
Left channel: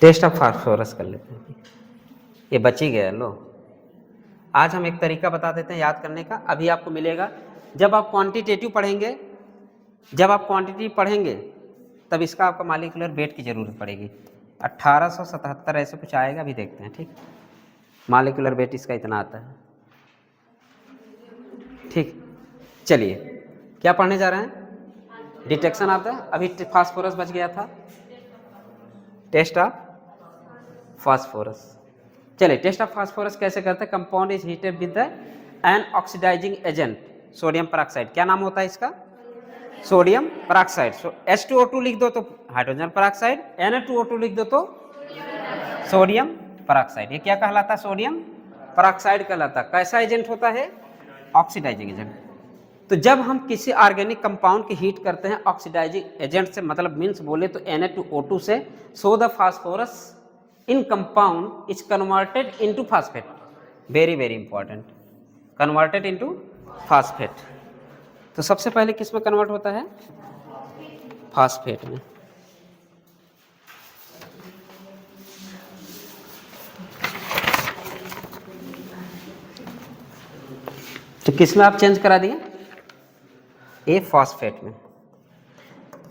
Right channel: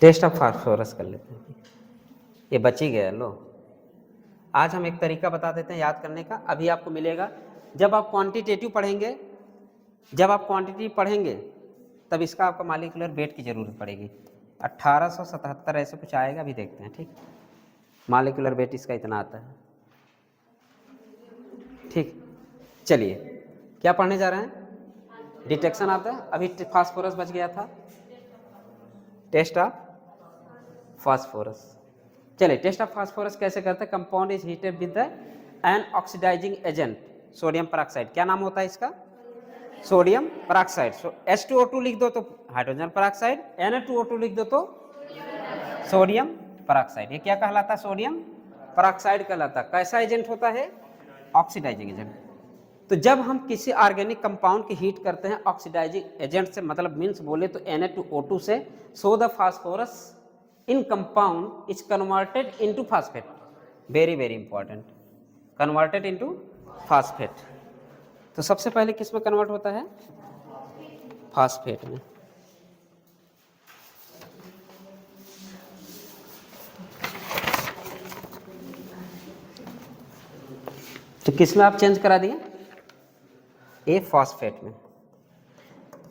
टेस्ट ऑफ फास्फोरस कर लेते हैं, ये बच ही गया। लो, आज हम एक तरीका बता देते हैं याद करने का, अभी आपको मिलेगा जब आप क्वांटिटेटिव पढ़ेंगे, जब आप क्वांटिटी पढ़ेंगे तब इसका आपको मॉलिक्यूलर वेट की जरूरत पड़ेगी। 1877 ऐसे कुछ आएगा, अभी देखते हैं, ठीक, मॉलिक्यूलर वेट इसका इतना आता है, ठीक। चलिए क्या पढ़ने जा रहे हैं, डिटेक्शन ऑफ द, अभी फास्फोरस बच गया था, टेस्ट ऑफ फास्फोरस। चलिए टेस्ट ऑफ फास्फोरस कैसे करते हैं, compound is heated with an oxidising agent sodium peroxide, क्या नाम होता है इसका, सोडियम पेरोक्साइड। H2O2 लिख दो तो हाइड्रोजन पेरोक्साइड, Na2O2 लिख दो तो सोडियम पेरोक्साइड, ये क्या कहलाता है, सोडियम पेरोक्साइड कहलाता। कैसा एजेंट होता है, ऑक्सीडाइजिंग एजेंट। तो जब हम किसी ऑर्गेनिक कंपाउंड की हीट करते हैं ऑक्सीडाइजिंग एजेंट से, मतलब मीन्स बोले तो Na2O2 से, so the phosphorus in compound is converted into phosphate, very very important, converted into phosphate. तो सबसे पहले किस में कन्वर्ट होता है, फास्फेट में। तो किस में आप चेंज करा दिए, ये फास्फेट में,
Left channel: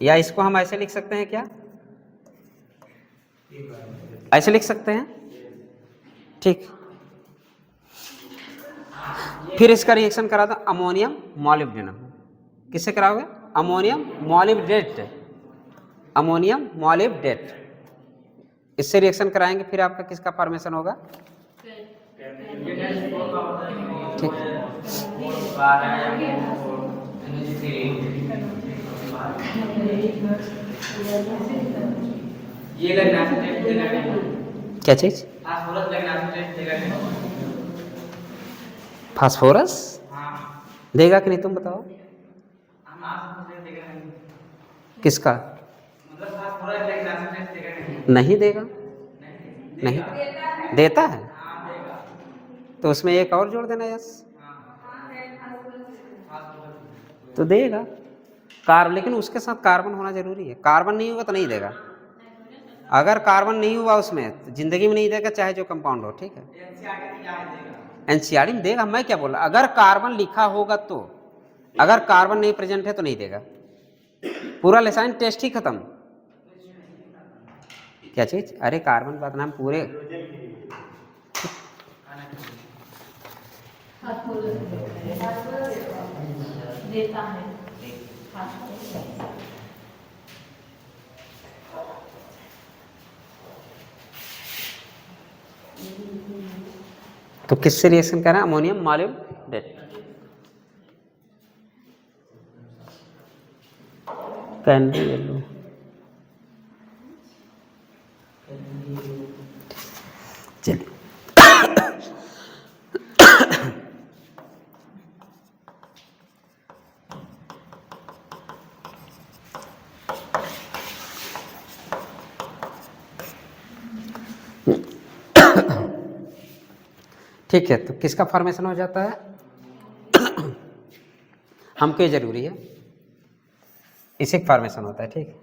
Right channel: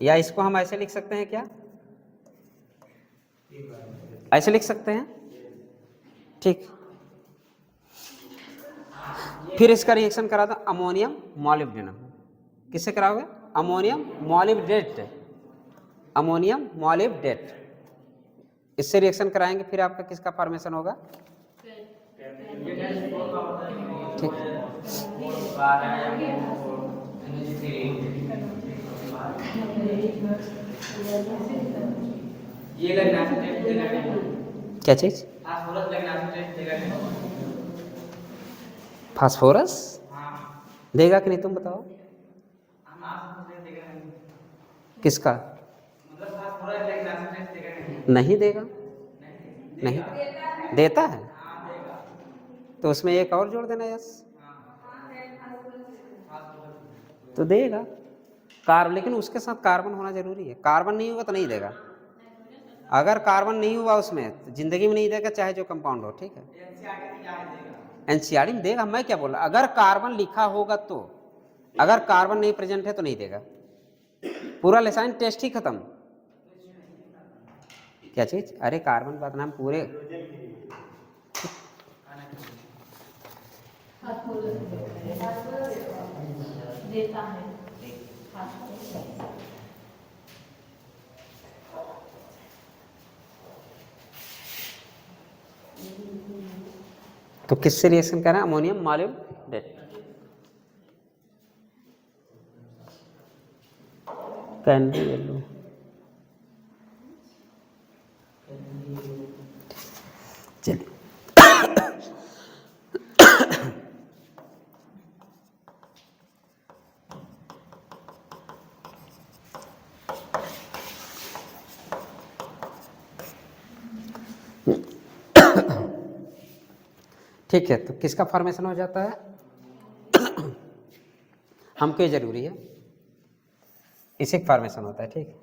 या इसको हम ऐसे लिख सकते हैं, क्या ऐसे लिख सकते हैं, ठीक। फिर इसका रिएक्शन करा था अमोनियम मॉलिब्डेनम, किससे कराओगे, अमोनियम मॉलिब्डेट, अमोनियम मॉलिब्डेट, इससे रिएक्शन कराएंगे, फिर आपका किसका फॉर्मेशन होगा? ठीक, क्या चीज? फास्फोरस देगा कि नहीं, तुम बताओ किसका? नहीं देगा, नहीं देता है, तो उसमें एक और जोड़ देना, यस, तो देगा कार्बन, लेकिन उसके साथ कार्बन होना जरूरी है, कार्बन नहीं होगा तो नहीं देगा। अगर कार्बन नहीं हुआ उसमें तो जिंदगी में नहीं देगा, चाहे जो कंपाउंड हो, ठीक है। एनसीईआरटी में देगा, मैं क्या बोला, अगर कार्बन लिखा होगा तो, अगर कार्बन नहीं प्रेजेंट है तो नहीं देगा, पूरा लेसाइन टेस्ट ही खत्म। क्या चीज? अरे कार्बन बात नाम पूरे देता है। तो किससे रिएक्शन करना? अमोनियम मॉलिब्डेट, कैनरी येलो, चलिए ठीक है, तो किसका फॉर्मेशन हो जाता है? हमको ये जरूरी है, इसी का फॉर्मेशन होता है, ठीक है।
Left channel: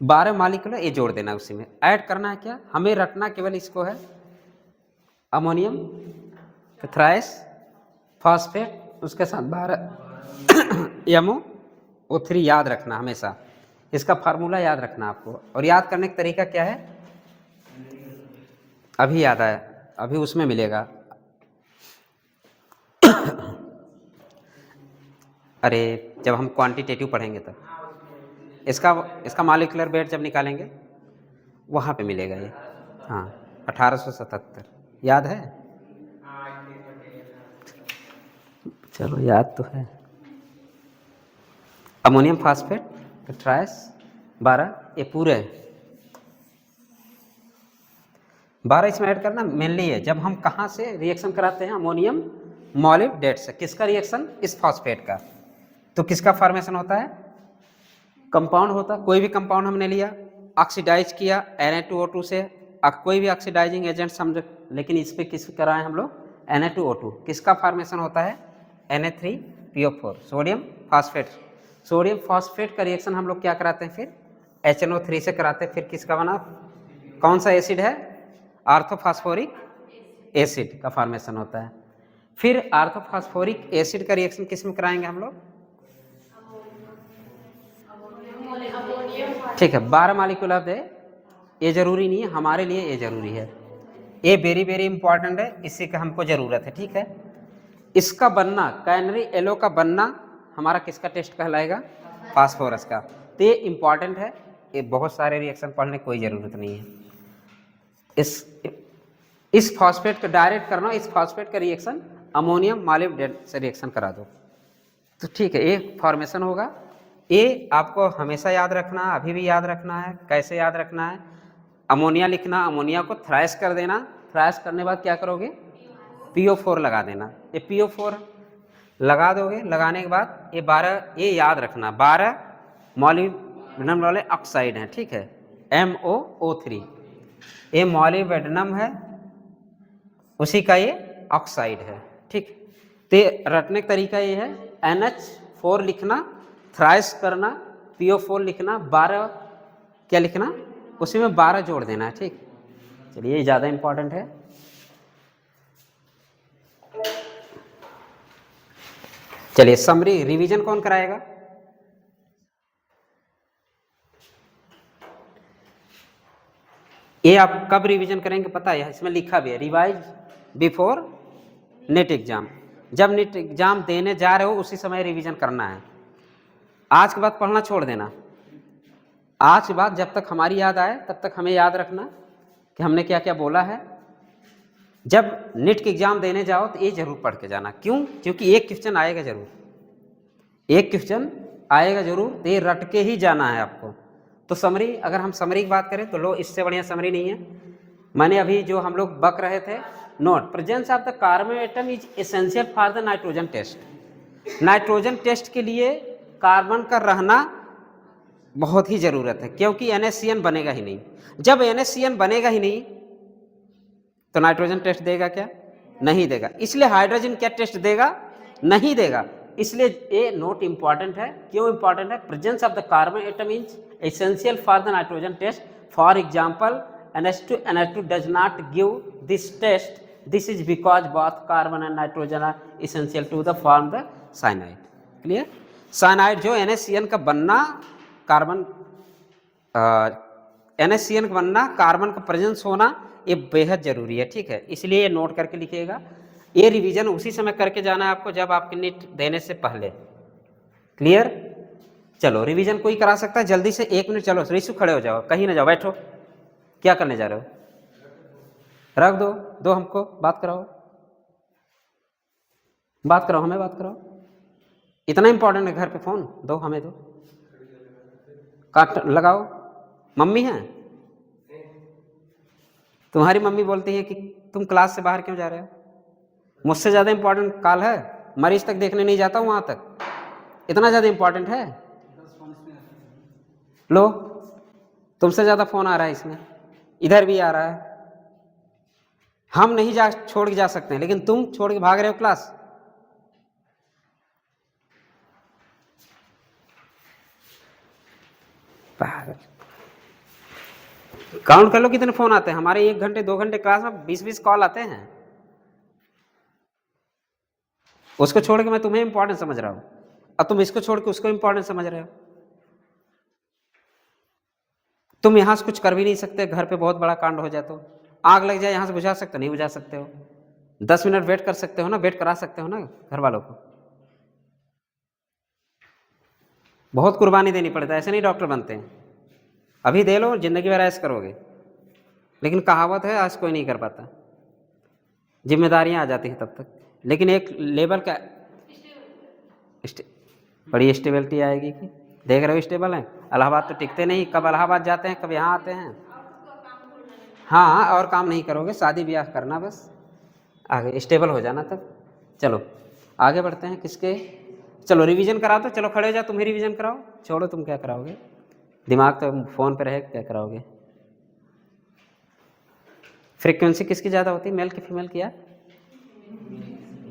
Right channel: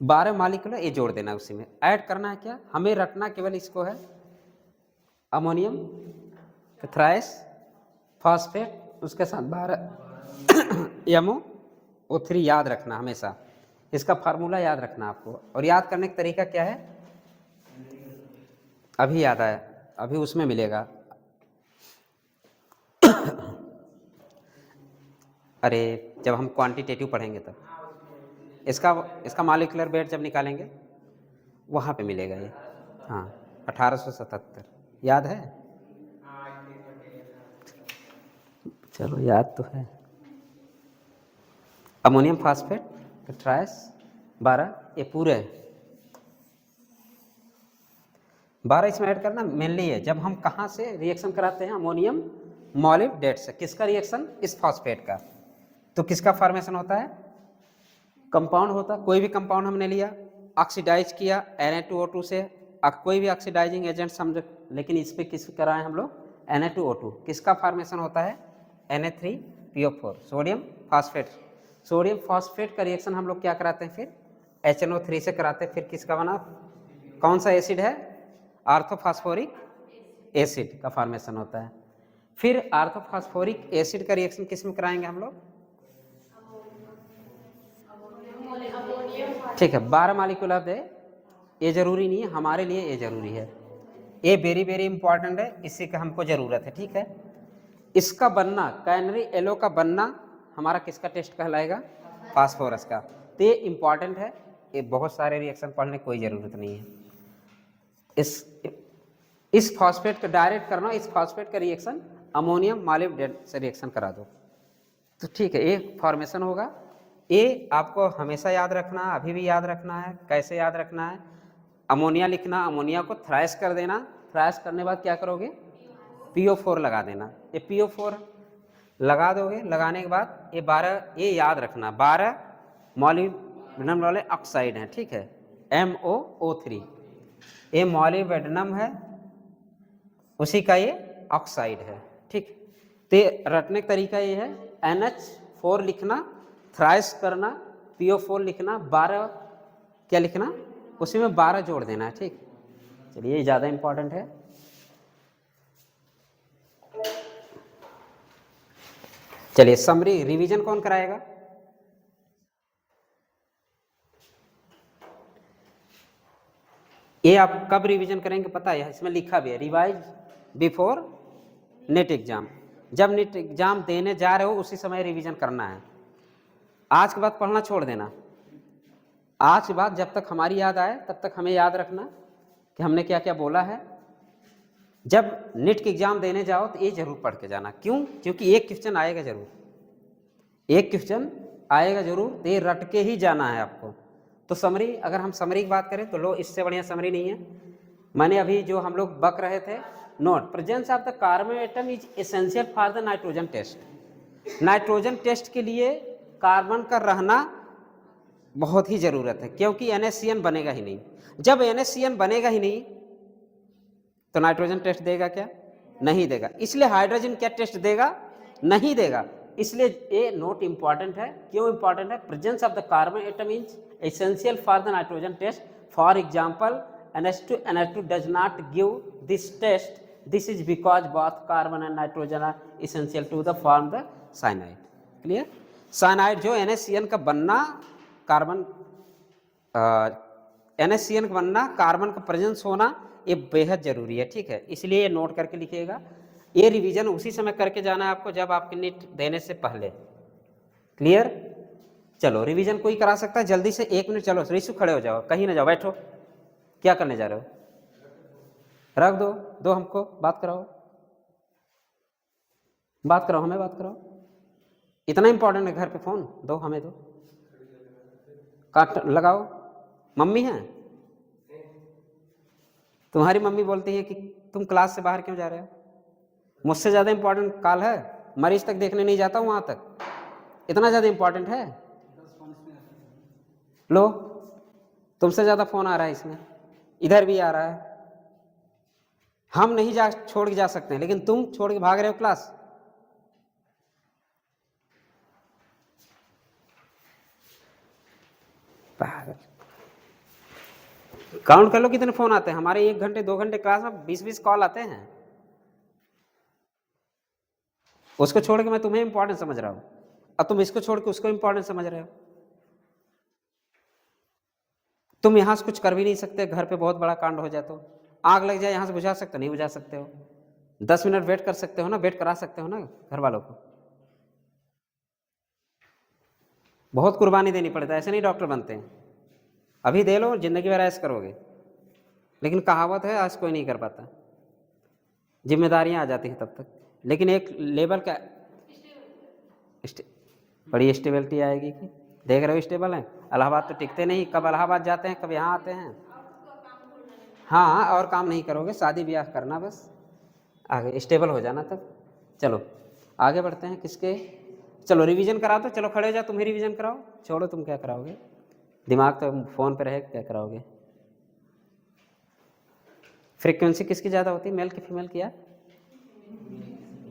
12 मॉलिक्यूल ये जोड़ देना, उसी में ऐड करना है, क्या हमें रखना केवल इसको है, अमोनियम थ्राइस फॉस्फेट, उसके साथ 12 MoO3 याद रखना हमेशा, इसका फार्मूला याद रखना आपको। और याद करने का तरीका क्या है, अभी याद आया, अभी उसमें मिलेगा। अरे जब हम क्वांटिटेटिव पढ़ेंगे तब इसका मॉलिक्यूलर वेट जब निकालेंगे वहाँ पे मिलेगा ये। हाँ 1877 याद है, चलो याद तो है। अमोनियम फास्फेट ट्राइस 12, ये पूरे 12 इसमें ऐड करना मेनली है, जब हम कहाँ से रिएक्शन कराते हैं, अमोनियम मॉलिब्डेट से। किसका रिएक्शन? इस फॉस्फेट का। तो किसका फॉर्मेशन होता है? कंपाउंड होता, कोई भी कंपाउंड हमने लिया, ऑक्सीडाइज किया Na2O2 से, कोई भी ऑक्सीडाइजिंग एजेंट समझो, लेकिन इस पे किस कराएं हम लोग? Na2O2। किसका फॉर्मेशन होता है? Na3PO4, sodium phosphate. Sodium phosphate का रिएक्शन हम लोग क्या कराते हैं फिर? HNO3 से कराते हैं। फिर किसका बना? कौन सा एसिड है? आर्थोफॉस्फोरिक एसिड का फॉर्मेशन होता है। फिर आर्थोफॉस्फोरिक एसिड का रिएक्शन किस में कराएंगे हम लोग? ठीक है, 12 मॉलिक्यूल ऑफ है, ये जरूरी नहीं है हमारे लिए, ये जरूरी है, ये वेरी वेरी इंपॉर्टेंट है, इसी का हमको जरूरत है, ठीक है। इसका बनना, कैनरी येलो का बनना हमारा किसका टेस्ट कहलाएगा? फास्फोरस का। तो ये इंपॉर्टेंट है, ये बहुत सारे रिएक्शन पढ़ने की कोई ज़रूरत नहीं है। इस फॉस्फेट को डायरेक्ट करना, इस फॉस्फेट का रिएक्शन अमोनियम मॉलिब्डेट से रिएक्शन करा दो, तो ठीक है, ये फॉर्मेशन होगा। ये आपको हमेशा याद रखना है, अभी भी याद रखना है। कैसे याद रखना है? अमोनिया लिखना, अमोनिया को थ्राइस कर देना, थ्राइस करने बाद क्या करोगे? PO4 लगा देना। ये PO4 लगा दोगे, लगाने के बाद ये 12, ये याद रखना 12 मॉलिब्डेनम वाले ऑक्साइड हैं, ठीक है, MoO3, ये मॉलिब्डेनम है, उसी का ये ऑक्साइड है, ठीक। तो रटने का तरीका ये है, NH4 लिखना, थ्राइस करना, PO4 लिखना, 12 क्या लिखना, उसी में 12 जोड़ देना है, ठीक। चलिए ये ज़्यादा इंपॉर्टेंट है। चलिए समरी रिवीजन कौन कराएगा? ये आप कब रिवीजन करेंगे पता है, इसमें लिखा भी है, रिवाइज बिफोर नेट एग्जाम। जब नेट एग्जाम देने जा रहे हो उसी समय रिवीजन करना है। आज के बाद पढ़ना छोड़ देना। आज के बाद जब तक हमारी याद आए तब तक हमें याद रखना कि हमने क्या क्या बोला है। जब नीट के एग्जाम देने जाओ तो ये जरूर पढ़ के जाना। क्यों? क्योंकि एक क्वेश्चन आएगा जरूर, एक क्वेश्चन आएगा जरूर, तो ये रट के ही जाना है आपको। तो समरी, अगर हम समरी की बात करें तो लो, इससे बढ़िया समरी नहीं है। मैंने अभी जो हम लोग बक रहे थे, note presence of the carbon atom is essential for the nitrogen test. Nitrogen test के लिए कार्बन का रहना बहुत ही जरूरत है, क्योंकि NaCN बनेगा ही नहीं। जब NaCN बनेगा ही नहीं तो नाइट्रोजन टेस्ट देगा क्या? नहीं देगा। इसलिए हाइड्रोजन क्या टेस्ट देगा? नहीं देगा। इसलिए ये नोट इंपॉर्टेंट है। क्यों इंपॉर्टेंट है? Presence of the carbon atom is essential for the nitrogen test. For example NH2 does not give this test. This is because both carbon and nitrogen are essential to the form the cyanide. Clear? cyanide जो NaCN का बनना, carbon NaCN का बनना, carbon का presence होना, ये बेहद जरूरी है। ठीक है, इसलिए ये नोट करके लिखिएगा। ये रिवीजन उसी समय करके जाना है आपको जब आपके नीट देने से पहले। क्लियर? चलो रिवीजन कोई करा सकता है जल्दी से? 1 मिनट। चलो रिशु खड़े हो जाओ, कहीं ना जाओ, बैठो। क्या करने जा रहे हो? रख दो, दो हमको, बात कराओ, बात कराओ, हमें बात कराओ। इतना इंपॉर्टेंट है घर पे फोन? दो हमें, दो, काट लगाओ। मम्मी है? तुम्हारी मम्मी बोलती है कि तुम क्लास से बाहर क्यों जा रहे हो? मुझसे ज़्यादा इंपॉर्टेंट कॉल है, मरीज तक देखने नहीं जाता हूँ वहाँ तक, इतना ज़्यादा इंपॉर्टेंट है? लो, तुमसे ज़्यादा फ़ोन आ रहा है इसमें, इधर भी आ रहा है। हम नहीं जा छोड़ के जा सकते हैं, लेकिन तुम छोड़ के भाग रहे हो क्लास। काउंट कर लो कितने फोन आते हैं हमारे। 1 घंटे 2 घंटे क्लास में 20-20 कॉल आते हैं। उसको छोड़ के मैं तुम्हें इंपॉर्टेंट समझ रहा हूं, अब तुम इसको छोड़ के उसको इंपॉर्टेंट समझ रहे हो। तुम यहां से कुछ कर भी नहीं सकते, घर पे बहुत बड़ा कांड हो जाए तो आग लग जाए, यहां से बुझा सकते हो? नहीं बुझा सकते हो। 10 मिनट वेट कर सकते हो ना, वेट करा सकते हो ना घर वालों को। बहुत कुर्बानी देनी पड़ता है, ऐसे नहीं डॉक्टर बनते हैं। अभी दे लो, जिंदगी भर ऐश करोगे। लेकिन कहावत है, आज कोई नहीं कर पाता, जिम्मेदारियां आ जाती हैं तब तक। लेकिन एक लेवल का बड़ी स्टेबिलिटी आएगी कि देख रहे हो स्टेबल है। इलाहाबाद तो टिकते नहीं, कब इलाहाबाद जाते हैं कब यहाँ आते हैं। हाँ, और काम नहीं करोगे, शादी ब्याह करना बस, आगे स्टेबल हो जाना तब। चलो आगे बढ़ते हैं। किसके? चलो रिवीजन कराओ तो, चलो खड़े हो जाओ, तुम ही रिवीजन कराओ। छोड़ो, तुम क्या कराओगे, दिमाग तो फोन पे रहे, क्या कराओगे। फ्रीक्वेंसी किसकी ज़्यादा होती है, मेल की फीमेल की?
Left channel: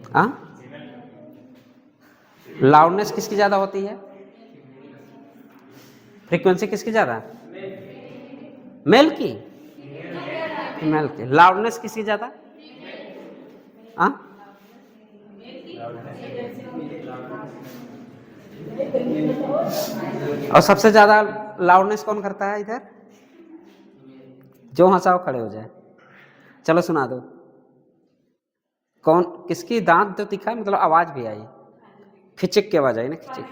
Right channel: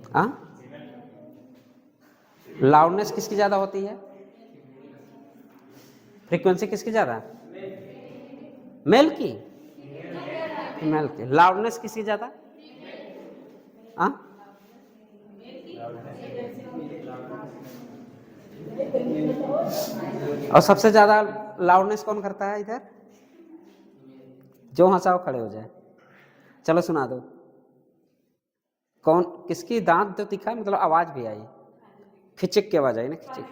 हाँ, लाउडनेस किसकी ज़्यादा होती है? फ्रीक्वेंसी किसकी ज़्यादा? मेल की? फीमेल की। लाउडनेस किसकी ज़्यादा? हाँ, और सबसे ज़्यादा लाउडनेस कौन करता है इधर? जो हंसाओ खड़े हो जाए। चलो सुना दो, कौन किसकी दांत तो दिखा, मतलब आवाज भी आई, खिचक की आवाज आई ना, खिचक,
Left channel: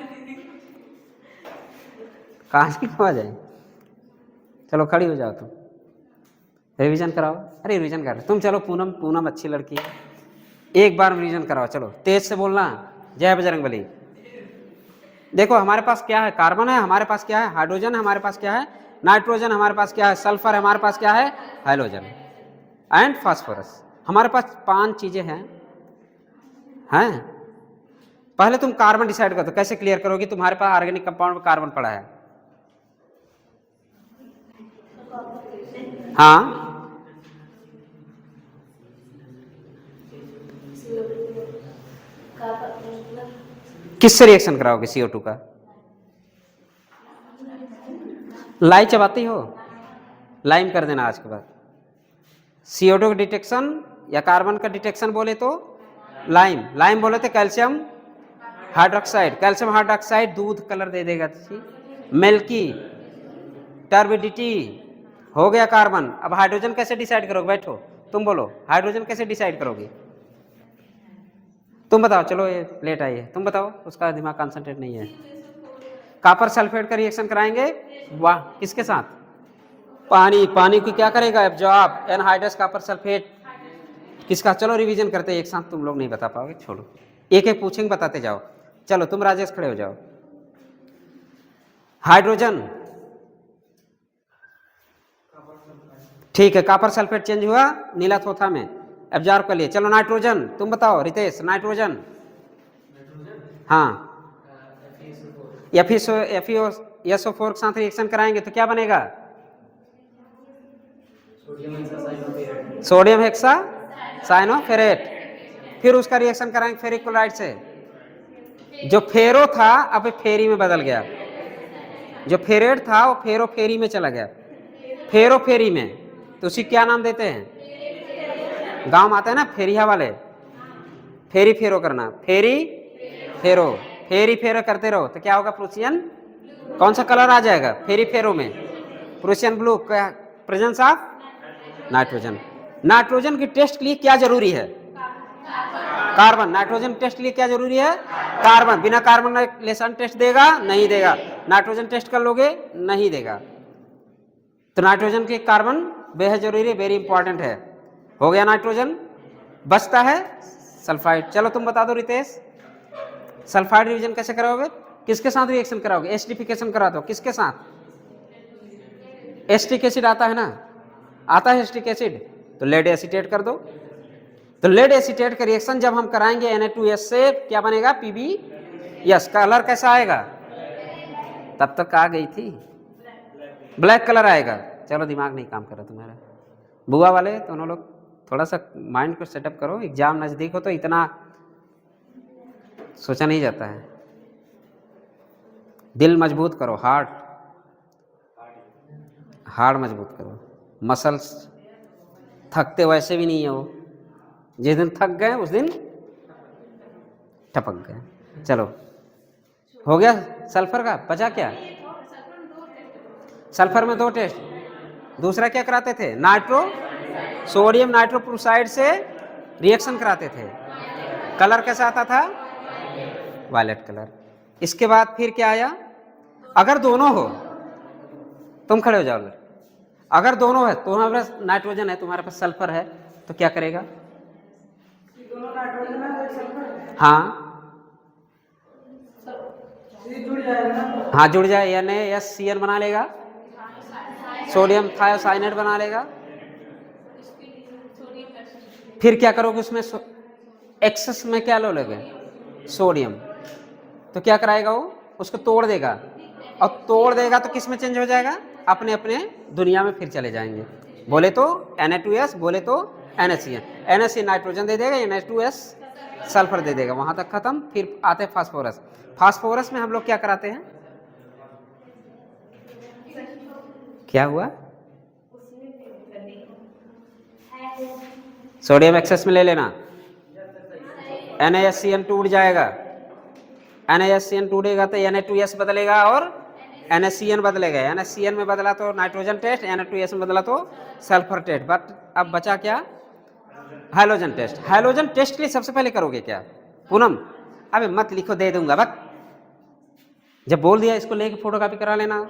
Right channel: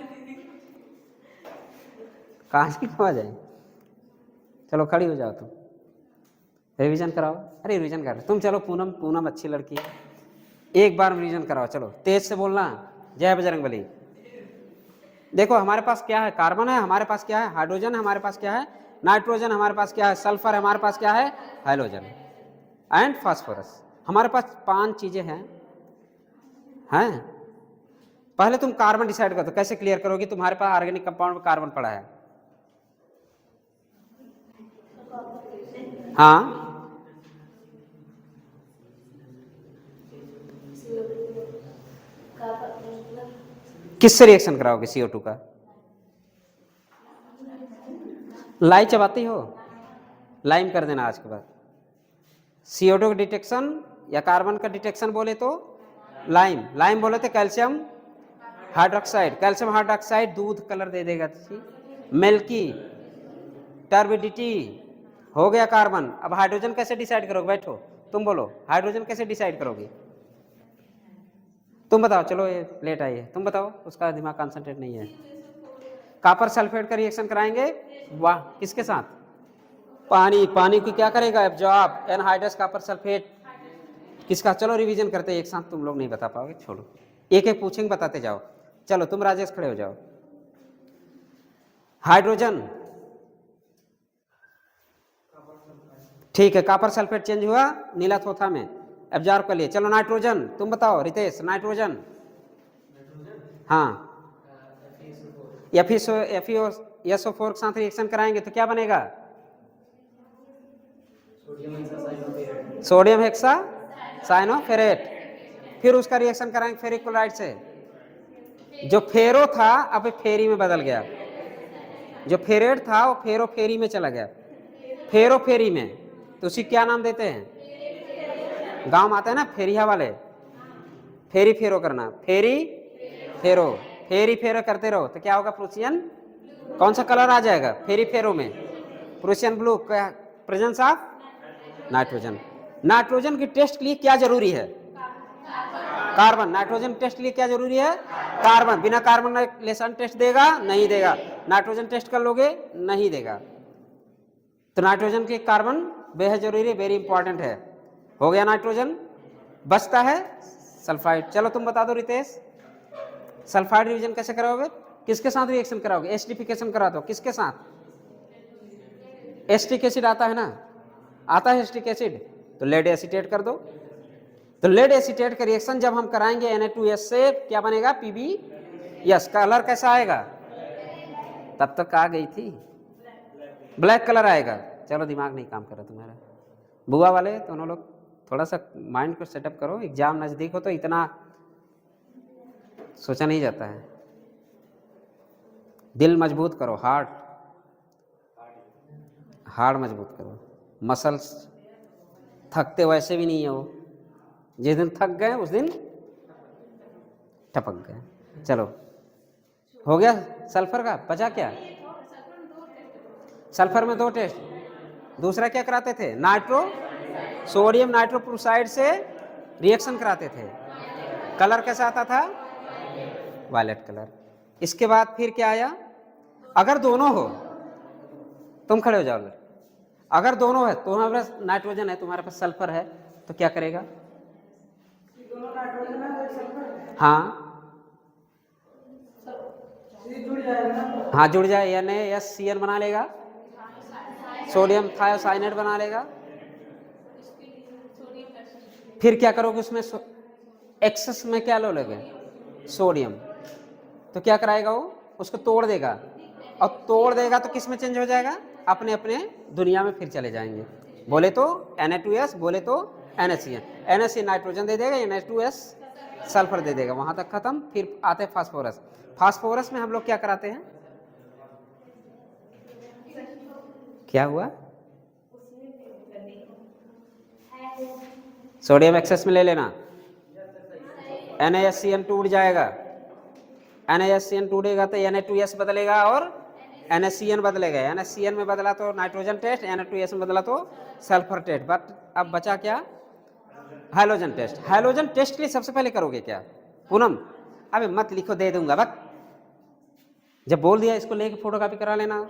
कहाँ की आवाज आई? चलो खड़ी हो जाओ तुम, रिवीजन कराओ। अरे रिवीजन कर तुम, चलो पूनम, पूनम अच्छी लड़की है, एक बार रिवीजन कराओ। चलो तेज से बोलना, जय बजरंगबली। देखो हमारे पास क्या है, कार्बन है, हमारे पास क्या है, हाइड्रोजन है, हमारे पास क्या है, नाइट्रोजन, हमारे पास क्या है, सल्फर, हमारे पास क्या है, हाइड्रोजन एंड फास्फोरस। हमारे पास 5 चीजें हैं। पहले तुम कार्बन डिसाइड कर दो, कैसे क्लियर करोगे? तुम्हारे पास ऑर्गेनिक कंपाउंड में कार्बन पड़ा है। हाँ, किससे रिएक्शन कराओगे CO2 का? लाई चबाती हो, लाइम कर देना आज के बाद। CO2 का डिटेक्शन या कार्बन का डिटेक्शन बोले तो लाइम, लाइम बोले तो कैल्शियम हाइड्रोक्साइड, कैल्शियम हाइड्रोक्साइड दूध कलर दे देगा, मिल्की टर्बिडिटी हो गया कार्बन। अब हाइड्रोजन कैसे डिसाइड करोगे? बैठो तुम बोलो, हाइड्रोजन कैसे डिसाइड करोगे? तुम बताओ, चलो ये लेट आई है, तुम बताओ, उसका दिमाग कंसंट्रेट नहीं है। कॉपर सल्फेट का रिएक्शन कराएंगे, वाह किसके साथ? पानी। पानी की क्या करेगा? एब्जॉर्ब, एनहाइड्रस कॉपर सल्फेट किसका? चलो रिवीजन करते हैं एक साथ, तुम लोग नहीं बता पाओगे, छोड़ो, एक एक पूछेंगे, बताते जाओ। चलो तुम राजेश खड़े हो जाओ। हाइड्रोजन, ठीक है, कॉपर सल्फेट चेंज हुआ नीला थोथा में, एब्जॉर्ब कर लिए। चलो नाइट्रोजन, तुम बताओ रितेश, नाइट्रोजन। हाँ, FeSO4 के साथ रिएक्शन कराएंगे तो क्या बनेगा? Sodium hexa cyanoferrate. फिर उसका रिएक्शन कराएंगे फेरिक क्लोराइड से, जो फेरो था अब फेरी में बदल गया, जो फेरेट था वो फेरो फेरी में चला गया, फेरो फेरी में, तो उसी क्या नाम देते हैं? गांव में आते हैं ना फेरिया वाले, फेरी फेरो करना, फेरी फेरो, फेरी फेरो करते रहो तो क्या होगा? प्रूसियन, कौन सा कलर आ जाएगा फेरी फेरो में? Prussian blue, presence of nitrogen. Nitrogen की टेस्ट के लिए क्या जरूरी है? कार्बन। नाइट्रोजन टेस्ट के लिए क्या जरूरी है? कार्बन। बिना कार्बन रिलेशन टेस्ट देगा? नहीं देगा। नाइट्रोजन टेस्ट कर लोगे? नहीं देगा। तो नाइट्रोजन के कार्बन बेहद जरूरी है, वेरी इंपॉर्टेंट है। हो गया नाइट्रोजन। बचता है सल्फाइड। चलो तुम बता दो रितेश, सल्फाइड रिवीजन कैसे कराओगे? किसके साथ रिएक्शन कराओगे? एसिडिफिकेशन करा दो। किसके साथ? एसिटिक एसिड आता है ना, आता है एसिटिक एसिड, तो लेड एसीटेट कर दो। तो लेड एसीटेट का रिएक्शन जब हम कराएंगे Na2S से क्या बनेगा? PbS। कलर कैसा आएगा? तब तक आ गई थी, ब्लैक कलर आएगा। चलो दिमाग नहीं काम कर रहा तुम्हारा, बुआ वाले दोनों लोग थोड़ा सा माइंड को सेटअप करो, एग्जाम नजदीक हो तो इतना सोचा नहीं जाता है। दिल मजबूत करो, हार्ट मजबूत करो, मसल्स थकते वैसे भी नहीं हो, जिस दिन थक गए उस दिन टपक गए। चलो हो गया सल्फर का, बचा क्या? सल्फर में 2 टेस्ट, दूसरा क्या कराते थे? सोडियम नाइट्रोक्लोराइड से रिएक्शन कराते थे, कलर कैसा आता था? Violet colour. इसके बाद फिर क्या आया? अगर दोनों हो, तुम खड़े हो जाओ, अगर दोनों है, तुम्हारे पास नाइट्रोजन है, तुम्हारे पास सल्फर है, तो क्या करेगा? हाँ हाँ, जुड़ जाए, NaSCN बना लेगा, सोडियम थायोसाइनेट बना लेगा। फिर क्या करोगे उसमें? एक्सेस में क्या लो लोगे? सोडियम। तो क्या कराएगा वो? उसको तोड़ देगा, और तोड़ देगा तो किस में चेंज हो जाएगा? अपने अपने दुनिया में फिर चले जाएंगे। बोले तो Na2S, बोले तो NaCN नाइट्रोजन दे देगा, Na2S सल्फर दे देगा, वहां तक खत्म। फिर आते हैं फास्फोरस। फास्फोरस में हम लोग क्या कराते हैं? क्या हुआ? सोडियम एक्सेस में ले लेना, NaSCN टूट जाएगा, NaSCN टूटेगा तो Na2S बदलेगा और NaCN बदलेगा, NaCN में बदला तो नाइट्रोजन टेस्ट, Na2S में बदला तो सल्फर टेस्ट। बट अब बचा क्या? Hydrogen test. हाइड्रोजन टेस्ट के लिए सबसे पहले करोगे क्या? पूनम अबे मत लिखो, दे दूंगा, बस जब बोल दिया इसको लेके फोटोकॉपी करा लेना।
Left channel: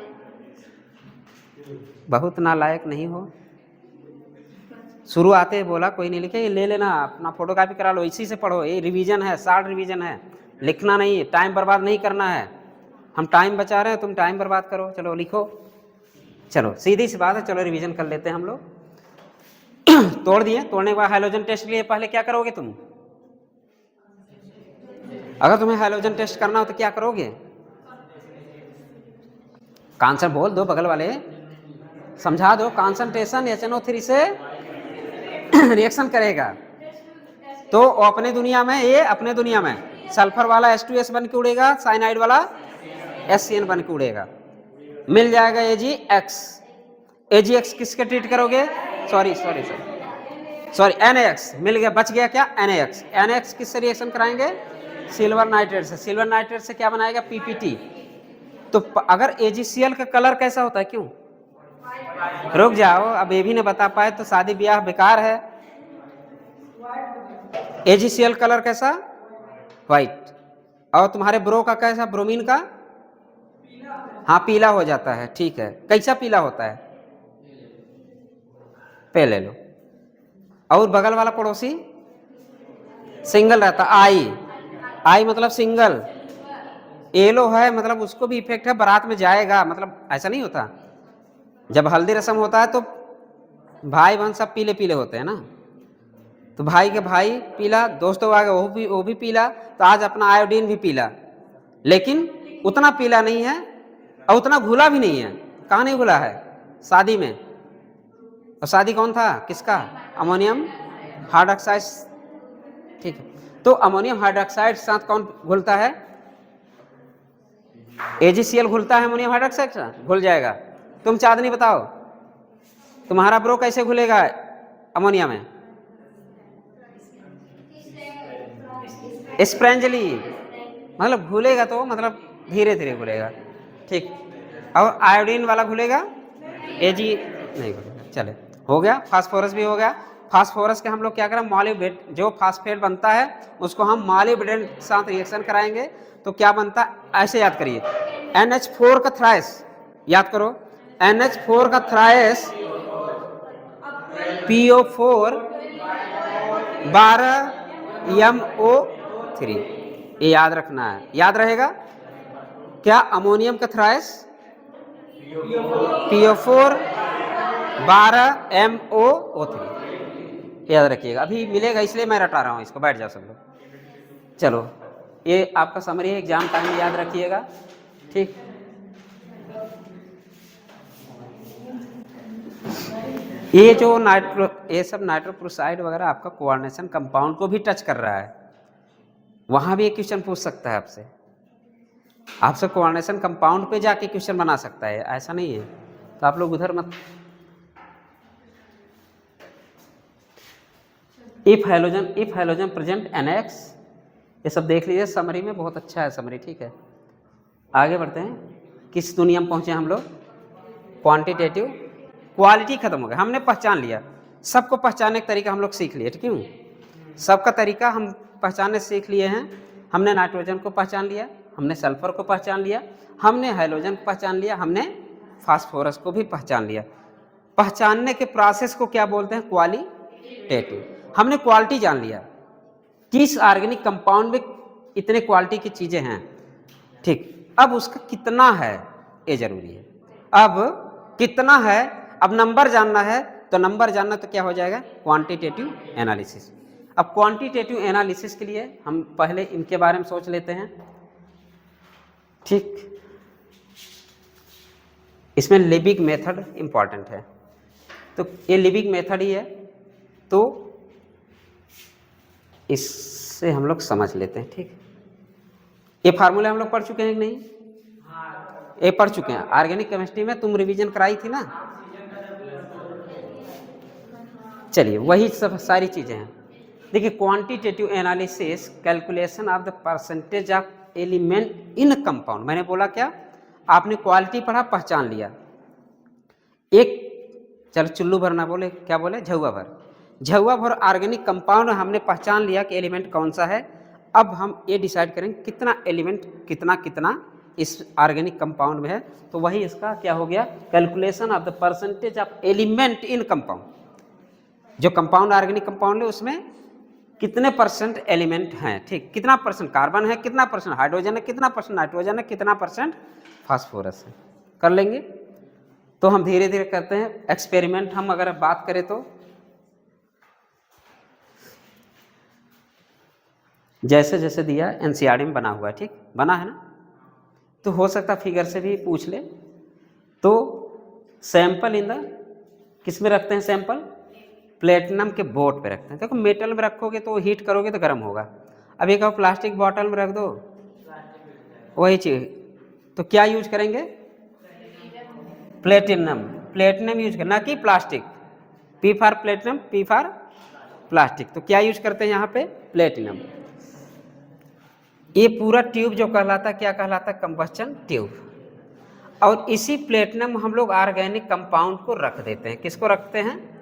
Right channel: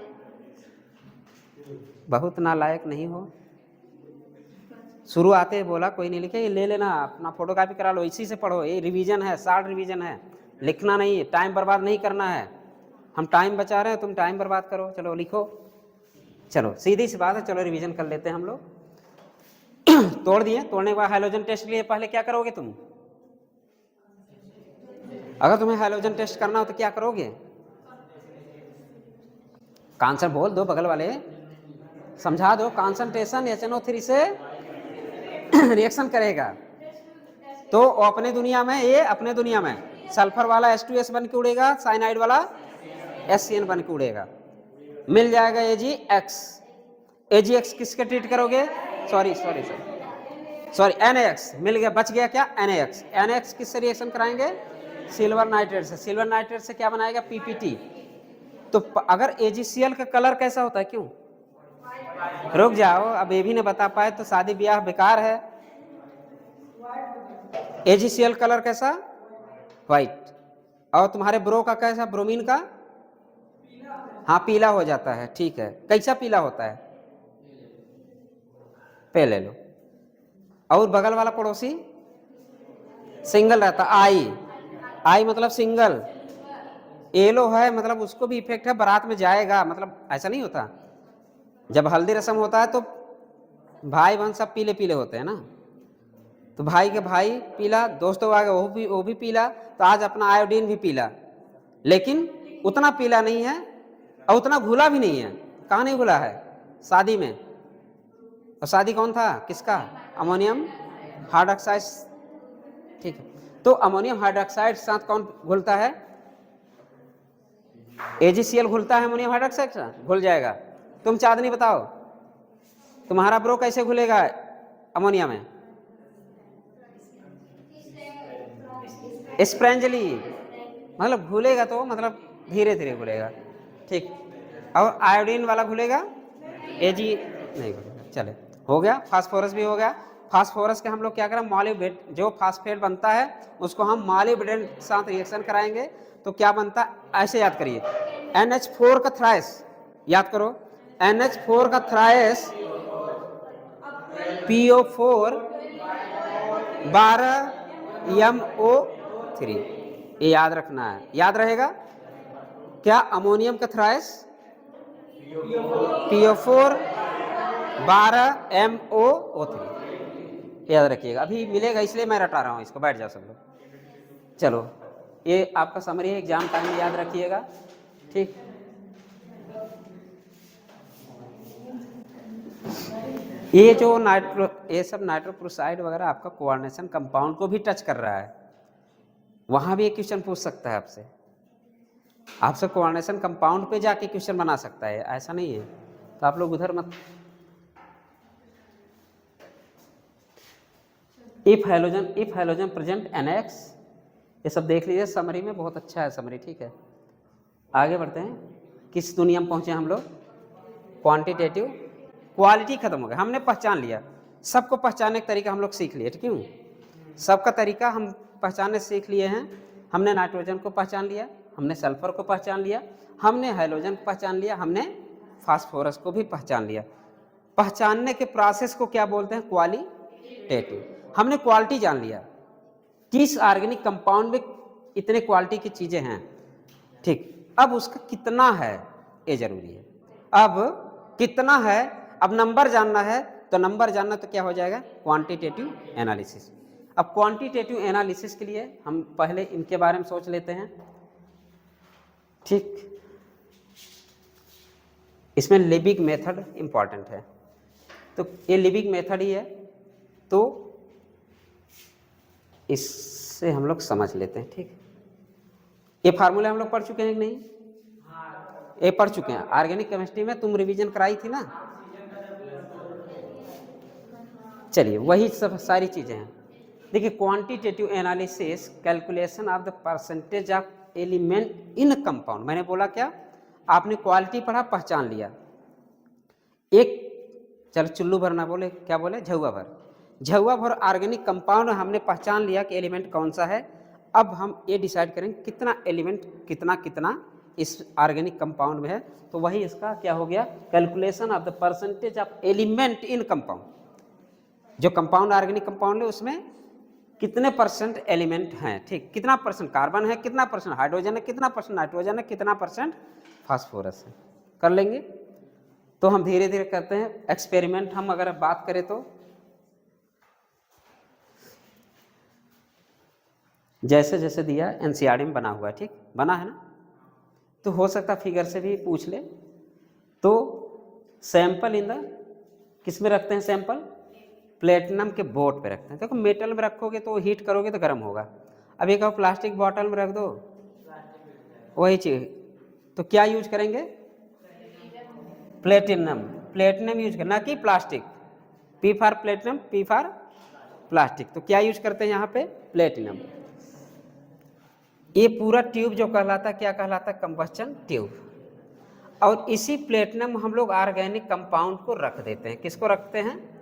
बहुत नालायक नहीं हो, शुरू आते बोला कोई नहीं लिखे, ये ले लेना, अपना फोटोकॉपी करा लो, इसी से पढ़ो, ये रिवीजन है, शॉर्ट रिवीजन है, लिखना नहीं, टाइम बर्बाद नहीं करना है। हम टाइम बचा रहे हैं, तुम टाइम बर्बाद करो। चलो लिखो, चलो सीधी सी बात है, चलो रिवीजन कर लेते हैं हम लोग। तोड़ दिए, तोड़ने के बाद हाइड्रोजन टेस्ट के लिए पहले क्या करोगे तुम? अगर तुम्हें हाइड्रोजन टेस्ट करना हो तो क्या करोगे? आंसर बोल दो, बगल वाले समझा दो। कॉन्सेंट्रेशन HNO3 से रिएक्शन करेगा तो अपने दुनिया में, ये अपने दुनिया में सल्फर वाला H2S बन के उड़ेगा, साइनाइड वाला SCN बन के उड़ेगा, मिल जाएगा AgX। AgX किसके ट्रीट करोगे? सॉरी NaX मिल गया, बच गया क्या? NaX किससे रिएक्शन कराएंगे? सिल्वर नाइट्रेट से। सिल्वर नाइट्रेट से क्या बनाएगा? PPT। तो अगर AgCl का कलर कैसा होता है? क्यों? रुक जाओ, अब ये भी नहीं बता पाए तो शादी ब्याह बेकार है। AgCl कलर कैसा? व्हाइट। और तुम्हारे ब्रो का कैसा? ब्रोमीन का हाँ पीला हो जाता है, ठीक है। कैसा पीला होता है? पे ले लो। और बगल वाला पड़ोसी सिंगल रहता, आई, आई मतलब सिंगल। येलो है मतलब उसको भी इफेक्ट है, बारात में जाएगा, मतलब ऐसा नहीं होता। जब हल्दी रस्म होता है तो भाई बहन सब पीले पीले होते हैं ना, तो भाई के भाई पीला, दोस्तों आ गए वो भी पीला, तो आज अपना आयोडीन भी पीला, लेकिन उतना पीला नहीं है और उतना घुला भी नहीं है। कहाँ नहीं घुला है? शादी में। और शादी कौन था, किसका? अमोनियम हाइड्रोक्साइड, ठीक है। तो अमोनियम हाइड्रोक्साइड के साथ कौन घुलता है? AgCl घुलता है अमोनियम हाइड्रोक्साइड से, घुल जाएगा। तुम चांदनी बताओ, तुम्हारा ब्रो कैसे घुलेगा अमोनिया में? स्प्रेंजली, मतलब घुलेगा तो मतलब धीरे धीरे घुलेगा, ठीक। और आयोडीन वाला घुलेगा, Ag नहीं घुलेगा। चले, हो गया। फास्फोरस भी हो गया। फास्फोरस के हम लोग क्या करें, मॉलिब्डेट, जो फास्फेट बनता है उसको हम मॉलिब्डेट के साथ रिएक्शन कराएंगे तो क्या बनता है, ऐसे याद करिए, NH4 का थ्राइस, याद करो, NH4 का थ्राइस PO4 12MO3, ये याद रखना है, याद रहेगा क्या? अमोनियम का थ्राइस PO4 12MO3, याद रखिएगा। अभी मिलेगा इसलिए मैं रटा रहा हूँ इसको, बैठ जाओ सब लोग। चलो, ये आपका समरी है, एग्जाम टाइम में याद रखिएगा, ठीक। ये जो ये सब नाइट्रोक्लोराइड वगैरह आपका कोऑर्डिनेशन कंपाउंड को भी टच कर रहा है, वहां भी एक क्वेश्चन पूछ सकता है आपसे। आपसे कोऑर्डिनेशन कंपाउंड पे जाके क्वेश्चन बना सकता है, ऐसा नहीं है, तो आप लोग उधर मत। इफ हाइलोजन प्रेजेंट NX, ये सब देख लीजिए समरी में, बहुत अच्छा है समरी, ठीक है। आगे बढ़ते हैं, किस दुनिया में पहुंचे हम लोग? क्वांटिटेटिव, क्वालिटी खत्म हो गया, हमने पहचान लिया, सबको पहचानने का तरीका हम लोग सीख लिए, ठीक है। सबका तरीका हम पहचानने सीख लिए हैं। हमने नाइट्रोजन को पहचान लिया, हमने सल्फर को पहचान लिया, हमने हाइड्रोजन को पहचान लिया, हमने फास्फोरस को भी पहचान लिया। पहचानने के प्रोसेस को क्या बोलते हैं? क्वालिटेटिव। हमने क्वालिटी जान लिया, किस ऑर्गेनिक कंपाउंड में इतने क्वालिटी की चीजें हैं, ठीक। अब उसका कितना है ये जरूरी है। अब कितना है, अब नंबर जानना है, तो नंबर जानना तो क्या हो जाएगा? Quantitative analysis. अब क्वांटिटेटिव एनालिसिस के लिए हम पहले इनके बारे में सोच लेते हैं, ठीक। इसमें लिबिग मेथड इंपॉर्टेंट है, तो ये लिबिग मेथड ही है, तो इससे हम लोग समझ लेते हैं, ठीक। ये फार्मूले हम लोग पढ़ चुके हैं कि नहीं? ये पढ़ चुके हैं, ऑर्गेनिक केमिस्ट्री में तुम रिवीजन कराई थी ना। चलिए, वही सब सारी चीजें हैं। देखिए, quantitative analysis, calculation of the percentage of element in compound. मैंने बोला क्या? आपने क्वालिटी पढ़ा, पहचान लिया। एक, चलो चुल्लू भर ना बोले, क्या बोले? झुआ भर। झुआ भर ऑर्गेनिक कंपाउंड हमने पहचान लिया कि एलिमेंट कौन सा है। अब हम ये डिसाइड करेंगे कितना एलिमेंट, कितना कितना इस ऑर्गेनिक कंपाउंड में है, तो वही इसका क्या हो गया? Calculation of the percentage of element in compound. जो कंपाउंड ऑर्गेनिक कंपाउंड है उसमें कितने परसेंट एलिमेंट हैं, ठीक। कितना परसेंट कार्बन है, कितना परसेंट हाइड्रोजन है, कितना परसेंट नाइट्रोजन है, कितना परसेंट फास्फोरस है, कर लेंगे। तो हम धीरे धीरे करते हैं एक्सपेरिमेंट। हम अगर बात करें तो जैसे जैसे दिया NCERT में बना हुआ है, ठीक, बना है ना, तो हो सकता फिगर से भी पूछ ले। तो सैंपल इन द, किस में रखते हैं सैंपल? प्लेटिनम के बोट पे रखते हैं। देखो, मेटल में रखोगे तो हीट करोगे तो गर्म होगा। अब ये कहो प्लास्टिक बॉटल में रख दो, वही चीज, तो क्या यूज करेंगे? प्लेटिनम। प्लेटिनम यूज करना कि plastic. P for platinum, P for plastic. तो क्या यूज करते हैं यहाँ पे? प्लेटिनम। ये पूरा ट्यूब जो कहलाता, क्या कहलाता? Combustion tube. और इसी प्लेटिनम हम लोग ऑर्गेनिक कंपाउंड को रख देते हैं। किसको रखते हैं?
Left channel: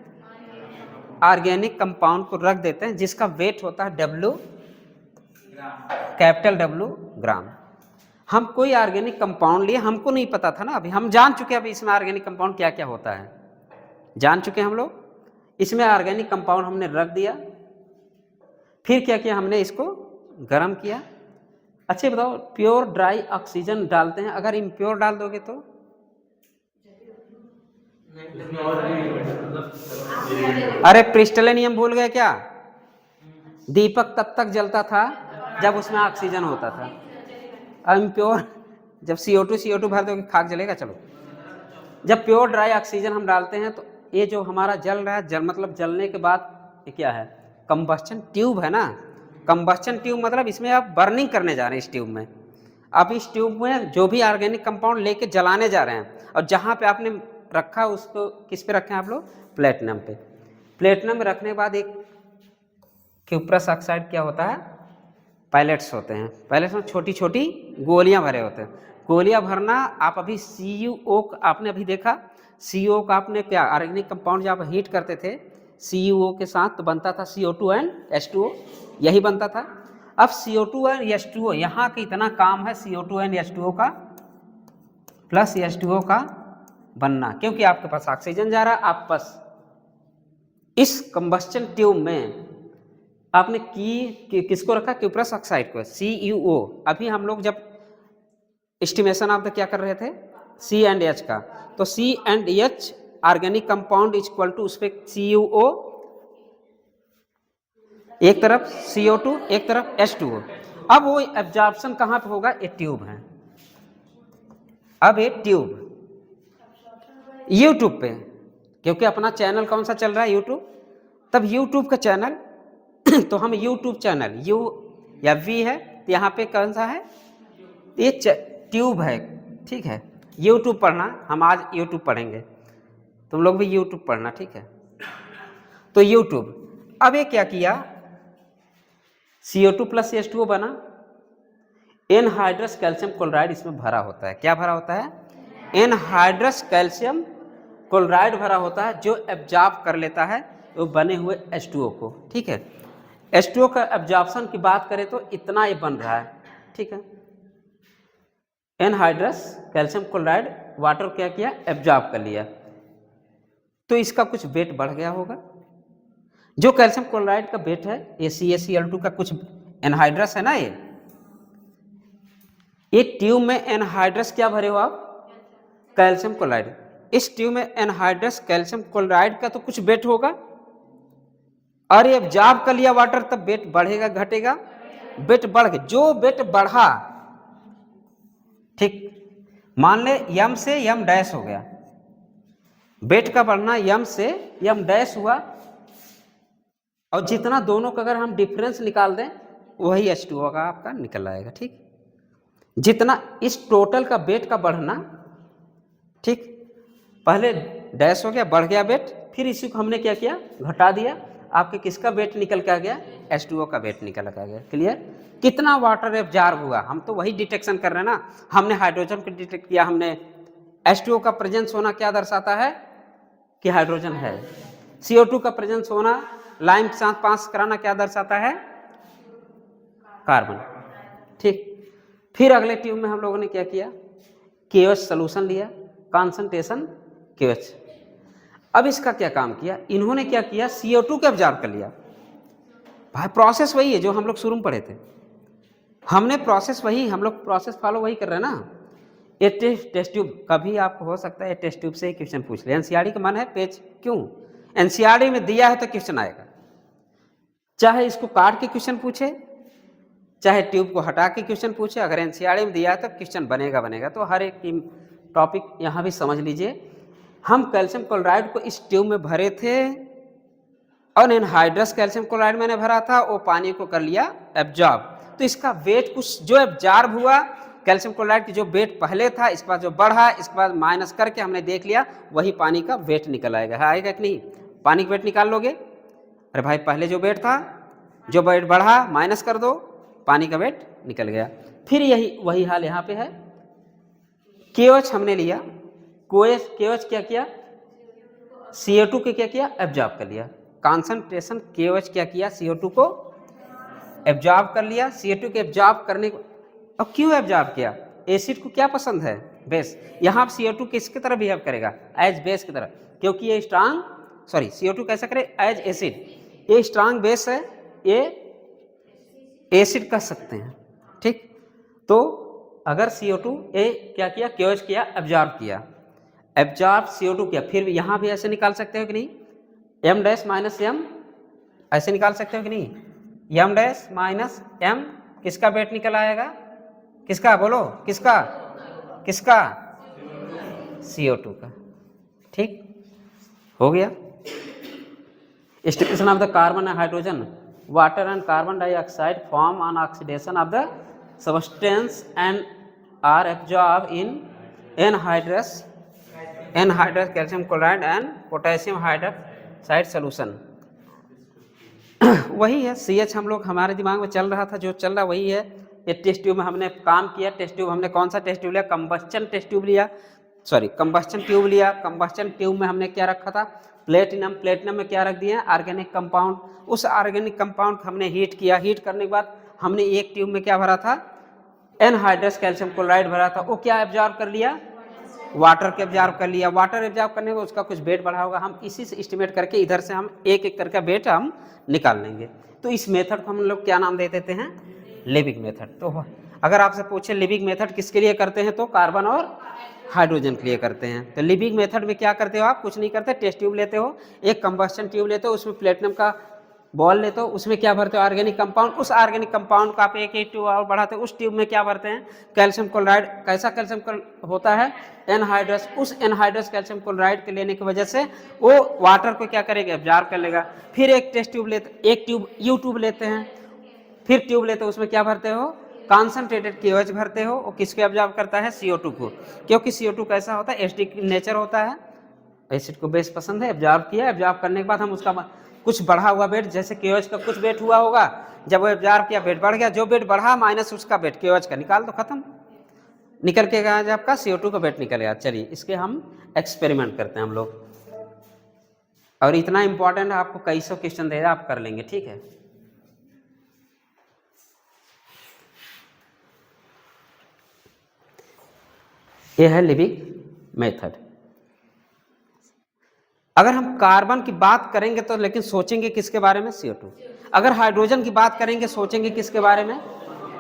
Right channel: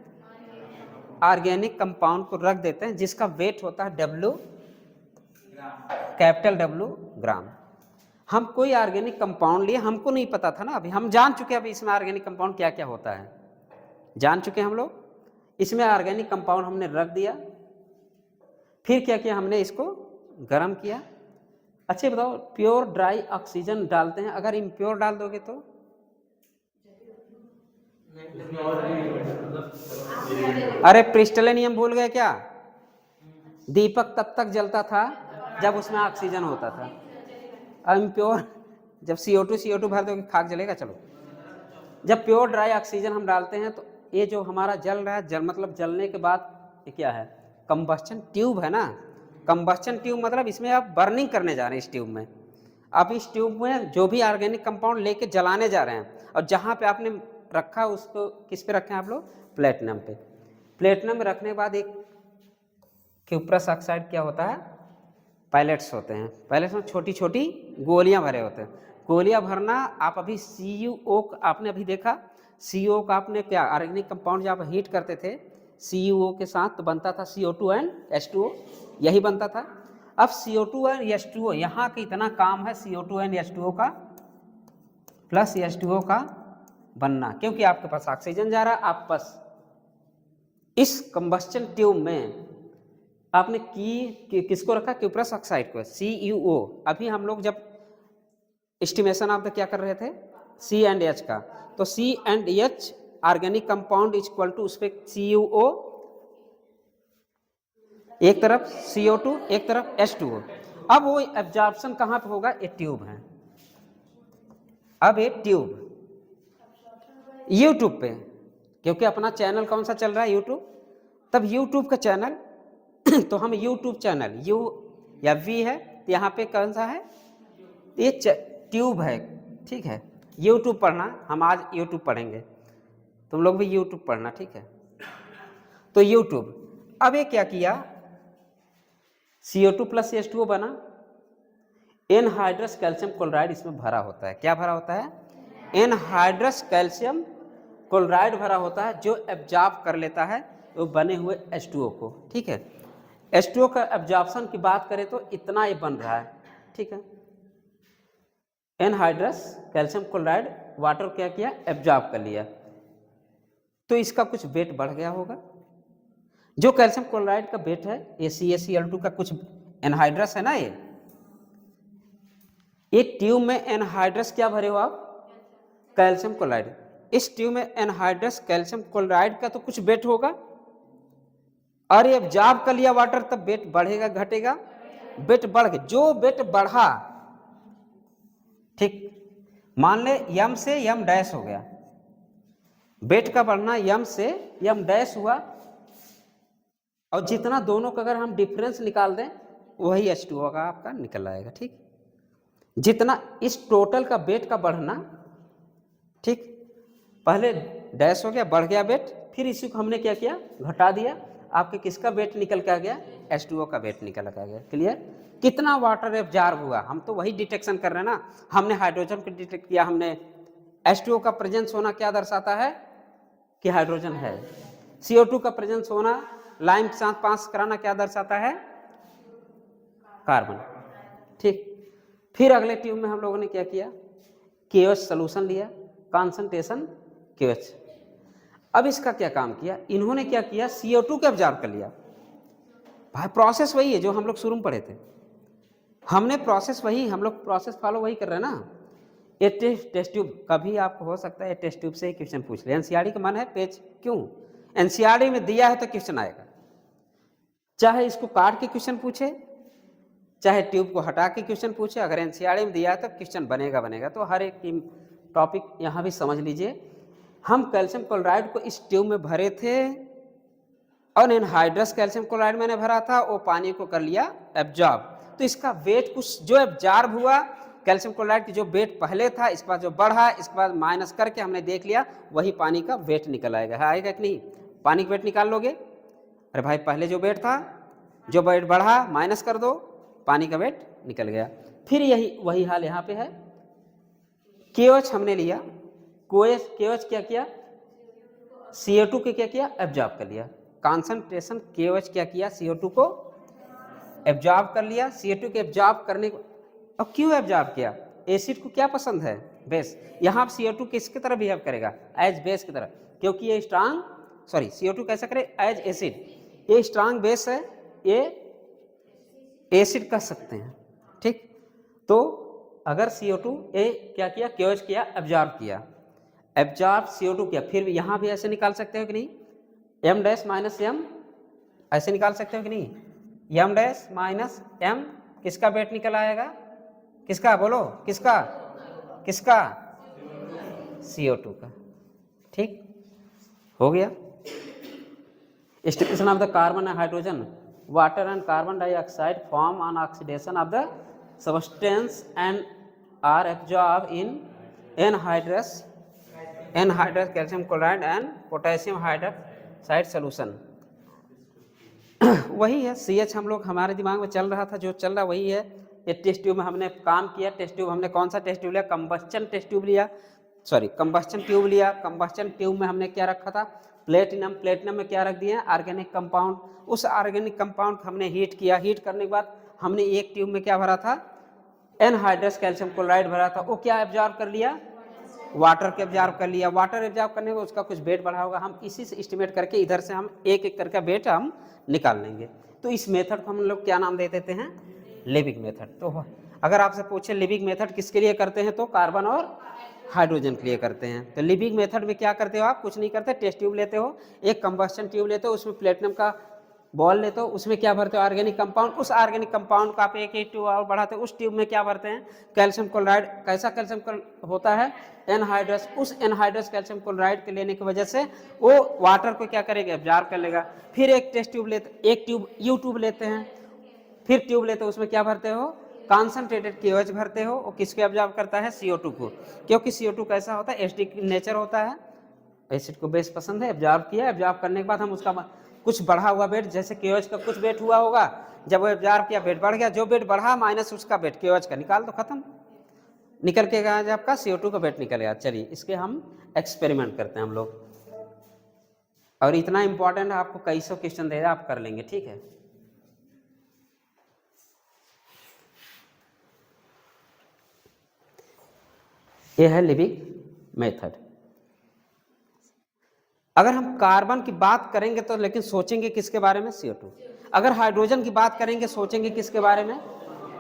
ऑर्गेनिक कंपाउंड को रख देते हैं, जिसका वेट होता है W, कैपिटल W ग्राम। हम कोई ऑर्गेनिक कंपाउंड लिए, हमको नहीं पता था ना, अभी हम जान चुके, अभी इसमें ऑर्गेनिक कंपाउंड क्या क्या होता है जान चुके हम लोग। इसमें ऑर्गेनिक कंपाउंड हमने रख दिया, फिर क्या किया हमने, इसको गर्म किया। अच्छा बताओ, प्योर ड्राई ऑक्सीजन डालते हैं, अगर इम्प्योर डाल दोगे तो अरे क्रिस्टलिनियम भूल गए क्या? दीपक तब तक जलता था जब उसमें ऑक्सीजन होता था। अब इम्प्योर, जब CO2 भर दोगे खाक जलेगा। चलो, जब प्योर ड्राई ऑक्सीजन हम डालते हैं तो ये जो हमारा जल रहा है, जल मतलब जलने के बाद ये क्या है, कंबस्चन ट्यूब है ना। कंबस्चन ट्यूब मतलब इसमें आप बर्निंग करने जा रहे हैं इस ट्यूब में। आप इस ट्यूब में जो भी ऑर्गेनिक कंपाउंड लेके जलाने जा रहे हैं, और जहाँ पे आपने रखा उसको किस पे रखे हैं आप लोग, प्लेटिनम पे। प्लेटिनम में रखने के बाद एक क्यूप्रस ऑक्साइड क्या होता है, पैलेट्स होते हैं। पैलेट्स में छोटी छोटी गोलियां भरे होते हैं। गोलियां भरना, आप अभी CuO आपने अभी देखा, CO का आपने क्या ऑर्गेनिक कंपाउंड जब आप हीट करते थे CuO के साथ तो बनता था CO2 एंड H2O, यही बनता था। अब CO2 एंड H2O, यहाँ का इतना काम है CO2 एंड H2O का प्लस H2O का बनना, क्योंकि आपके पास ऑक्सीजन जा रहा है। आप बस इस कंबस्चन ट्यूब में आपने किसको रखा, क्यूप्रस ऑक्साइड को, CuO। अभी हम लोग जब एस्टिमेशन आप क्या कर रहे थे, C एंड H का, तो C and H organic compound is equal to उस पे CuO, एक तरफ CO2 एक तरफ H2O। अब वो एब्जॉर्प्शन कहाँ पे होगा, ये ट्यूब है। अब ये ट्यूब यूट्यूब पे, क्योंकि अपना चैनल कौन सा चल रहा है, यूट्यूब, तब यूट्यूब का चैनल तो हम यूट्यूब चैनल U या V है, तो यहाँ पे कौन सा है, ये ट्यूब है, ठीक है। यूट्यूब पढ़ना, हम आज यूट्यूब पढ़ेंगे, तुम लोग भी यूट्यूब पढ़ना, ठीक है। तो यूट्यूब, अब ये क्या किया, CO2 प्लस H2O बना, एनहाइड्रस कैल्शियम क्लोराइड इसमें भरा होता है। क्या भरा होता है, एनहाइड्रस कैल्शियम क्लोराइड भरा होता है, जो एब्जॉर्ब कर लेता है वो बने हुए H2O को, ठीक है। H2O का एब्जॉर्प्शन की बात करें तो इतना ये बन रहा है, ठीक है। एनहाइड्रस कैल्शियम क्लोराइड वाटर क्या किया, एब्जॉर्ब कर लिया, तो इसका कुछ वेट बढ़ गया होगा। जो कैल्शियम क्लोराइड का वेट है, ये CaCl2 का कुछ एनहाइड्रस है ना, ये ट्यूब में एनहाइड्रस क्या भरे हो आप, कैल्शियम क्लोराइड। इस ट्यूब में एनहाइड्रस कैल्शियम क्लोराइड का तो कुछ वेट होगा, और ये एब्जॉर्ब कर लिया वाटर, तब वेट बढ़ेगा घटेगा, वेट बढ़ गया, जो वेट बढ़ा, ठीक, मान ले m से m डैश हो गया, वेट का बढ़ना m से m डैश हुआ, और जितना दोनों का अगर हम डिफरेंस निकाल दें वही H2O का आपका निकल आएगा, ठीक। जितना इस टोटल का वेट का बढ़ना, ठीक, पहले डैश हो गया, बढ़ गया वेट, फिर इसी को हमने क्या किया, घटा दिया, आपके किसका वेट निकल के आ गया, H2O का वेट निकल के आ गया। क्लियर, कितना वाटर एब्जॉर्ब हुआ, हम तो वही डिटेक्शन कर रहे हैं ना। हमने हाइड्रोजन को डिटेक्ट किया, हमने H2O का प्रेजेंस होना क्या दर्शाता है कि हाइड्रोजन है, CO2 का प्रेजेंस होना, लाइम के साथ पास कराना क्या दर्शाता है, कार्बन, ठीक। फिर अगले ट्यूब में हम लोगों ने क्या किया, KOH सोल्यूशन लिया, कॉन्सेंट्रेशन KOH। अब इसका क्या काम किया, इन्होंने क्या किया, CO2 को एब्जॉर्ब कर लिया। भाई प्रोसेस वही है जो हम लोग शुरू में पढ़े थे, हमने प्रोसेस वही, हम लोग प्रोसेस फॉलो वही कर रहे हैं ना। ये टेस्ट ट्यूब, कभी आपको हो सकता है ये टेस्ट ट्यूब से ही क्वेश्चन पूछ ले, NCERT का मन है पेज, क्यों, NCERT में दिया है तो क्वेश्चन आएगा, चाहे इसको काट के क्वेश्चन पूछे, चाहे ट्यूब को हटा के क्वेश्चन पूछे, अगर NCERT में दिया है तो क्वेश्चन बनेगा बनेगा। तो हर एक टॉपिक यहाँ भी समझ लीजिए। हम कैल्शियम क्लोराइड को इस ट्यूब में भरे थे, और एनहाइड्रस कैल्शियम क्लोराइड मैंने भरा था, वो पानी को कर लिया एब्जॉर्ब, तो इसका वेट कुछ जो एब्जॉर्ब हुआ कैल्शियम क्लोराइड की जो वेट पहले था, इसके बाद जो बढ़ा, इसके बाद माइनस करके हमने देख लिया, वही पानी का वेट निकल आएगा, है आएगा कि नहीं, पानी का वेट निकाल लोगे, अरे भाई पहले जो वेट था, जो वेट बढ़ा माइनस कर दो, पानी का वेट निकल गया। फिर यही वही हाल यहाँ पे है, KOH हमने लिया, KOH क्या किया, CO2 के क्या किया, एब्जॉर्ब कर लिया, कॉन्सेंट्रेशन KOH क्या किया, CO2 को एब्जॉर्ब कर लिया। CO2 के एब्जॉर्ब करने को, अब क्यों एब्जॉर्ब किया, एसिड को क्या पसंद है, बेस। यहाँ CO2 किसकी तरह बिहेव करेगा, एज बेस की तरह, क्योंकि ये स्ट्रांग, सॉरी CO2 कैसा करे, एज एसिड, ये स्ट्रांग बेस है, ये एसिड कह सकते हैं, ठीक। तो अगर CO2 ये क्या किया, क्योज किया, एब्जॉर्ब किया, एब्जॉर्ब CO2 किया, फिर यहाँ भी ऐसे निकाल सकते हो कि नहीं, M डैश माइनस M, ऐसे निकाल सकते हो कि नहीं, M डैश माइनस M, किसका वेट निकल आएगा, किसका, बोलो किसका, किसका, CO2 का, ठीक हो गया। Stimulation of the carbon and hydrogen, water and carbon dioxide form on oxidation of the substance and are absorbed in anhydrous calcium chloride and potassium hydroxide solution। वही है CH, हम लोग हमारे दिमाग में चल रहा था, जो चल रहा वही है। ये टेस्ट ट्यूब में हमने काम किया, टेस्ट ट्यूब हमने कौन सा टेस्ट ट्यूब लिया, कंबस्चन टेस्ट ट्यूब लिया, सॉरी कंबस्चन ट्यूब लिया। कंबस्चन ट्यूब में हमने क्या रखा था, प्लेटिनम, प्लेटिनम में क्या रख दिया, ऑर्गेनिक कंपाउंड। उस ऑर्गेनिक कंपाउंड को हमने हीट किया, हीट करने के बाद हमने एक ट्यूब में क्या भरा था, एनहाइड्रस कैल्शियम क्लोराइड भरा था, वो क्या एब्जॉर्ब कर लिया, वाटर के एब्जॉर्ब कर लिया। वाटर एब्जॉर्ब करने में उसका कुछ वेट बढ़ा होगा, हम इसी से एस्टिमेट करके इधर से हम एक एक करके वेट हम निकाल लेंगे। तो इस मेथड को हम लोग क्या नाम दे देते हैं, लिविंग मेथड। तो अगर आपसे पूछे लिविंग मेथड किसके लिए करते हैं, तो कार्बन और हाइड्रोजन के लिए करते हैं। तो लिविंग मेथड में क्या करते हो आप, कुछ नहीं करते, टेस्ट ट्यूब लेते हो, एक कंबस्चन ट्यूब लेते हो, उसमें प्लेटिनम का बॉल लेते हो, उसमें क्या भरते हो, ऑर्गेनिक कंपाउंड। उस ऑर्गेनिक कंपाउंड को आप एक ट्यूब और बढ़ाते हो, उस ट्यूब में क्या भरते हैं, कैल्शियम क्लोराइड। कैसा कैल्शियम होता है, एनहाइड्रस। उस एनहाइड्रस कैल्शियम क्लोराइड के लेने की वजह से वो वाटर को क्या करेगा, एब्जॉर्ब कर लेगा। फिर एक टेस्ट ट्यूब लेते, एक ट्यूब यू ट्यूब लेते हैं, फिर ट्यूब लेते हो, उसमें क्या भरते हो, कॉन्सेंट्रेटेड KOH भरते हो। वो किसको एब्जॉर्ब करता है, CO2 को, क्योंकि CO2 कैसा होता है, एसिडिक नेचर होता है, एसिड को बेस पसंद है। एब्जॉर्ब किया, एब्जॉर्ब करने के बाद हम उसका कुछ बढ़ा हुआ वेट, जैसे KOH का कुछ वेट हुआ होगा, जब वो एब्जॉर्ब किया वेट बढ़ गया, जो वेट बढ़ा माइनस उसका वेट KOH का, निकाल दो, खत्म, निकल के गया आपका CO2 का वेट निकल गया। चलिए इसके हम एक्सपेरिमेंट करते हैं हम लोग, और इतना इंपॉर्टेंट है, आपको कई सौ क्वेश्चन दे रहा, आप कर लेंगे, ठीक है। ये है लिविंग मेथड। अगर हम कार्बन की बात करेंगे तो लेकिन सोचेंगे किसके बारे में, CO2। अगर हाइड्रोजन की बात करेंगे सोचेंगे किसके बारे में,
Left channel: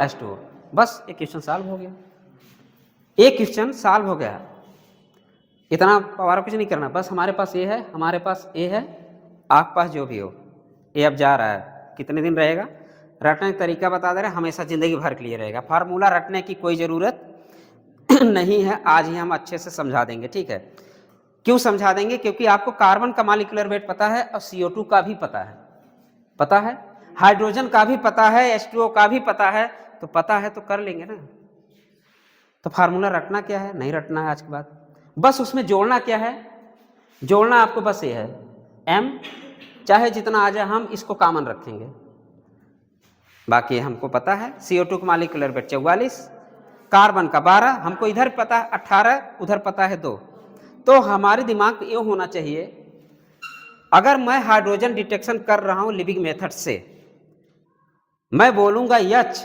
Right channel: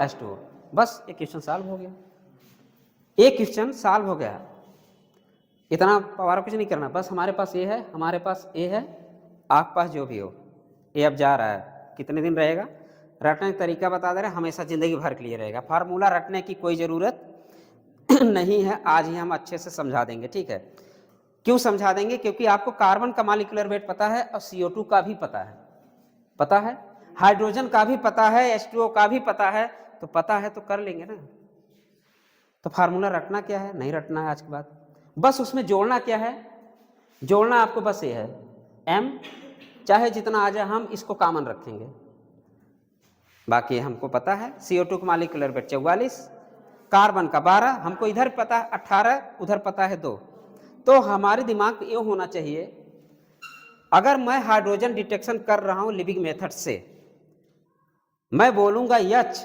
H2O। बस एक क्वेश्चन सॉल्व हो गया, एक क्वेश्चन सॉल्व हो गया। इतना पवार कुछ नहीं करना, बस हमारे पास ये है, हमारे पास ये है, आपके पास जो भी हो, ये अब जा रहा है, कितने दिन रहेगा, रटने का तरीका बता दे रहे, हमेशा ज़िंदगी भर के लिए रहेगा। फार्मूला रटने की कोई ज़रूरत नहीं है, आज ही हम अच्छे से समझा देंगे, ठीक है। क्यों समझा देंगे, क्योंकि आपको कार्बन का मॉलिक्यूलर वेट पता है और CO2 का भी पता है, हाइड्रोजन का भी पता है, H2O का भी पता है, तो पता है तो कर लेंगे ना। तो फार्मूला रटना क्या है, नहीं रटना है आज के बाद, बस उसमें जोड़ना क्या है, जोड़ना आपको बस ये है, M चाहे जितना आ जाए हम इसको कॉमन रखेंगे, बाकी हमको पता है। CO2 का मॉलिक्यूलर वेट 44, कार्बन का 12, हमको इधर पता है 18, उधर पता है 2। तो हमारे दिमाग में ये होना चाहिए, अगर मैं हाइड्रोजन डिटेक्शन कर रहा हूं लिविंग मेथड से, मैं बोलूंगा H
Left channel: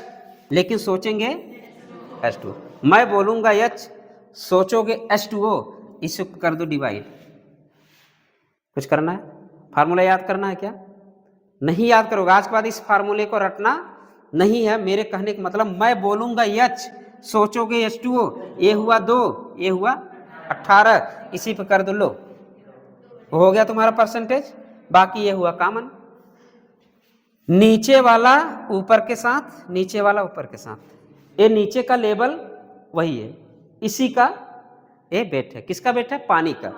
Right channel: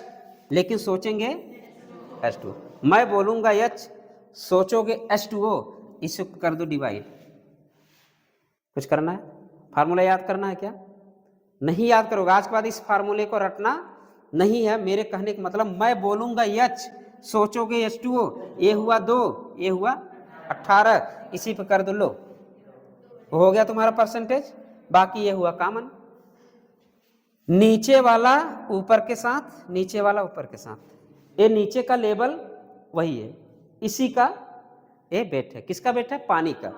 लेकिन सोचेंगे H2O, मैं बोलूंगा H सोचोगे H2O, इसे कर दो डिवाइड। कुछ करना है, फार्मूला याद करना है क्या, नहीं याद करोगे आज के बाद इस फार्मूले को रटना नहीं है। मेरे कहने का मतलब, मैं बोलूंगा H सोचोगे H2O, ये हुआ 2, ये हुआ 18, इसी पे कर दो, लो हो गया तुम्हारा परसेंटेज। बाकी ये हुआ कॉमन, नीचे वाला ऊपर के साथ, नीचे वाला ऊपर के साथ, ये नीचे का लेवल वही है, इसी का ये वेट है, किसका वेट है, पानी का।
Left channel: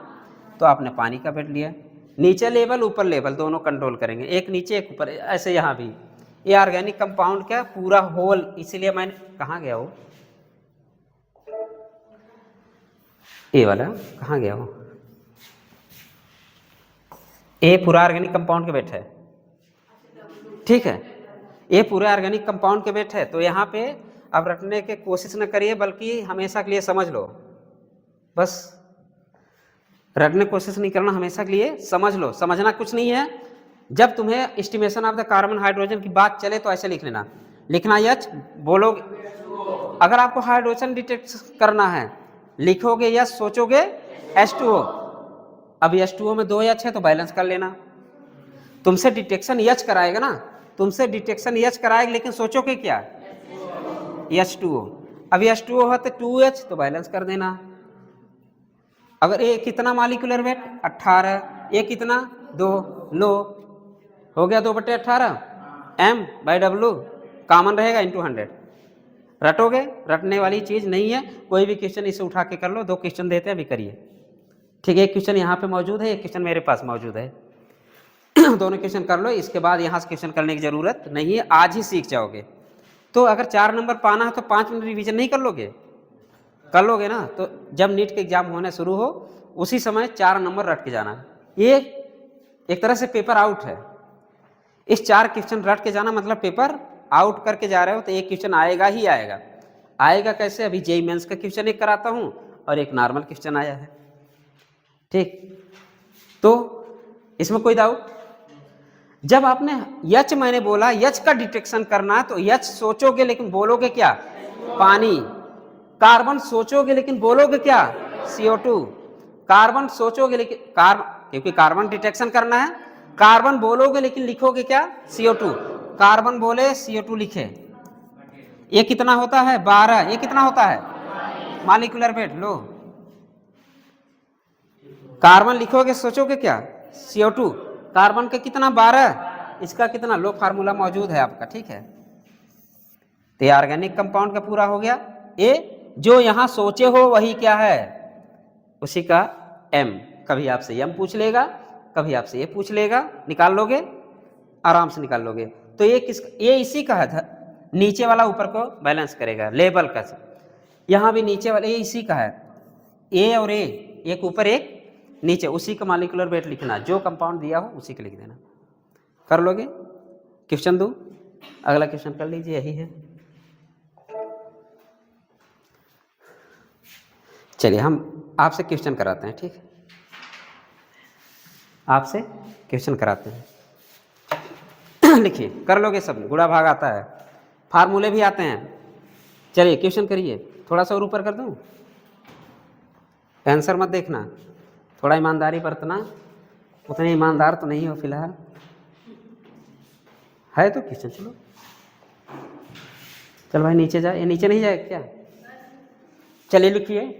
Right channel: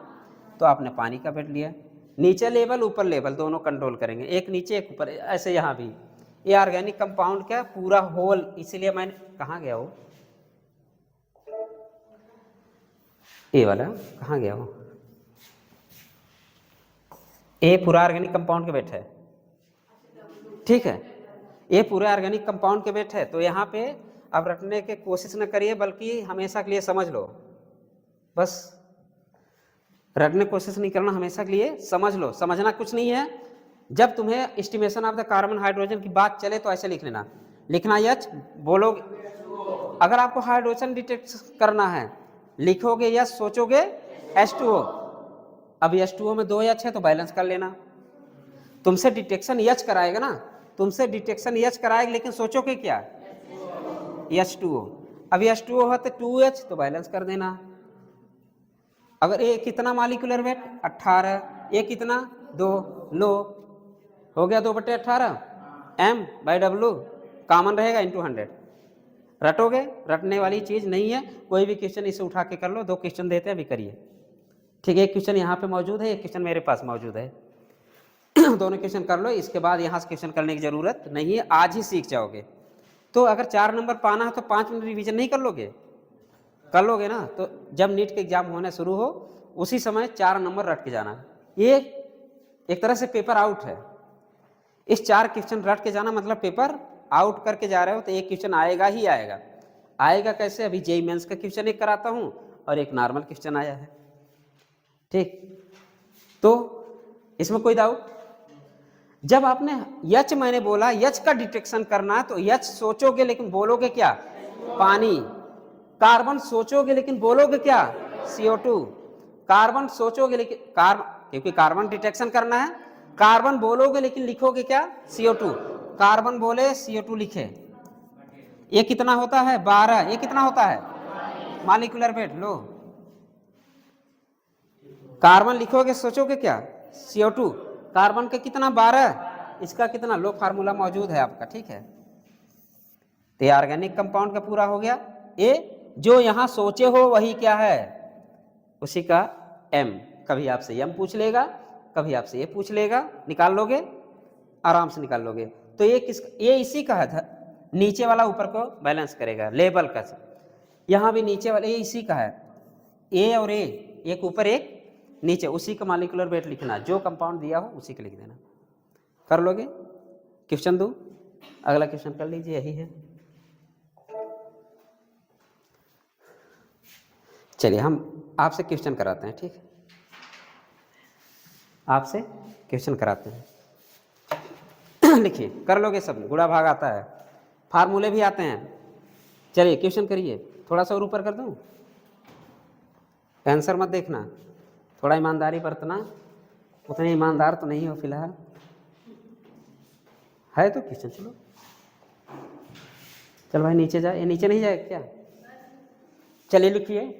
तो आपने पानी का वेट लिया, नीचे लेवल ऊपर लेवल दोनों कंट्रोल करेंगे, एक नीचे एक ऊपर, ऐसे यहाँ भी। ये ऑर्गेनिक कंपाउंड क्या पूरा होल, इसीलिए मैंने कहाँ गया वो, ये वाला कहाँ गया वो, ये पूरा ऑर्गेनिक कंपाउंड के वेट है, ठीक है, ये पूरे ऑर्गेनिक कंपाउंड के वेट है। तो यहाँ पे अब रखने की कोशिश न करिए, बल्कि हमेशा के लिए समझ लो, बस रखने की कोशिश नहीं करना, हमेशा के लिए समझ लो। समझना कुछ नहीं है, जब तुम्हें estimation of the carbon hydrogen की बात चले तो ऐसे लिख लेना, लिखना H बोलोगे अगर आपको हाइड्रोजन डिटेक्ट करना है, लिखोगे यस, सोचोगे H2O। अब H2O में 2 H है तो बैलेंस कर लेना। तुमसे डिटेक्शन H कराएगा ना, तुमसे डिटेक्शन H कराएगा, लेकिन सोचोगे क्या? H2O। अब H2O है तो 2H तो बैलेंस कर देना। अगर ये कितना मॉलिक्यूलर वेट 18, ये कितना 2, लो हो गया 2/18 M/W, कॉमन रहेगा इंटू 100। रटोगे? रटने वाली चीज नहीं है, कोई भी क्वेश्चन इसे उठा के कर लो। 2 क्वेश्चन देते हैं, अभी करिए। ठीक है, एक क्वेश्चन यहाँ पे मौजूद है, एक क्वेश्चन मेरे पास मौजूद है। दोनों क्वेश्चन कर लो, इसके बाद यहाँ से क्वेश्चन करने की जरूरत नहीं है, आज ही सीख जाओगे। तो अगर 4 नंबर पाना है तो 5 मिनट रिवीजन नहीं कर लोगे? कर लोगे ना। तो जब नीट के एग्जाम होने शुरू हो उसी समय 4 नंबर रट के जाना। ये एक तरह से पेपर आउट है। इस 4 क्वेश्चन रट के जाना मतलब पेपर आउट करके जा रहे हो, तो एक क्वेश्चन आएगा ही आएगा। आएगा कैसे? अभी जेईई मेंस का क्वेश्चन एक कराता हूं और एक नॉर्मल क्वेश्चन आया है। ठीक, तो इसमें कोई डाउट? जब आपने यच, मैंने बोला यच का डिटेक्शन करना है, तो यच सोचोगे लेकिन बोलोगे क्या? पानी। कार्बन सोचोगे लेकिन बोलोगे क्या? CO2। कार्बन सोचोगे लेकिन क्योंकि कार्बन डिटेक्शन करना है, कार्बन बोलोगे लेकिन लिखोगे क्या? CO2। कार्बन बोले CO2 लिखे। ये कितना होता है? 12। ये कितना होता है? Molecular weight. लो, कार्बन लिखोगे, सोचोगे क्या? CO2। कार्बन का कितना? 12। इसका कितना? लो, फार्मूला मौजूद है आपका। ठीक है, तो ऑर्गेनिक कंपाउंड का पूरा हो गया। ए जो यहां सोचे हो वही क्या है? उसी का M। कभी आपसे M पूछ लेगा, कभी आपसे ये पूछ लेगा, निकाल लोगे, आराम से निकाल लोगे। तो ये इसी का है, नीचे वाला ऊपर को बैलेंस करेगा, लेबल का। यहां भी नीचे वाला ये इसी का है, ए और ए, एक ऊपर एक नीचे, उसी का मॉलिक्यूलर वेट लिखना, जो कंपाउंड दिया हो उसी का लिख देना। कर लोगे? क्वेश्चन दो, अगला क्वेश्चन कर लीजिए, यही है। चलिए हम आपसे क्वेश्चन कराते हैं। ठीक, आपसे क्वेश्चन कराते हैं। लिखिए, कर लोगे सब, गुणा भाग आता है, फार्मूले भी आते हैं। चलिए क्वेश्चन करिए। थोड़ा सा और ऊपर कर दूं, आंसर मत देखना, थोड़ा ईमानदारी बरतना। उतने ईमानदार तो नहीं हो फिलहाल, है तो क्वेश्चन। चलो चल भाई नीचे जा, ये नीचे नहीं जाए क्या? चलिए लिखिए,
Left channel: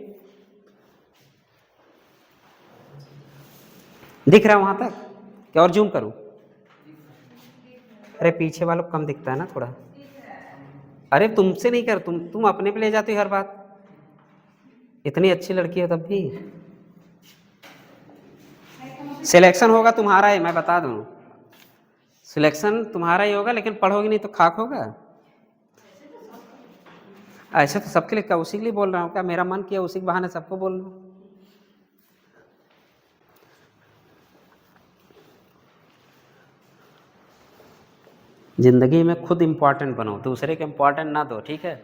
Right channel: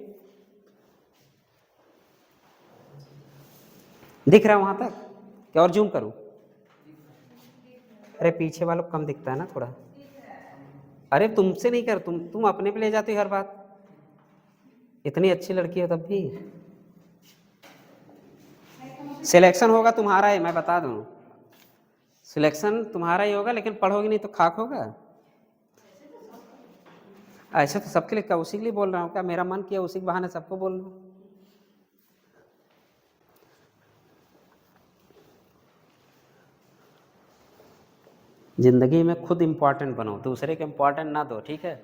दिख रहा है वहां तक क्या? और जूम करूं? अरे पीछे वालों को कम दिखता है ना थोड़ा। अरे तुमसे नहीं कर, तुम अपने पे ले जाती हो हर बात, इतनी अच्छी लड़की हो तब भी। सिलेक्शन होगा तुम्हारा ही, मैं बता दूं, सिलेक्शन तुम्हारा ही होगा, लेकिन पढ़ोगे नहीं तो खाक होगा। ऐसे तो सबके लिए, क्या उसी के लिए बोल रहा हूँ क्या? मेरा मन किया उसी के बहाने सबको बोल रहा हूँ। जिंदगी में खुद इंपॉर्टेंट बनो, दूसरे के इंपॉर्टेंट ना दो। ठीक है,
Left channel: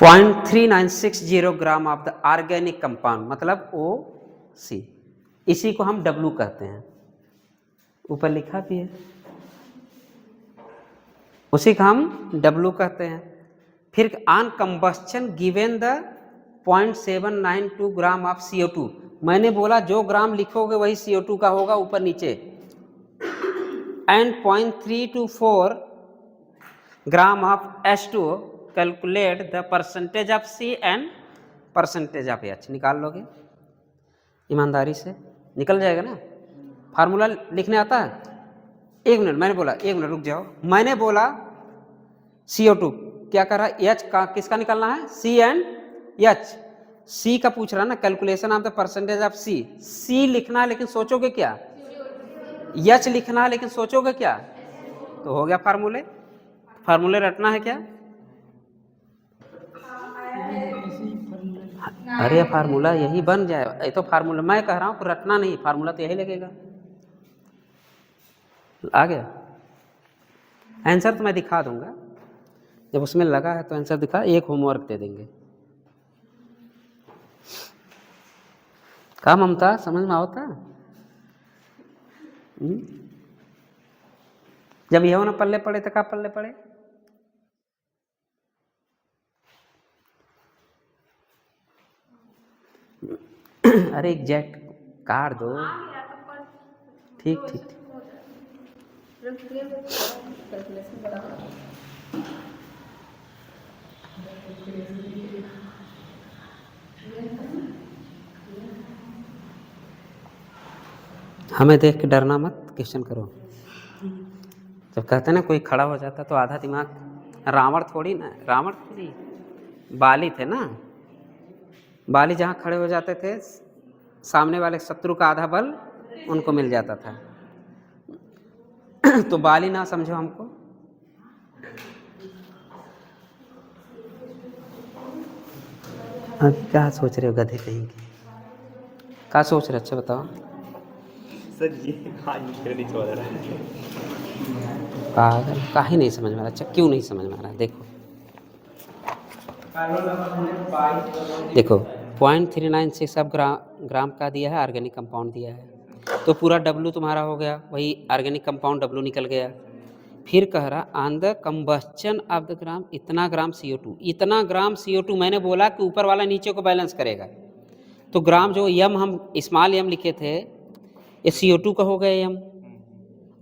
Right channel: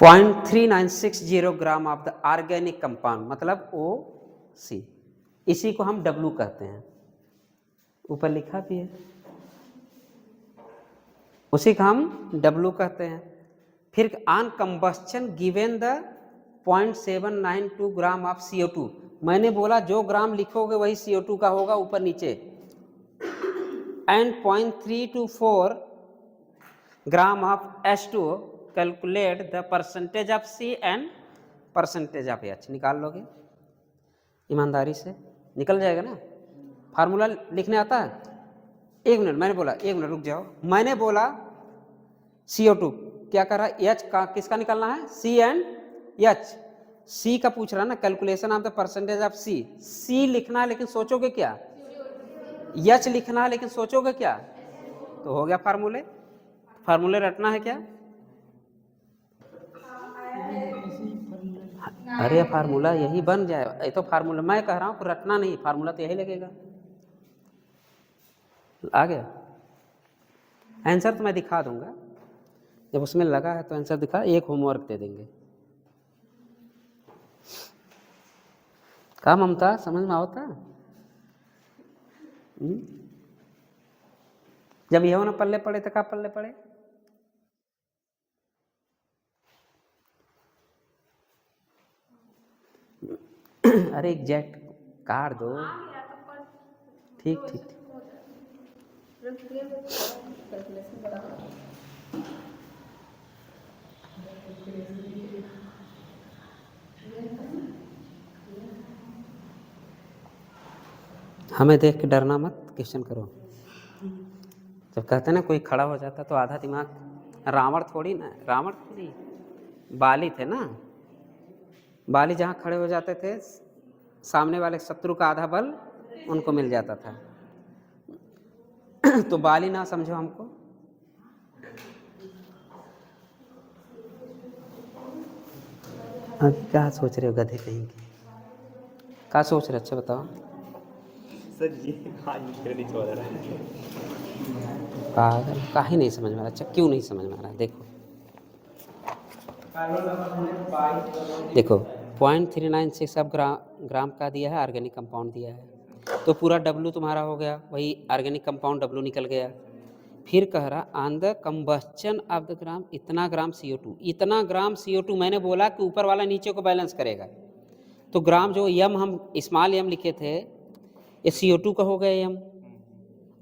.3960 gram of the organic compound, मतलब OC, इसी को हम W कहते हैं, ऊपर लिखा भी है, उसी का हम W कहते हैं। फिर on combustion given the 0.792 gram of CO2, मैंने बोला जो ग्राम लिखोगे वही CO2 का होगा, ऊपर नीचे, and 0.324 gram of H2O, calculate the percentage of C and percentage of H। निकाल लोगे ईमानदारी से, निकल जाएगा ना। फार्मूला लिखने आता है? 1 मिनट, मैंने बोला 1 मिनट रुक जाओ, मैंने बोला CO2 क्या कर रहा है? H का किसका निकालना है? C and H। C का पूछ रहा है ना, calculation of the percentage of C। C लिखना है लेकिन सोचोगे क्या? H लिखना है लेकिन सोचोगे क्या? तो हो गया फार्मूले। फार्मूले रटना है क्या? अरे फार्मूला यही बन जाए, ये तो फार्मूला मैं कह रहा हूँ, रटना नहीं, फार्मूला तो यही लगेगा। आ गया आंसर, तो मैं दिखा दूंगा, जब उसमें लगा है तो आंसर दिखा, एक होमवर्क दे देंगे। का ममता समझ में आता? हम्म? जब यह ना पल्ले पड़े तो का पल्ले पड़े? अरे एग्जैक्ट काट दो। ठीक ठीक ठीक। हमें देख के डरना मत, क्वेश्चन करो। जब कहते ना कोई खड़ा हो जाता तो आधा दिमाग, रावण थोड़ी ना, रावण थोड़ी, बाली थे ना, बाली जहाँ खड़े हो जाते थे सामने वाले शत्रु का आधा बल उनको मिल जाता था। तो बाली ना समझो हमको। अब क्या सोच रहे हो गधे कहीं के? क्या सोच रहे? अच्छा बताओ सर ये आज मुझे नहीं समझ रहा है। पागल, काहे नहीं समझ में आ रहा? अच्छा क्यों नहीं समझ में आ रहा? देखो 0.396 अब ग्राम का दिया है, ऑर्गेनिक कंपाउंड दिया है, तो पूरा W तुम्हारा हो गया, वही ऑर्गेनिक कंपाउंड W निकल गया। फिर कह रहा on the combustion of the gram इतना ग्राम CO2, इतना ग्राम CO2। मैंने बोला कि ऊपर वाला नीचे को बैलेंस करेगा, तो ग्राम जो यम हम स्मॉल यम लिखे थे ये CO2 का हो गया यम,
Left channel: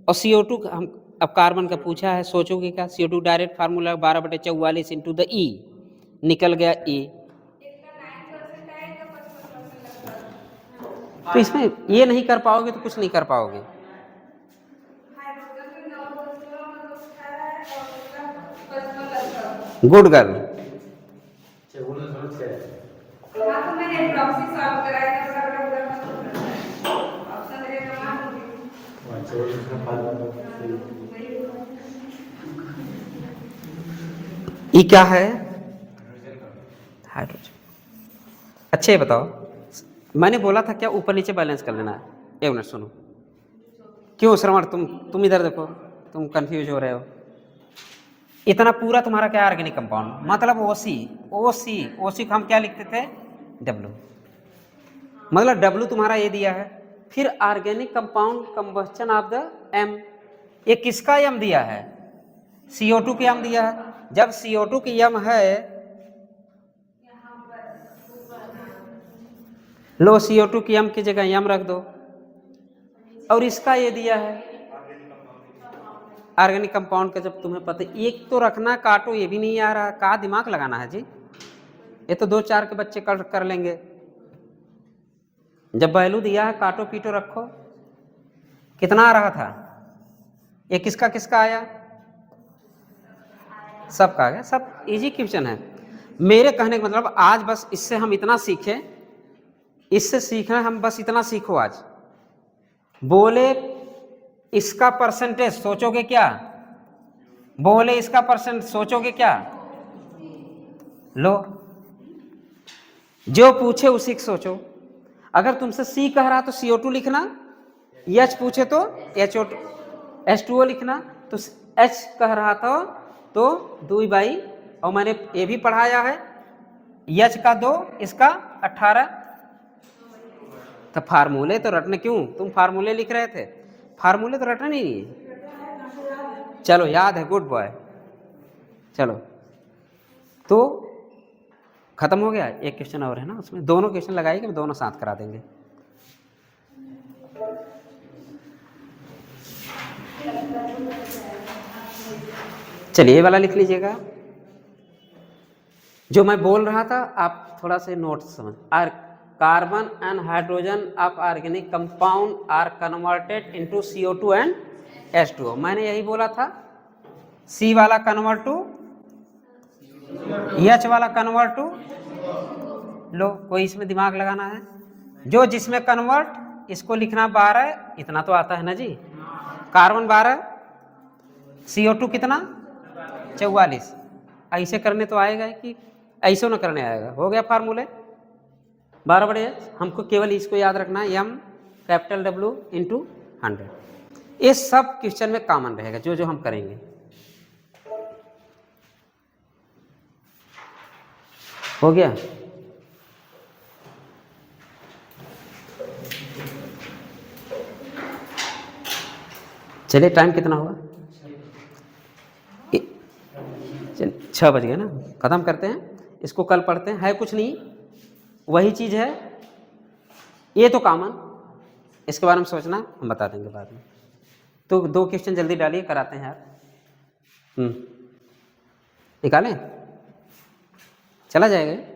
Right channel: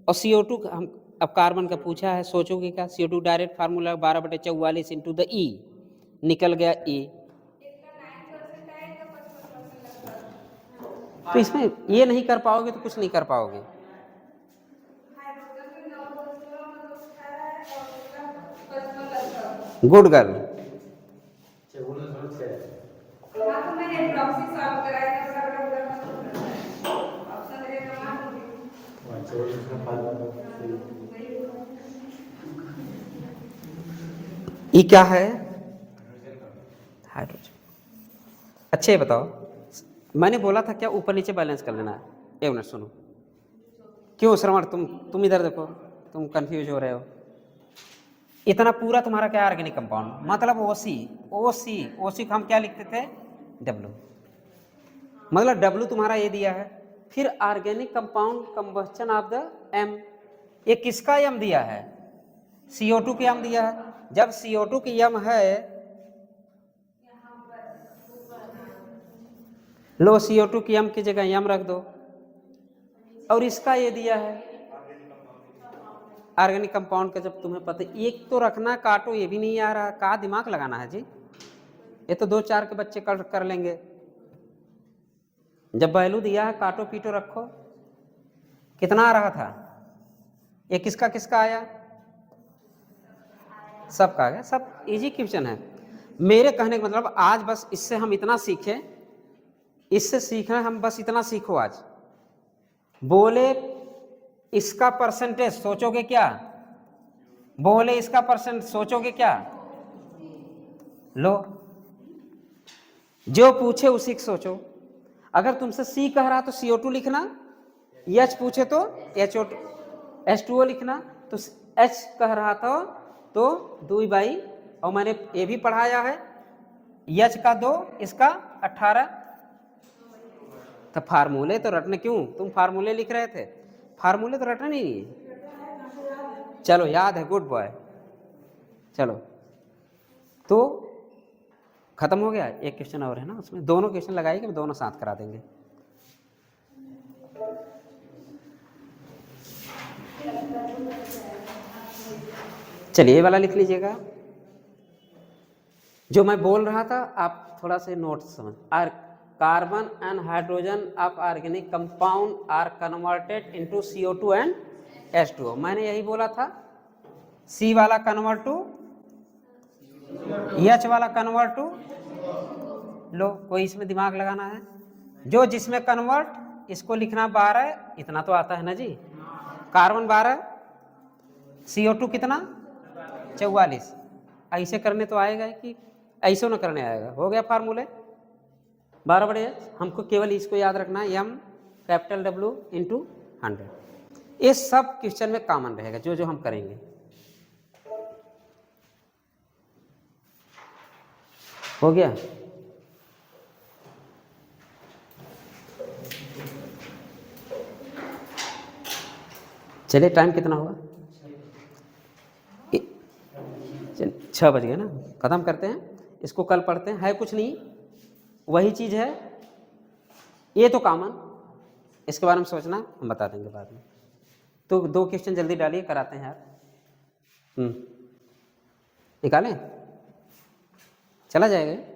और CO2 हम अब कार्बन का पूछा है, सोचोगे क्या? CO2 direct formula 12/44 into the E निकल गया E। तो इसमें ये नहीं कर पाओगे तो कुछ नहीं कर पाओगे। Good girl. ये क्या है? हाइड्रोजन। अच्छा ये बताओ, मैंने बोला था क्या ऊपर नीचे बैलेंस कर लेना है? एक मिनट सुनो। क्यों श्रवण, तुम इधर देखो, तुम कंफ्यूज हो रहे हो। इतना पूरा तुम्हारा क्या ऑर्गेनिक कंपाउंड, मतलब ओसी ओसी ओसी को हम क्या लिखते थे? डब्ल्यू, मतलब डब्ल्यू तुम्हारा ये दिया है। फिर organic compound combustion of the M, ये किसका यम दिया है? CO2 की यम दिया है। जब CO2 की यम है, लो CO2 की यम की जगह यम रख दो, और इसका ये दिया है ऑर्गेनिक कंपाउंड का। जब तुम्हें पता, एक तो रखना, काटो ये भी नहीं आ रहा, कहाँ दिमाग लगाना है जी? ये तो 2-4 के बच्चे कर लेंगे। जब वैल्यू दिया है काटो पीटो रखो। कितना आ रहा था? ये किसका किसका आया? सबका आ गया। सब इजी क्वेश्चन है। मेरे कहने का मतलब आज बस इससे हम इतना सीखें, इससे सीखना हम बस इतना सीखो आज। बोले इसका परसेंटेज सोचोगे क्या? बोले इसका परसेंट सोचोगे क्या? लो जो पूछे उसी को सोचो। अगर तुमसे C कह रहा तो CO2 लिखना, H पूछे तो H2O लिखना, तो H कह रहा था तो 2/, और मैंने ये भी पढ़ाया है H का 2, इसका 18। तो फार्मूले तो रटने क्यों? तुम फार्मूले लिख रहे थे, फार्मूले तो रटने नहीं है। चलो याद है, गुड बॉय। चलो तो खत्म हो गया। एक क्वेश्चन और है ना, उसमें दोनों क्वेश्चन लगाएंगे, दोनों साथ करा देंगे। चलिए ये वाला लिख लीजिएगा जो मैं बोल रहा था, आप थोड़ा से नोट समझ। Carbon and hydrogen of organic compound are converted into CO2 and H2O। मैंने यही बोला था, C वाला कन्वर्ट टू H वाला कन्वर्ट टू, लो कोई इसमें दिमाग लगाना है? जो जिसमें कन्वर्ट, इसको लिखना 12, इतना तो आता है ना जी। कार्बन 12, CO2 कितना? 44। ऐसे करने तो आएगा कि ऐसे ना करने आएगा? हो गया फार्मूले 12/H। हमको केवल इसको याद रखना है, M कैपिटल W इंटू 100। ये सब क्वेश्चन में कॉमन रहेगा जो जो हम करेंगे। हो गया? चलिए टाइम कितना हुआ? 6 बज गए ना, ख़त्म करते हैं इसको, कल पढ़ते हैं। है कुछ नहीं, वही चीज़ है, ये तो कॉमन, इसके बारे में सोचना हम बता देंगे बाद में। तो 2 क्वेश्चन जल्दी डालिए, कराते हैं यार। निकालें, चला जाएगा।